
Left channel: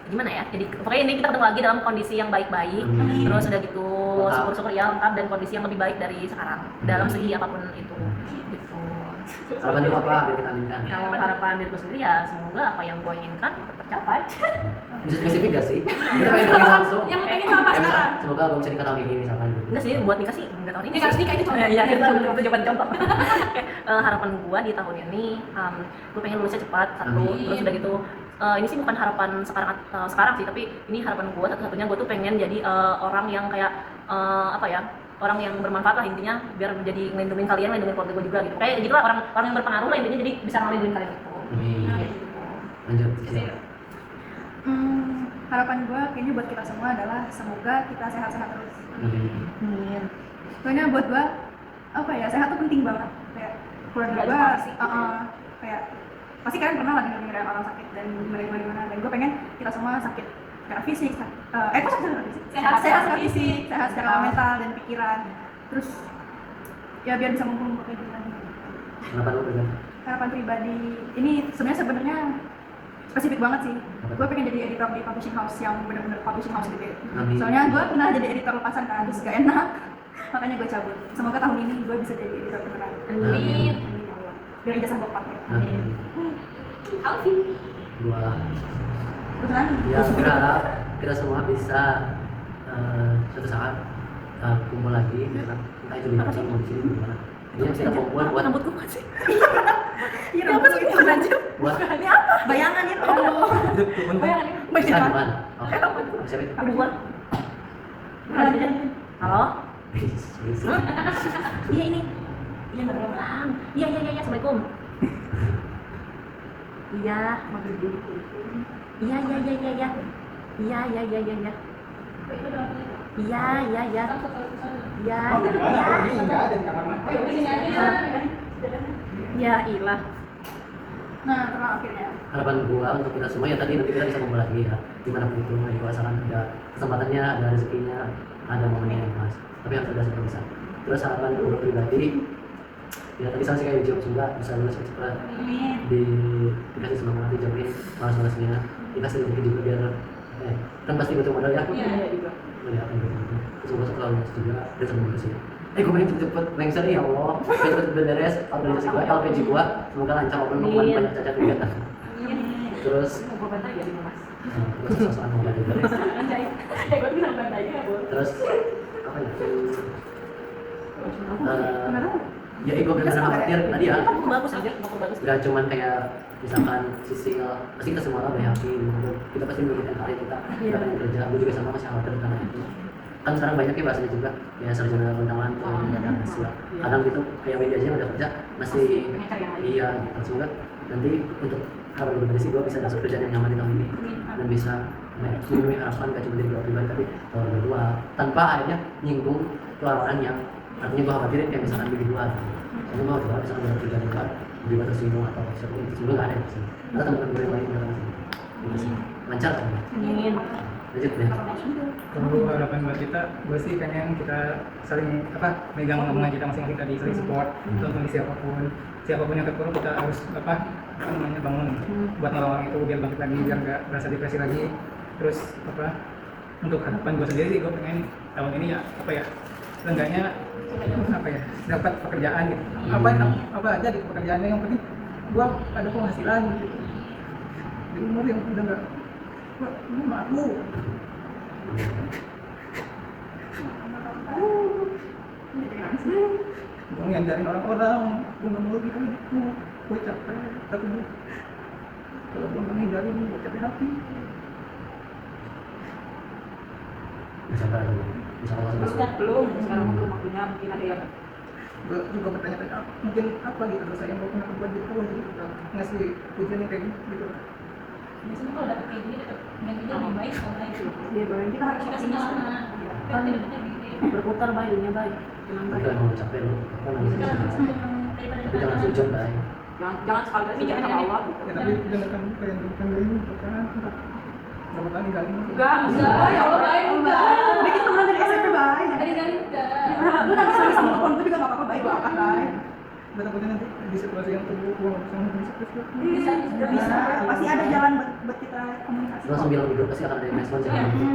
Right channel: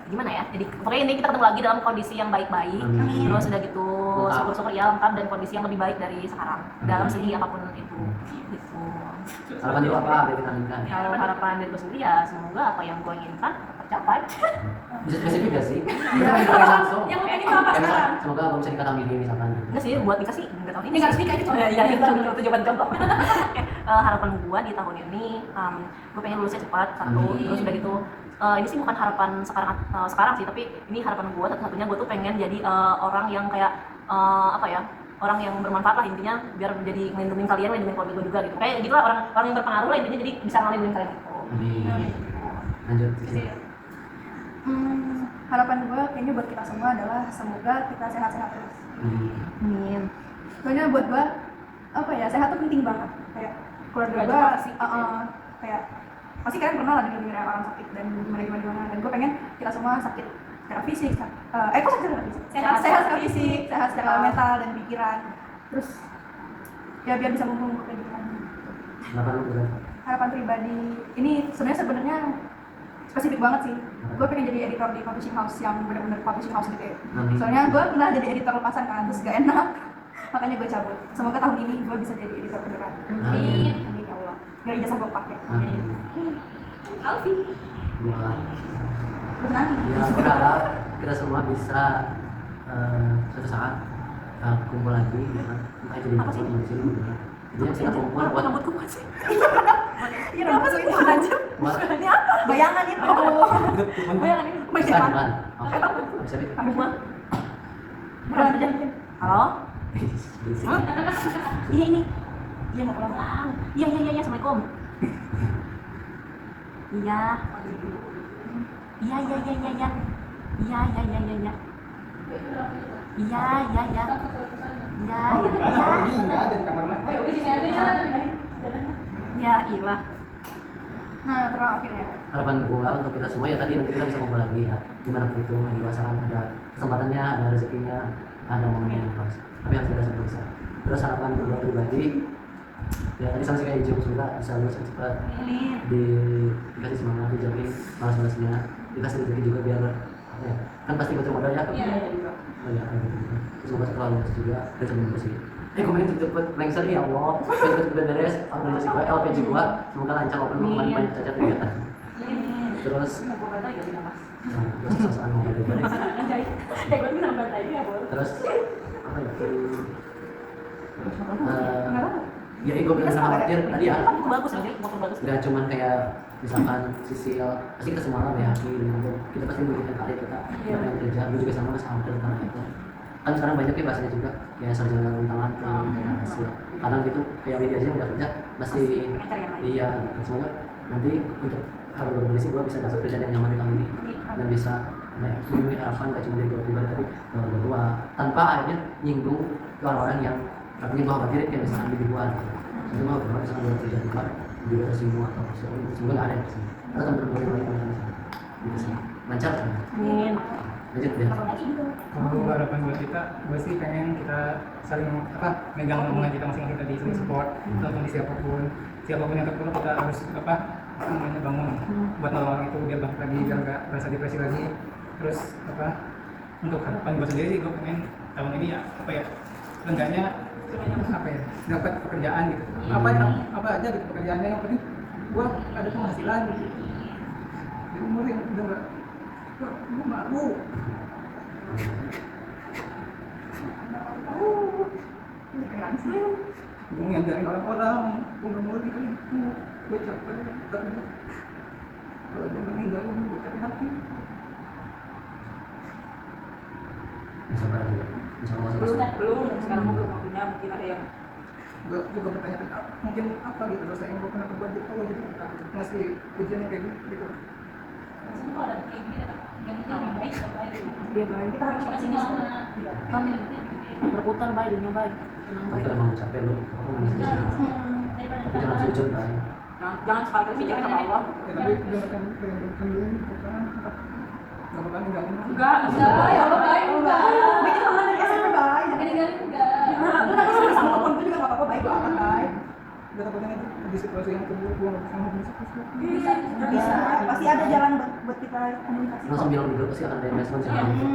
gimana ya? Jadi pokoknya ini kita ketemu lagi dalam kondisi yang baik-baik. Amin. Terus udah gitu, Lengkap. syukur-syukur ya lengkap dan kondisi yang lebih baik dari sekarang dalam segi apapun itu. Gitu. Harapan dulu apa? Biar kita aminkan. Kalau harapan dari gue sendiri ya semoga apa yang gue inginkan tetap tercapai. Bisa spesifik gak sih? Kita pengen pengen langsung. Yang pengen apa Kayak misal, sekarang? semoga gue bisa nikah tahun ini misalkan gitu. Enggak sih, buat nikah sih enggak tahun ini. Nikah nikah itu Ya, iya, kita itu jawaban contoh. Harapan gua di tahun ini, gua pengen lulusnya cepat satu. Amin. Terus udah gitu, ini sih bukan harapan sekarang sih, tapi ini harapan gua satu-satunya. Gua tuh pengen jadi orang yang kayak apa ya? Orang yang bermanfaat lah intinya, biar jadi ngelindungin kalian, ngelindungin keluarga gua juga gitu. Kayak gitulah orang yang berpengaruh lah intinya, jadi bisa ngelindungin kalian gitu. Amin. Lanjut. Cil. Harapan gue kayaknya buat kita semua adalah semoga kita sehat-sehat terus. Amin. Amin. Soalnya buat gue apa ya, sehat tuh penting banget. Kayak keluarga Nggak gue dipaksa. kayak pasti kalian pernah lah dengar orang sakit dan gimana, dan gue pengen kita semua sakit secara fisik, kok sakit secara fisik? Sehat Sehat secara fisik, sehat secara mental dan pikiran. Terus ya biar bisa ngumpul-ngumpul kayak gitu lagi. Harapan lu pribadi? Harapan pribadi ini sebenarnya spesifik banget sih. gue pengen jadi editor di publishing house yang benar-benar publishing house gitu ya. Amin. Soalnya gue pernah jadi editor lepasan kan, terus gak enak. Makanya gue cabut. Semoga tahun ini gue bisa jadi editor beneran. Amin. Amin ya Allah. Biar ijazah gue pakai. Amin. Alfi. Gua Beneran? ya berharap kita semua bisa suatu saat kumpul lagi ya kan, entah itu di kantor mau di sini gimana. Intinya kita kumpul buat Rambutku masih. Iya, apa sih itu aja? buat Ini apa? Bayangan itu. Itu temen Bayangan ini. bukan bukan. Oke. Siapa itu? Aduh, Man. Halo? Iya ini. Iya nggak pulang. Iya iya iya. Assalamualaikum. Iya. Iya iya iya iya iya. Iya iya iya iya iya. Iya iya iya. Iya. Ini enggak ada di kamar mandi. Oh, udah sini aja. Ya ilah. Nah, terus akhirnya. Harapan gua untuk kita semua ya tadi nanti kita bisa kumpul lagi ya, dimanapun itu asalkan ada kesempatannya, ada rezekinya, ada momennya yang pas, tapi harus ada sebelum bisa. Terus harapan gua pribadi ya tadi sama sih kayak dijawab juga bisa lulus cepat, Amin. dikasih semangat, dijauhin malas-malasnya, dikasih rezeki juga biar apa ya, kan pasti butuh modal ya. Iya. Ya kan gitu. Terus gua setelah lulus juga dan sebelum bersih. Gue pengen cepet lengser nih ya Allah, cepet beres organisasi gue, LPG gue, semoga lancar walaupun kemarin banyak cacat kegiatan. Terus Mau gue bantai gak sih Mas? terus sosokan mau ada goreng. Gue bisa bantai ya, Bu. Terus apa ya? Ya gue benar-benar khawatir tadi ya. Motor bagus aja, motor bagus. Gak cuman kayak misalkan Sisil, pasti kita semua orang yakin, kita pasti memikirkan karir kita, kita pengen kerja, gue juga sama masih khawatir tentang itu. Kan sekarang banyak ya bahasanya juga ya sarjana rentangan tuh ada hasil kadang gitu kayak media aja yang udah kerja masih iya gitu. Semoga nanti untuk kabar berisi gue bisa masuk kerjaan yang nyaman di tahun ini dan bisa memenuhi harapan gak cuma dari gue pribadi tapi keluarga gue tanpa akhirnya nyinggung ke orang-orang yang artinya gue khawatirin kayak misalkan lebih gue gitu. Jadi gue kalau misalkan dalam kerjaan gue lebih gue tersinggung atau siapa itu semoga gak ada yang tersinggung atau teman-teman gue yang lain yang gitu sih lancar kan Amin. lanjut deh. Kalau harapan buat kita, gue sih pengen kita saling megang omongan kita masing-masing tadi, saling support untuk kondisi siapapun yang terpuruk kita harus bangun buat nolong orang itu biar bangkit lagi, biar nggak merasa depresi lagi. Terus untuk harapan gue sendiri sih gue pengen tahun ini seenggaknya dapat pekerjaan gitu, apa aja gitu pekerjaannya, yang penting gue ada penghasilan gitu. Di umur yang udah nggak gue malu. Gue ngajarin orang-orang, gue gak mau lagi kayak gitu, gue capek, tapi kalau gue gak ngajarin, gue capek hati. Bisa bareng insya Allah Belum, sekarang belum waktunya mungkin ada yang Gue juga bertanya-tanya, mungkin apa gitu dosa yang gue pernah berbuat di awal, jadi ngasih pujian yang kayak gitu. Biasanya kalau dapet kayak gini, dapet yang ini lebih baik, lebih baik. Dia doain kita harus Kita optimis. sama. Kan berputar baik, dunia baik. Tenang itu baik. emang capek lo apa namanya tapi jangan sujud baik jangan sekali pikirin sama Allah. Ya tapi jangan kamu pengen dulu bukan berapa kali ninggalin aku. Enggak, Ya Allah, baik enggak. Baik kita teman dari SMP baik. Gali-gali enggak. Lu nanti sama telepon gue juga gak apa-apa, baik gue angkat baik. Gue takutnya nanti di situasi yang terburuk gue nggak bisa ngomong Bisa, bisa. Pasti ada jalan buat kita komunikasi. langsung bilang di grup pasti akan ada yang respon jangan gitu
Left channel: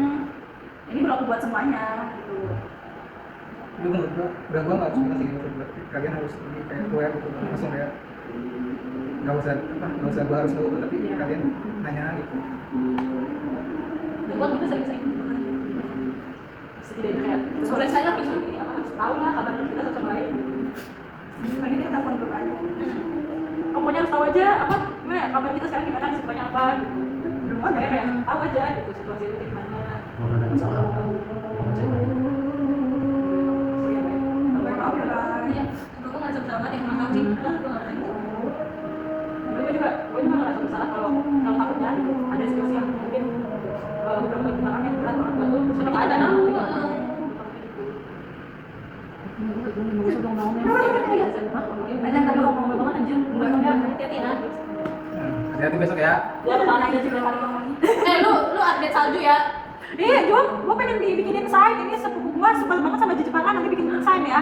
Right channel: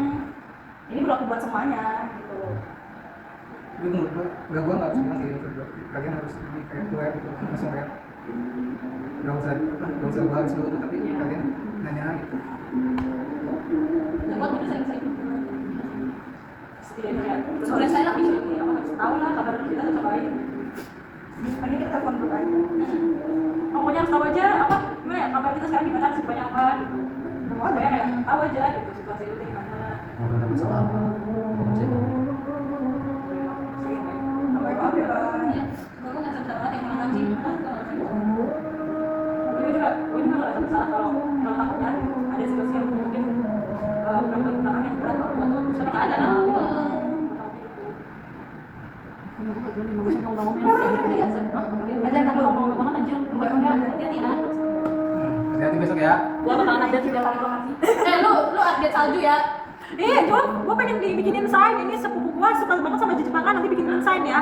Ini berlaku buat semuanya gitu. tapi menurut gue gue nggak harus bilang sih gitu, buat kalian harus lebih kayak aware gitu, langsung kayak nggak usah gue harus nurut tapi kalian nanya gitu. Buat kita sering-sering. setidaknya kayak terus Udah saya habis. apa harus tahu lah kabar kita satu baik. Lagi kita telepon dulu aja. Pokoknya harus tahu aja apa gimana ya kabar kita sekarang gimana situasinya apa. Semua kayak tahu aja gitu situasi itu gimana. mau ada masalah apa percaya Maaf ya, Bang. Iya. Semoga nggak salah yang makan sih. Gue juga ngerasa bersalah kalau takutnya ada situasi yang mungkin udah perkembangan yang berat buat lu terus ada Nunggu sebelum bangun ada nggak mau ngomong banget anjir. Hati-hati ya. Hati-hati besok ya. Gua bakalan ada juga kali Lu update salju ya. Iya, gue pengen dibikinin sign. Ini sepupu gue suka banget sama Jepangan, nanti bikinin sign ya.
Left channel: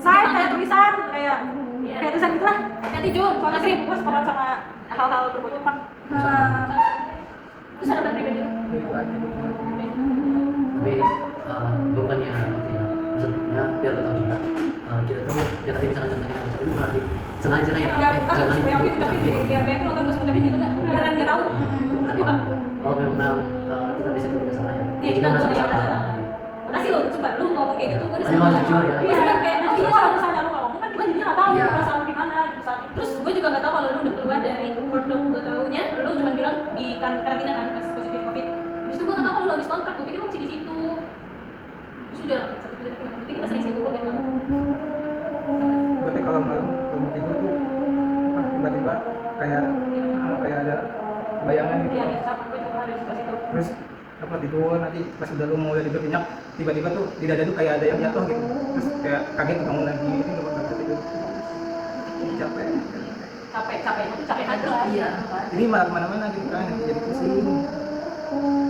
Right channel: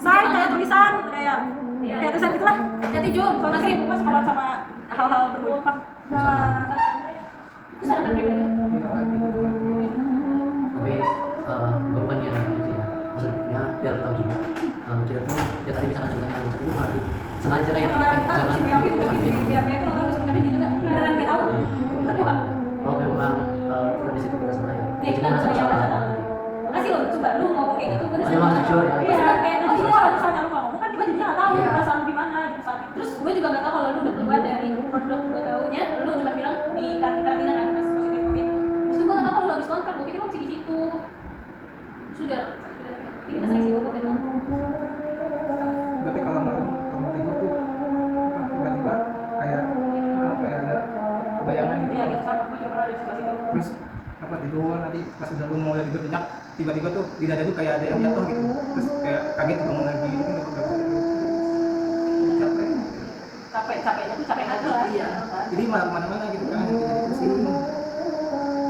Sign kayak tulisan, kayak tulisan gitu lah. Nanti Jun, Soalnya sih gue suka banget sama hal-hal berhubungan. Nah, Terus harapan pribadi lu? Tapi bukannya gitu ya, maksudnya biar tahu juga kita tuh ya tadi misalnya contohnya itu berarti sengaja kayak jangan Beneran nggak tahu. kalau memang kita bisa kita sama ya Ya, kita merasa bersalah. Makasih lo, coba lu ngomong kayak gitu, gue Oh, emang jujur ya. Iya, kayak Iya, kalau misalnya lu ngomong kan gue jadinya nggak tahu Iya. perasaan lu gimana di saat itu. terus gue juga nggak tahu kalau lu udah keluar dari workload, gue taunya lu cuma bilang di karantina kan pas positif covid. Terus itu gue nggak tahu kalau lu habis kontrak, gue pikir lu masih di situ. Sudah, jadi kita sering sibuk gitu. Berarti kalau malam mau tidur tuh apa, tiba-tiba kayak ada bayangan gitu. Iya, gitu sama gue juga ada di situ. Terus apa tidur nanti pas udah lu mau dari berminyak tiba-tiba tuh di dada tuh kayak ada yang jatuh gitu. Terus kayak kaget bangun lagi itu nggak pernah gitu. Capek. Capeknya tuh capek aja. Iya. Jadi malah kemana-mana gitu kan, jadi pusing.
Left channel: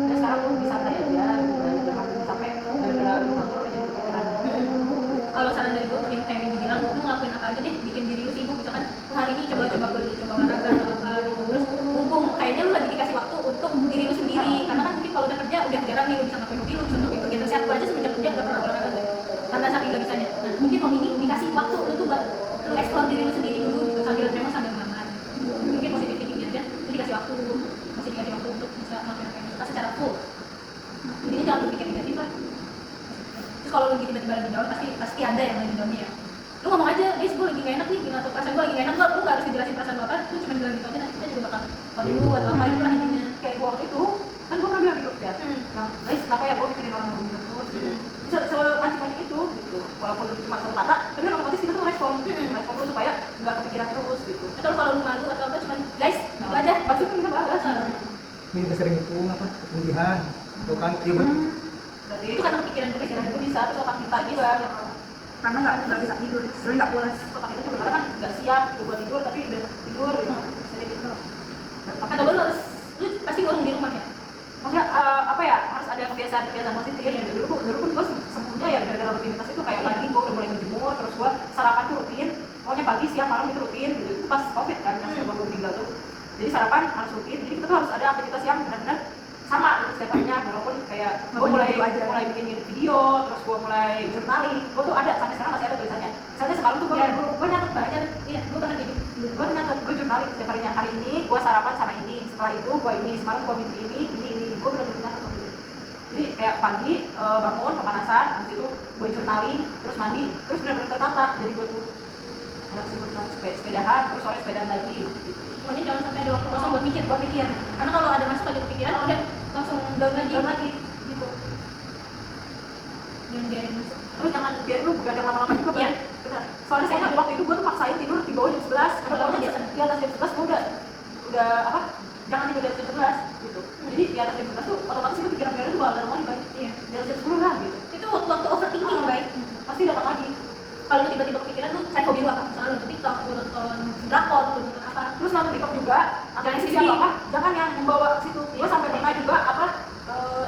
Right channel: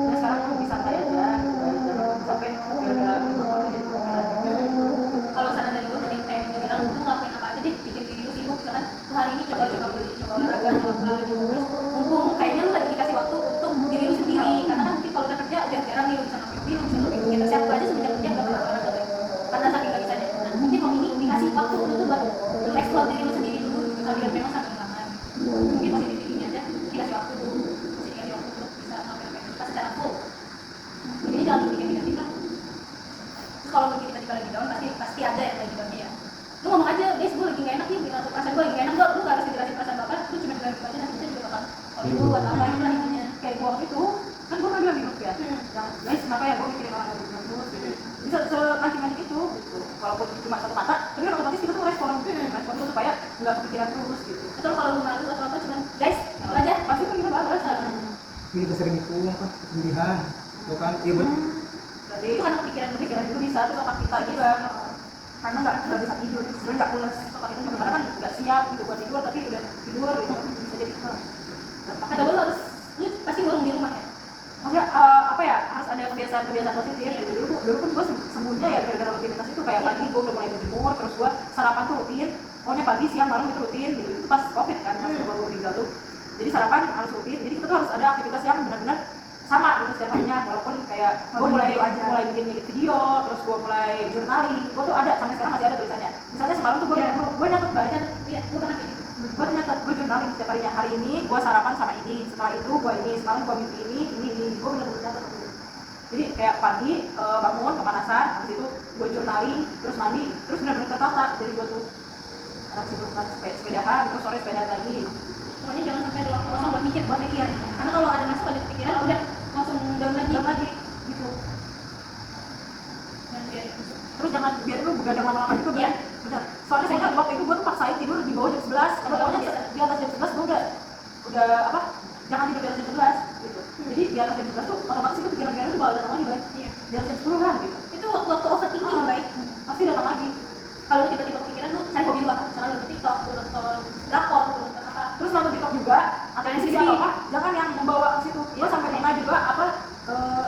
Ya sekarang lu bisa santai aja, jangan capek gara-gara lu ngomong jadi kepikiran. Kalau saran dari gue mending kayak bilang lu ngelakuin apa aja deh, bikin diri lu sibuk. Misalkan lu hari ini coba pergi, coba olahraga, coba gitu. Terus mumpung kayaknya lu lagi dikasih waktu untuk diri lu sendiri, karena kan mungkin kalau udah kerja udah jarang nih lu bisa ngapain hobi, lu bisa ngapain bagian tersiap. Gue aja semenjak kerja gak pernah olahraga baik, karena saking gak bisanya. Nah mungkin kalau ini dikasih waktu lu tuh buat lu explore diri lu sendiri dulu gitu, sambil memang sambil makan. Mungkin positif thinking aja, lu dikasih waktu dulu, masih dikasih waktu untuk bisa ngapain apa kita secara full. Jadi jangan bikin negatif lah. Terus kalau mungkin tiba-tiba lagi down, pasti ada yang lagi downnya ya. Lu ngomong aja, guys, gue lagi gak enak nih, atau perasaan gue lagi gak enak, lu gak harus dijelasin perasaan bapak, lu cuma bilang gitu aja, nanti kita juga bakal lu buat apa itu lah intinya. Kayak gua waktu itu kan gua pernah bilang di grup ya, guys kenapa ya gua mikirin orang ngomongin terus bisa seanjing-anjing itu gitu, walaupun itu cuma satu kata tapi kan otomatis kita tuh respon dulu supaya nggak kepikiran terus gitu. Atau kalau lu malu atau apa cuma guys, lu aja Pasti kita bahas Ini juga sering itu apa kesedihan, tuh kan? Iya betul. jadi itu karena kepikiran pikiran itu bisa terus otak kita juga karena nggak bisa tidur, sebenarnya nggak pulas. otak kita sebenarnya kan nggak siap gitu buat tidur tapi udah tidur gitu bisa jadi gitu. atau lu harus lu pasti ngurung di rumah ya. Maksudnya apa ya harus ada kebiasaan positif ya. Dulu pun gue sebelumnya ya gara-gara rutinitas itu kayak pagi gue udah mulai menjemur, terus gue sarapan tuh rutin, pokoknya pagi siang malam itu rutin gitu. Itu pas covid kan masih baru tinggal tuh, jadi sarapan harus rutin, jadi kita tuh harus ada aktivitas yang benar-benar sama gitu setiap harinya. Walaupun kayak gue mulai bikin edit video, terus gue mulai journaling, gue tuh ada sampai sekarang masih ada tulisannya. Misalnya semalam tuh gue nyatet banyak, Iya, gue pernah kayak gitu. gue nyatet, gue journaling setiap harinya. Hari ini gue sarapan sama ini, setelah itu gue ini, semalam gue bikin ini, gue bener-bener nyatet seperti itu. Jadi kayak pagi bangun kepanasan, habis itu gue journaling, terus mandi, terus bener-bener tertata. Jadi gue tuh anak sebutan sepedahan, terus sore sepedaan lagi gitu. Pokoknya jangan sampai ada waktu kosong buat mikir. Karena kalau ada masuk ada kepikiran, udah langsung down lagi gitu. Jangan biarin masuk. Terus jangan biarin lu begadang lama-lama juga kan. Bener. Soalnya saya ingat waktu itu gue tuh maksain tidur di bawah jam 11, karena kalau di atas jam 11 gue udah apa? Jangan tidur di atas jam 11 gitu. Jadi di atas jam 11 tuh otomatis itu pikiran-pikiran itu bakal datang lagi baik. Iya. Di atas jam 10 lah gitu. Itu waktu overthinking baik. Pasti datang lagi. Kalau lu tiba-tiba kepikiran lu cari hobi lu apa? Misalnya lu nonton TikTok, lu nonton drakor, lu nonton apa? Terus nonton TikTok juga atau yang sisi apa? Jangan yang membawa ke situ. Gue sampai pernah juga apa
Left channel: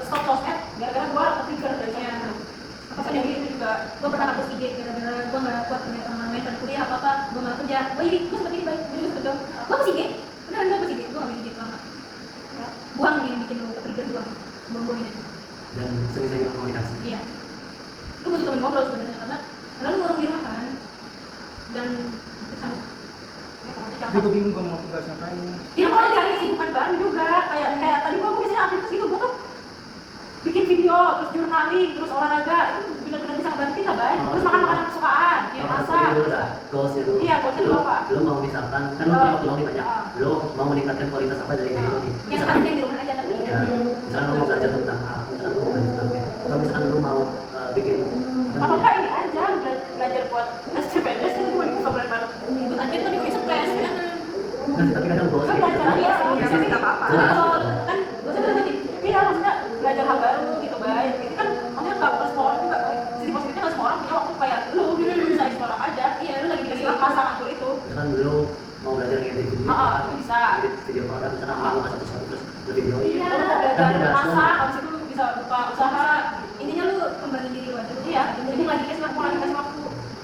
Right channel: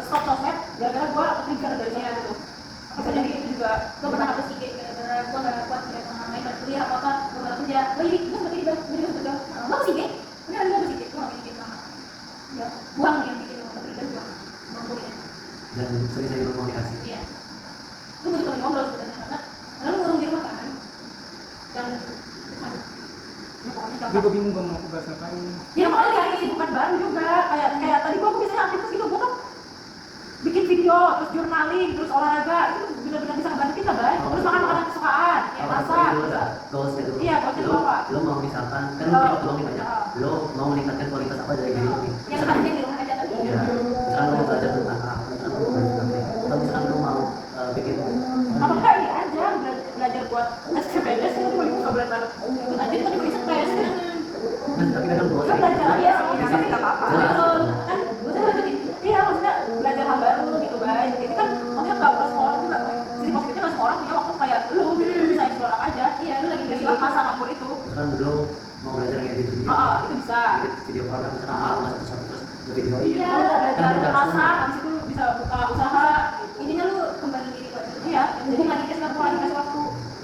stop sosmed gara-gara gue kepikiran dari sana gitu. Apa saja itu juga gue pernah hapus IG gara-gara gue nggak kuat punya pengalaman lain pada kuliah apa gue malah kerja. Oh iya, gue sempat tiba gue sebetulnya gue hapus IG, beneran gue hapus IG, gue nggak bikin IG lama. Buang yang bikin gue trigger buang gue gitu. Dan sering-sering berkomunikasi. Iya. Lu butuh teman ngobrol sebenarnya karena lu ngurung di rumah kan. Dan Ya pokoknya Jadi jangan. gue bingung gue mau bahas ngapain. Ya mau cari kesibukan baru juga. Kayak tadi gue biasanya aktivitas itu gue kan bikin video, terus journaling, terus olahraga itu benar-benar bisa ngebantu kita, Bay. Terus makan makanan kesukaan, kayak Apa masak. dulu dah, goalsnya dulu. Iya, goalsnya dulu apa? Lu mau misalkan, kan lu punya waktu lebih banyak. Lu mau meningkatkan kualitas apa dari video ini? yang Misalkan, tadinya di rumah aja tapi ya, misalkan lu mau belajar tentang A, misalkan lu mau belajar tentang B, atau misalkan lu mau bikin Apa enggak ini aja belajar buat SCPNS itu cuma dibuka bulan Maret. ikut aja kan juga stres kan. tapi kadang goals Kan belajar Iya, iya, tapi nggak apa-apa. jelas. Kan gue sebenarnya tadi iya maksudnya belajar hal baru gitu, Bay. Itu kan maksudnya nggak semua orang juga, Bay. Jadi maksudnya nggak semua orang punya waktu kayak lu gitu, bisa explore aja. iya lu lagi Jadi dikasih masa makmur itu. Misalkan dulu mau belajar ngedit video, Itu bisa. edit video produk, misalkan malu nggak satu-satu terus lu videoin. Iya. Belajar masak, habis itu bisa buka usaha. intinya lu kembali diri lu aja. Iya, Mumpung lagi kasih mau lagi kasih waktu.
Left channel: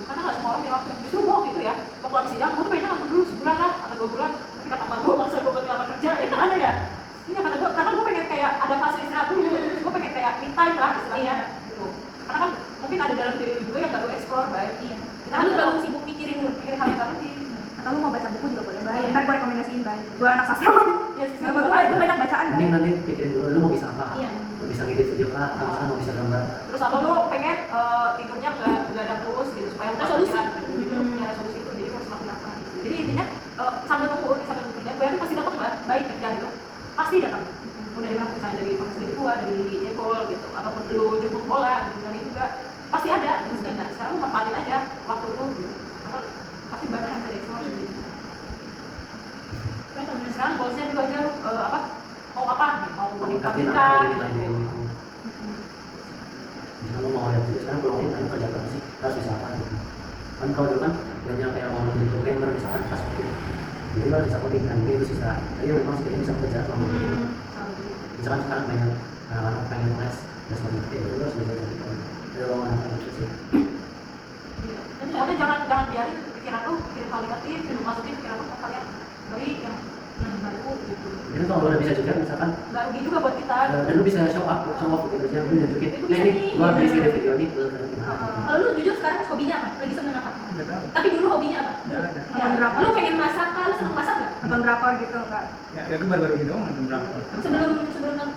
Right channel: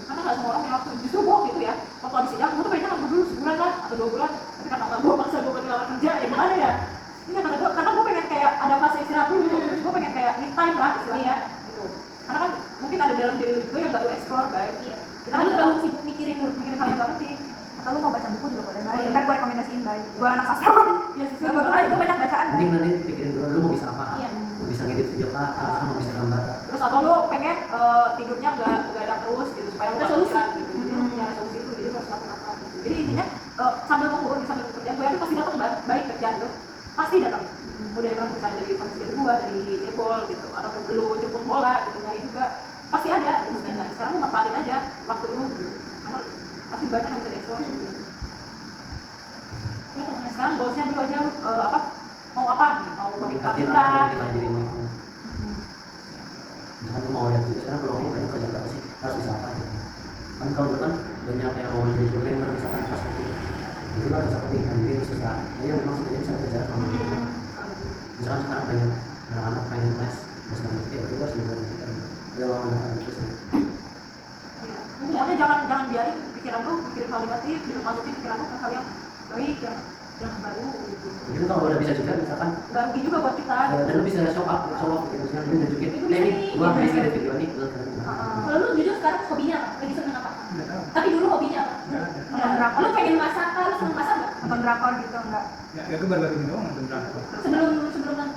Karena nggak semua orang punya waktu. Justru gue gitu ya. Waktu habis sidang, gue tuh pengennya ngambil dulu sebulan lah atau 2 bulan. Tapi kata gue maksa gue buat lama kerja, ya gimana ya? Iya kata gue, karena gue pengen kayak nah gue pengen kayak me time lah istilahnya gitu. Karena kan mungkin ada dalam diri gue yang gak gue explore baik. Iya. Kita Karena lu kan terlalu sibuk mikirin hal yang gak penting. Atau lu mau baca buku juga boleh baik. Ntar gue rekomendasiin baik. Gue anak sastra. Ya Gak apa-apa, gue banyak bacaan Mending baik. nanti pikirin dulu lu mau bisa apa. Iya. Mau bisa ngedit video kah, atau mau bisa gambar. Terus atau lo pengen tidurnya nggak begadang terus gitu supaya lo Ada solusi. gitu. Ya solusi itu jadi harus lakukan apa. Jadi intinya sambil nunggu sambil kerja, gue yakin pasti datang mbak, baik kerjaan itu pasti datang. Udah yang misalnya dari komisi dari gua, dari Ecol gitu, ataupun lo jemput bola gitu kali juga pasti ada. Gitu. Nah sekarang lo manfaatin aja waktu lu gitu. Atau pasti banyak yang bisa dieksplor. Gitu. Nah, sekarang goalsnya itu aja apa? Mau apa? Mau Meningkatin meningkatkan apa yang nilai gitu. diri lu. Misalnya lu mau lihat juga sekarang kalau lu pengen kerja apa sih, harus bisa apa gitu. Kan kalau dulu kan banyak yang mau jadi programmer misalkan pas waktu itu. Jadi lu harus bisa coding, nah jadi itu susah. Tapi memang sebenarnya bisa bekerja sama gitu. Misalkan sekarang banyak anak-anak pengen les coding, itu harus bisa gitu. Jadi lo anak-anak itu sih. Pokoknya jangan biarin pikiran lu pikirin hal negatif, hidup masukin pikiran lu ke hal yang baik, yang baru gitu. Mungkin kalau lu udah bisa juga misalkan Gak rugi juga buat kita. dan lu bisa show off gitu, misalnya lu nunjukin, ini gua habis edit video ini, Kalau lu jujur sekarang hobinya apa? Lagi seneng apa? Nggak tahu. Tapi dulu hobinya apa? Nggak ada. Nonton drakor. Lu pengen masak kan? Lu seneng masak nggak? Nonton drakor gitu enggak. Ya gue baru-baru ini doang nonton drakor.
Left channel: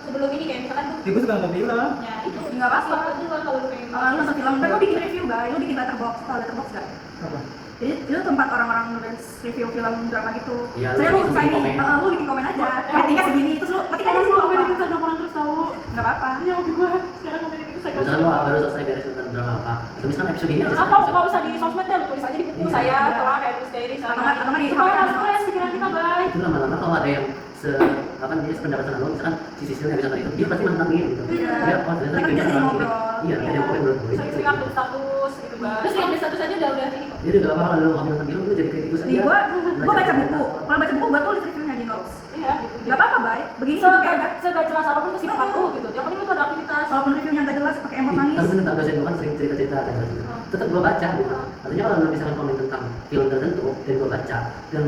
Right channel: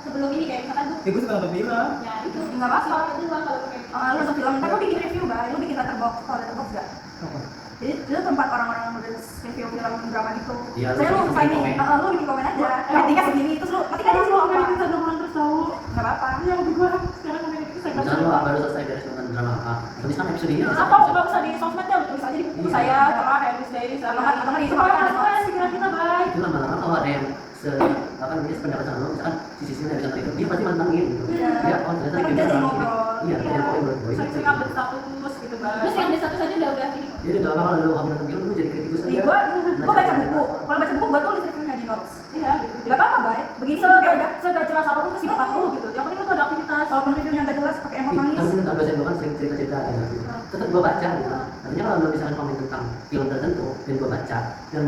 Sebelum ini kayak misalkan tuh Ya gue suka nonton film. ya itu Nggak apa-apa. itu kan kalau lu pengen Lu nonton film, ntar lu bikin review baik. Lu bikin letterbox, tau letterbox gak? Apa? Jadi itu tempat orang-orang nulis review film drama gitu. Iya, Saya lu lu suka bikin ini, komen. lu bikin komen aja. Ratingnya segini, terus lu ketik aja di situ apa? orang terus tahu. Nggak apa-apa. Iya hobi gua sekarang udah itu saya Misalnya lu baru selesai beres nonton drama apa, atau misalkan episode ini aja apa nggak usah di sosmed ya, tulis aja di buku Iya. saya, setelah Eris Diary saya. Atau nggak di supaya HP supaya pikiran kita baik. itu lama-lama kalau ada yang apa namanya sependapat sama lo, misalkan si Sisil yang bisa itu, dia pasti mantengin gitu. Iya. Ya, oh ternyata Tapi dia jadi bilang ngobrol. gini. Iya, ada yang komen menurut gue. Sering-sering update status gitu baik. terus yang di status aja udah ini kok. Jadi udah lama kalau lu nonton film lu jadi kayak gitu Nih, saja. gua baca buku. Kalau baca buku, gua tulis reviewnya di notes. Iya gitu. Nggak apa-apa, baik. Begini juga ada. Segala jelas apapun itu sifat lu gitu. Yang penting itu ada aktivitas. Walaupun reviewnya nggak jelas, pakai emot nangis. Tapi tentang dosen gue kan sering cerita-cerita ada gitu. Tetap gue baca gitu. Artinya kalau lu misalkan komen tentang film tertentu dan gue baca dan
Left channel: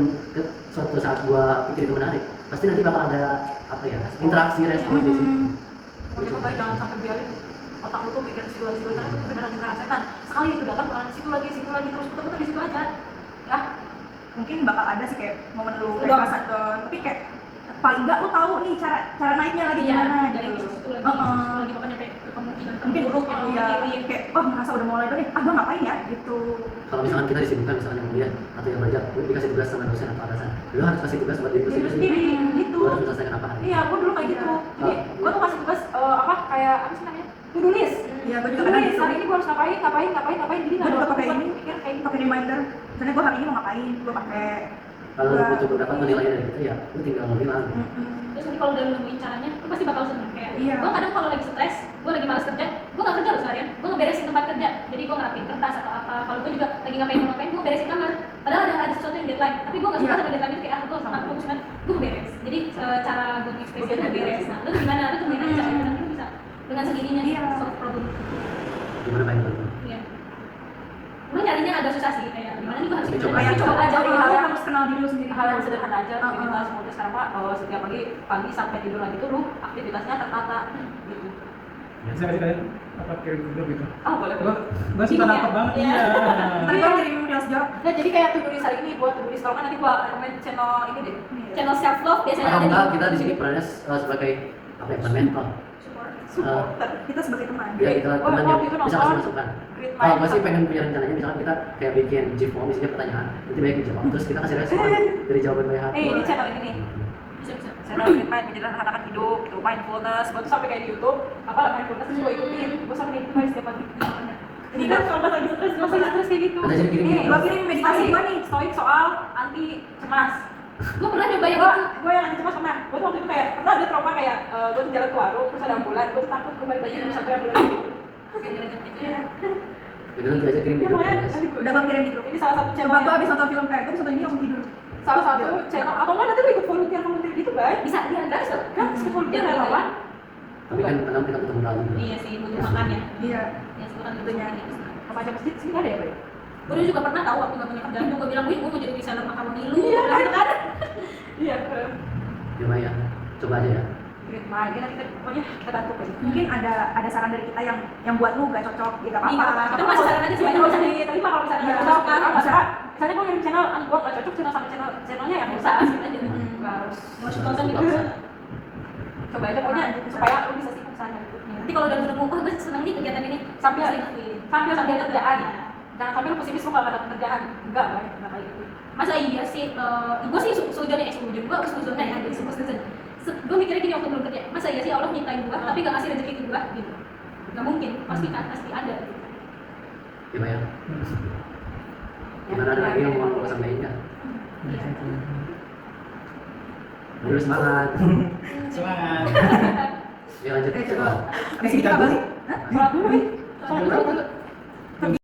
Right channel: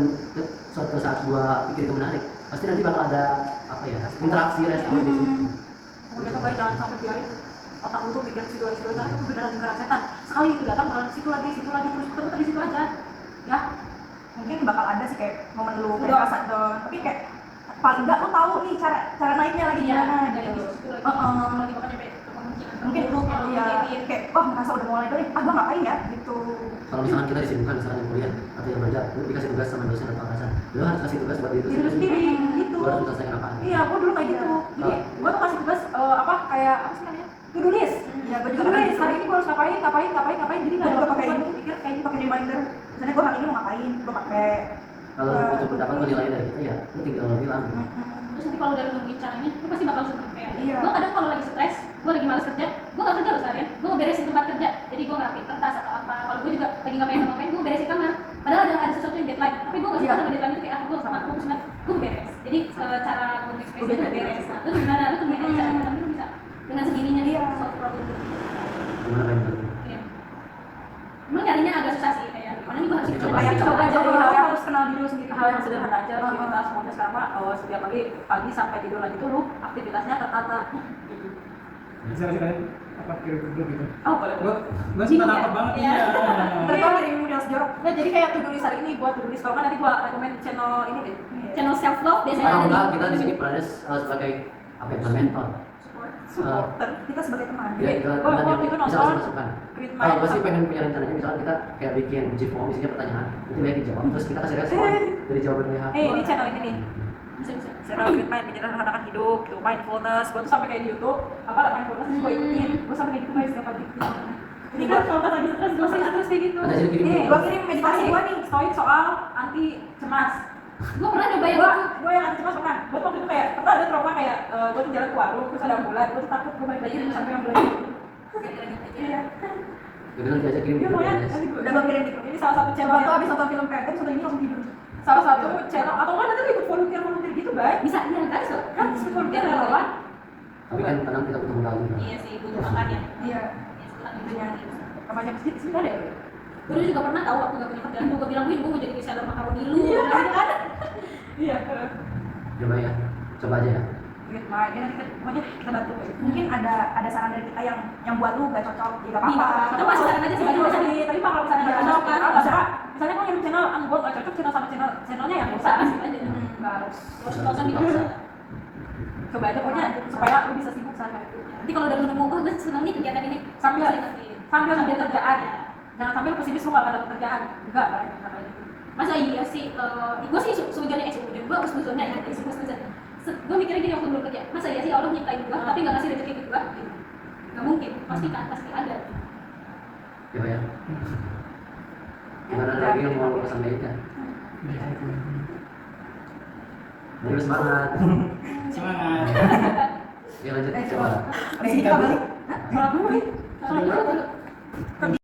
suatu saat gue pikir itu menarik, pasti nanti bakal ada apa ya interaksi respon di situ. Kemudian juga jangan sampai biarin otak lu tuh pikir situ-situ aja, itu beneran lingkaran setan. Sekali itu datang bakalan situ lagi terus putar-putar di situ aja. Ya, Mungkin bakal ada sih kayak momen lu kayak pas down, tapi kayak paling nggak lu tahu nih cara naiknya lagi gimana dari gitu. situ lagi Heeh. lagi bakal nyampe ke kemungkinan Mungkin buruk yang iya mikirin. kayak merasa udah mulai tuh nih, gua ngapain ya gitu. Kalau misalkan kita disibukkan misalkan yang kuliah atau yang belajar, lu dikasih tugas sama dosen atau atasan, lu harus kasih tugas buat diri lu diri sendiri gitu. Lu harus menyelesaikan apaan. Iya, gua dulu kayak gitu. Jadi, gua tuh kasih tugas apa kayak apa sih namanya? To-do list. Iya, gua juga To-do kadang list. gitu. Hari ini gua harus ngapain. Jadi Gua juga pakai ini, pikir kayak gitu. pakai reminder. Misalnya gua hari ini mau ngapain, gua pakai. Kalau lu butuh pendapat menilainya dari itu ya, lu tinggal bilang. Terus nanti kalau udah nemuin caranya, lu pasti bakal seneng kayak. Iya. Gue kadang kalau lagi stres, gue lagi malas kerja, gue nggak kerja loh seharian. Gue ngeberesin tempat kerja, jadi gue ngerapiin kertas atau apa. Kalau gue juga lagi ngapain, gue beresin kamar. Padahal ada sesuatu yang deadline, tapi gue nggak suka Iya. sama deadline itu kayak gue sama aku banget. Gue beres. Jadi cara gue ekspresi itu beres. Nah, terus gimana? Lu temuin aja, nanti lu bisa dengan sendirinya Iya. solve problem. Gimana main film? Iya. Emang nyarinya agak susah sih, kayak gimana nih gue harus Tapi coba Kayak aja. coba aja Dari lu hal yang harus kenal diri lu sendiri. hal yang sederhana aja Heeh. aktivitas semuanya sekarang mah setiap pagi sampai tidur lagi tuh lu aktivitasnya tertata gitu. Bisa kasih kayak apa kirim ke grup gitu. Oh boleh. Gua suka nangkep banget Iya. iya. Tapi gua kirim reels jorok. Nah jadi kayak to-do list hari ini buat to-do list kalau kan nanti gua rekomend channel ini deh. channel self love biasanya Kalau ada enggak di kita di sini perannya sebagai apa ya, mentor. Supporter. Kita sebagai teman. Ya kita Gua teman yang waktu itu bisa nonton kasih masukan. With My Kalau gue sih pengen punya rencananya, misalkan kita kayak bikin G form, isinya pertanyaan, nanti banyak yang jawab, terus kita kasih respon dari jawaban banyak. ini channel ini nih. bisa-bisa. Channel With My menyederhanakan hidup, gitu, mindfulness. Gua tuh sampai kayak di YouTube, apa mindfulness gua ikutin. Gua sampai kayak gitu guys setiap pagi. Ini kan kalau pas lagi stres, gua sering stres kayak gitu. Ada jadi kirim Nih, gitu. Gua kirim meditasi gua nih. Stoik soal anti cemas. Gue pernah nyoba yang Gua itu. gua yang anti cemas pernah. Gua tuh waktu itu kayak pernah ada trauma kayak gua tuh jalan ke warung terus ada ambulan, gua tuh takut gua balik lagi sampai ambulan. Iya. Jadi nanti aja kirim Iya, di grup pokoknya ya. nanti Udah gua kirim di grup. ini salah satu channel Coba gua abis nonton film kayak gua nonton ini langsung tidur. salah satu channel atau enggak nanti lu ikut volunteer gitu guys. Bisa, iya gratis loh. Kan ikut volunteer nggak apa-apa. Tapi kan kadang kita ketemu lagi. Iya sih, butuh makan ya. Iya. Ya, itu kan Itu itu nyanyi. Remaja masjid sini nggak ada ya, Bro? Gue juga pernah tahu waktu gak punya kerjaan, gue bilang, gue mau jadi reseller makaroni lu. Iya kan? Iya. Coba ya, coba aja ya. duit lain ya kita pokoknya kita bantu gitu. Mungkin ada saran dari kita yang buat lu gak cocok, ya gak Iya, apa-apa. itu masuk saran aja Sebenarnya sebenarnya. bisa diterima kalau misalnya Iya, nggak cocok kan, bisa. misalnya gue ngirim channel, gue nggak cocok channel sama channelnya ya bisa Asik aja. nggak harus Terus nonton di Dipaksa. coba aja pokoknya supaya lu bisa sibuk sana itu. Nanti kalau udah nemu, oh gue seneng nih kegiatan ini, Sambil sambil sambil kerjaan, jangan sambil lu pesimis lu nggak ada kerjaan, enggak kayak gitu. masa iya sih, gue sih sujudnya gue sujudnya ya, gue mikirnya gini waktu belum kerja, masa iya sih Allah nyiptain gue tapi gak ngasih rezeki ke gue gitu, gak mungkin, pasti ada gitu. Gimana ya? Gimana ada lagi yang mau lu sampaikan? Dulu semangat. Semangat. Ya lanjut coba. Abis ini kita balik. Sholat dulu nih. Sholat dulu.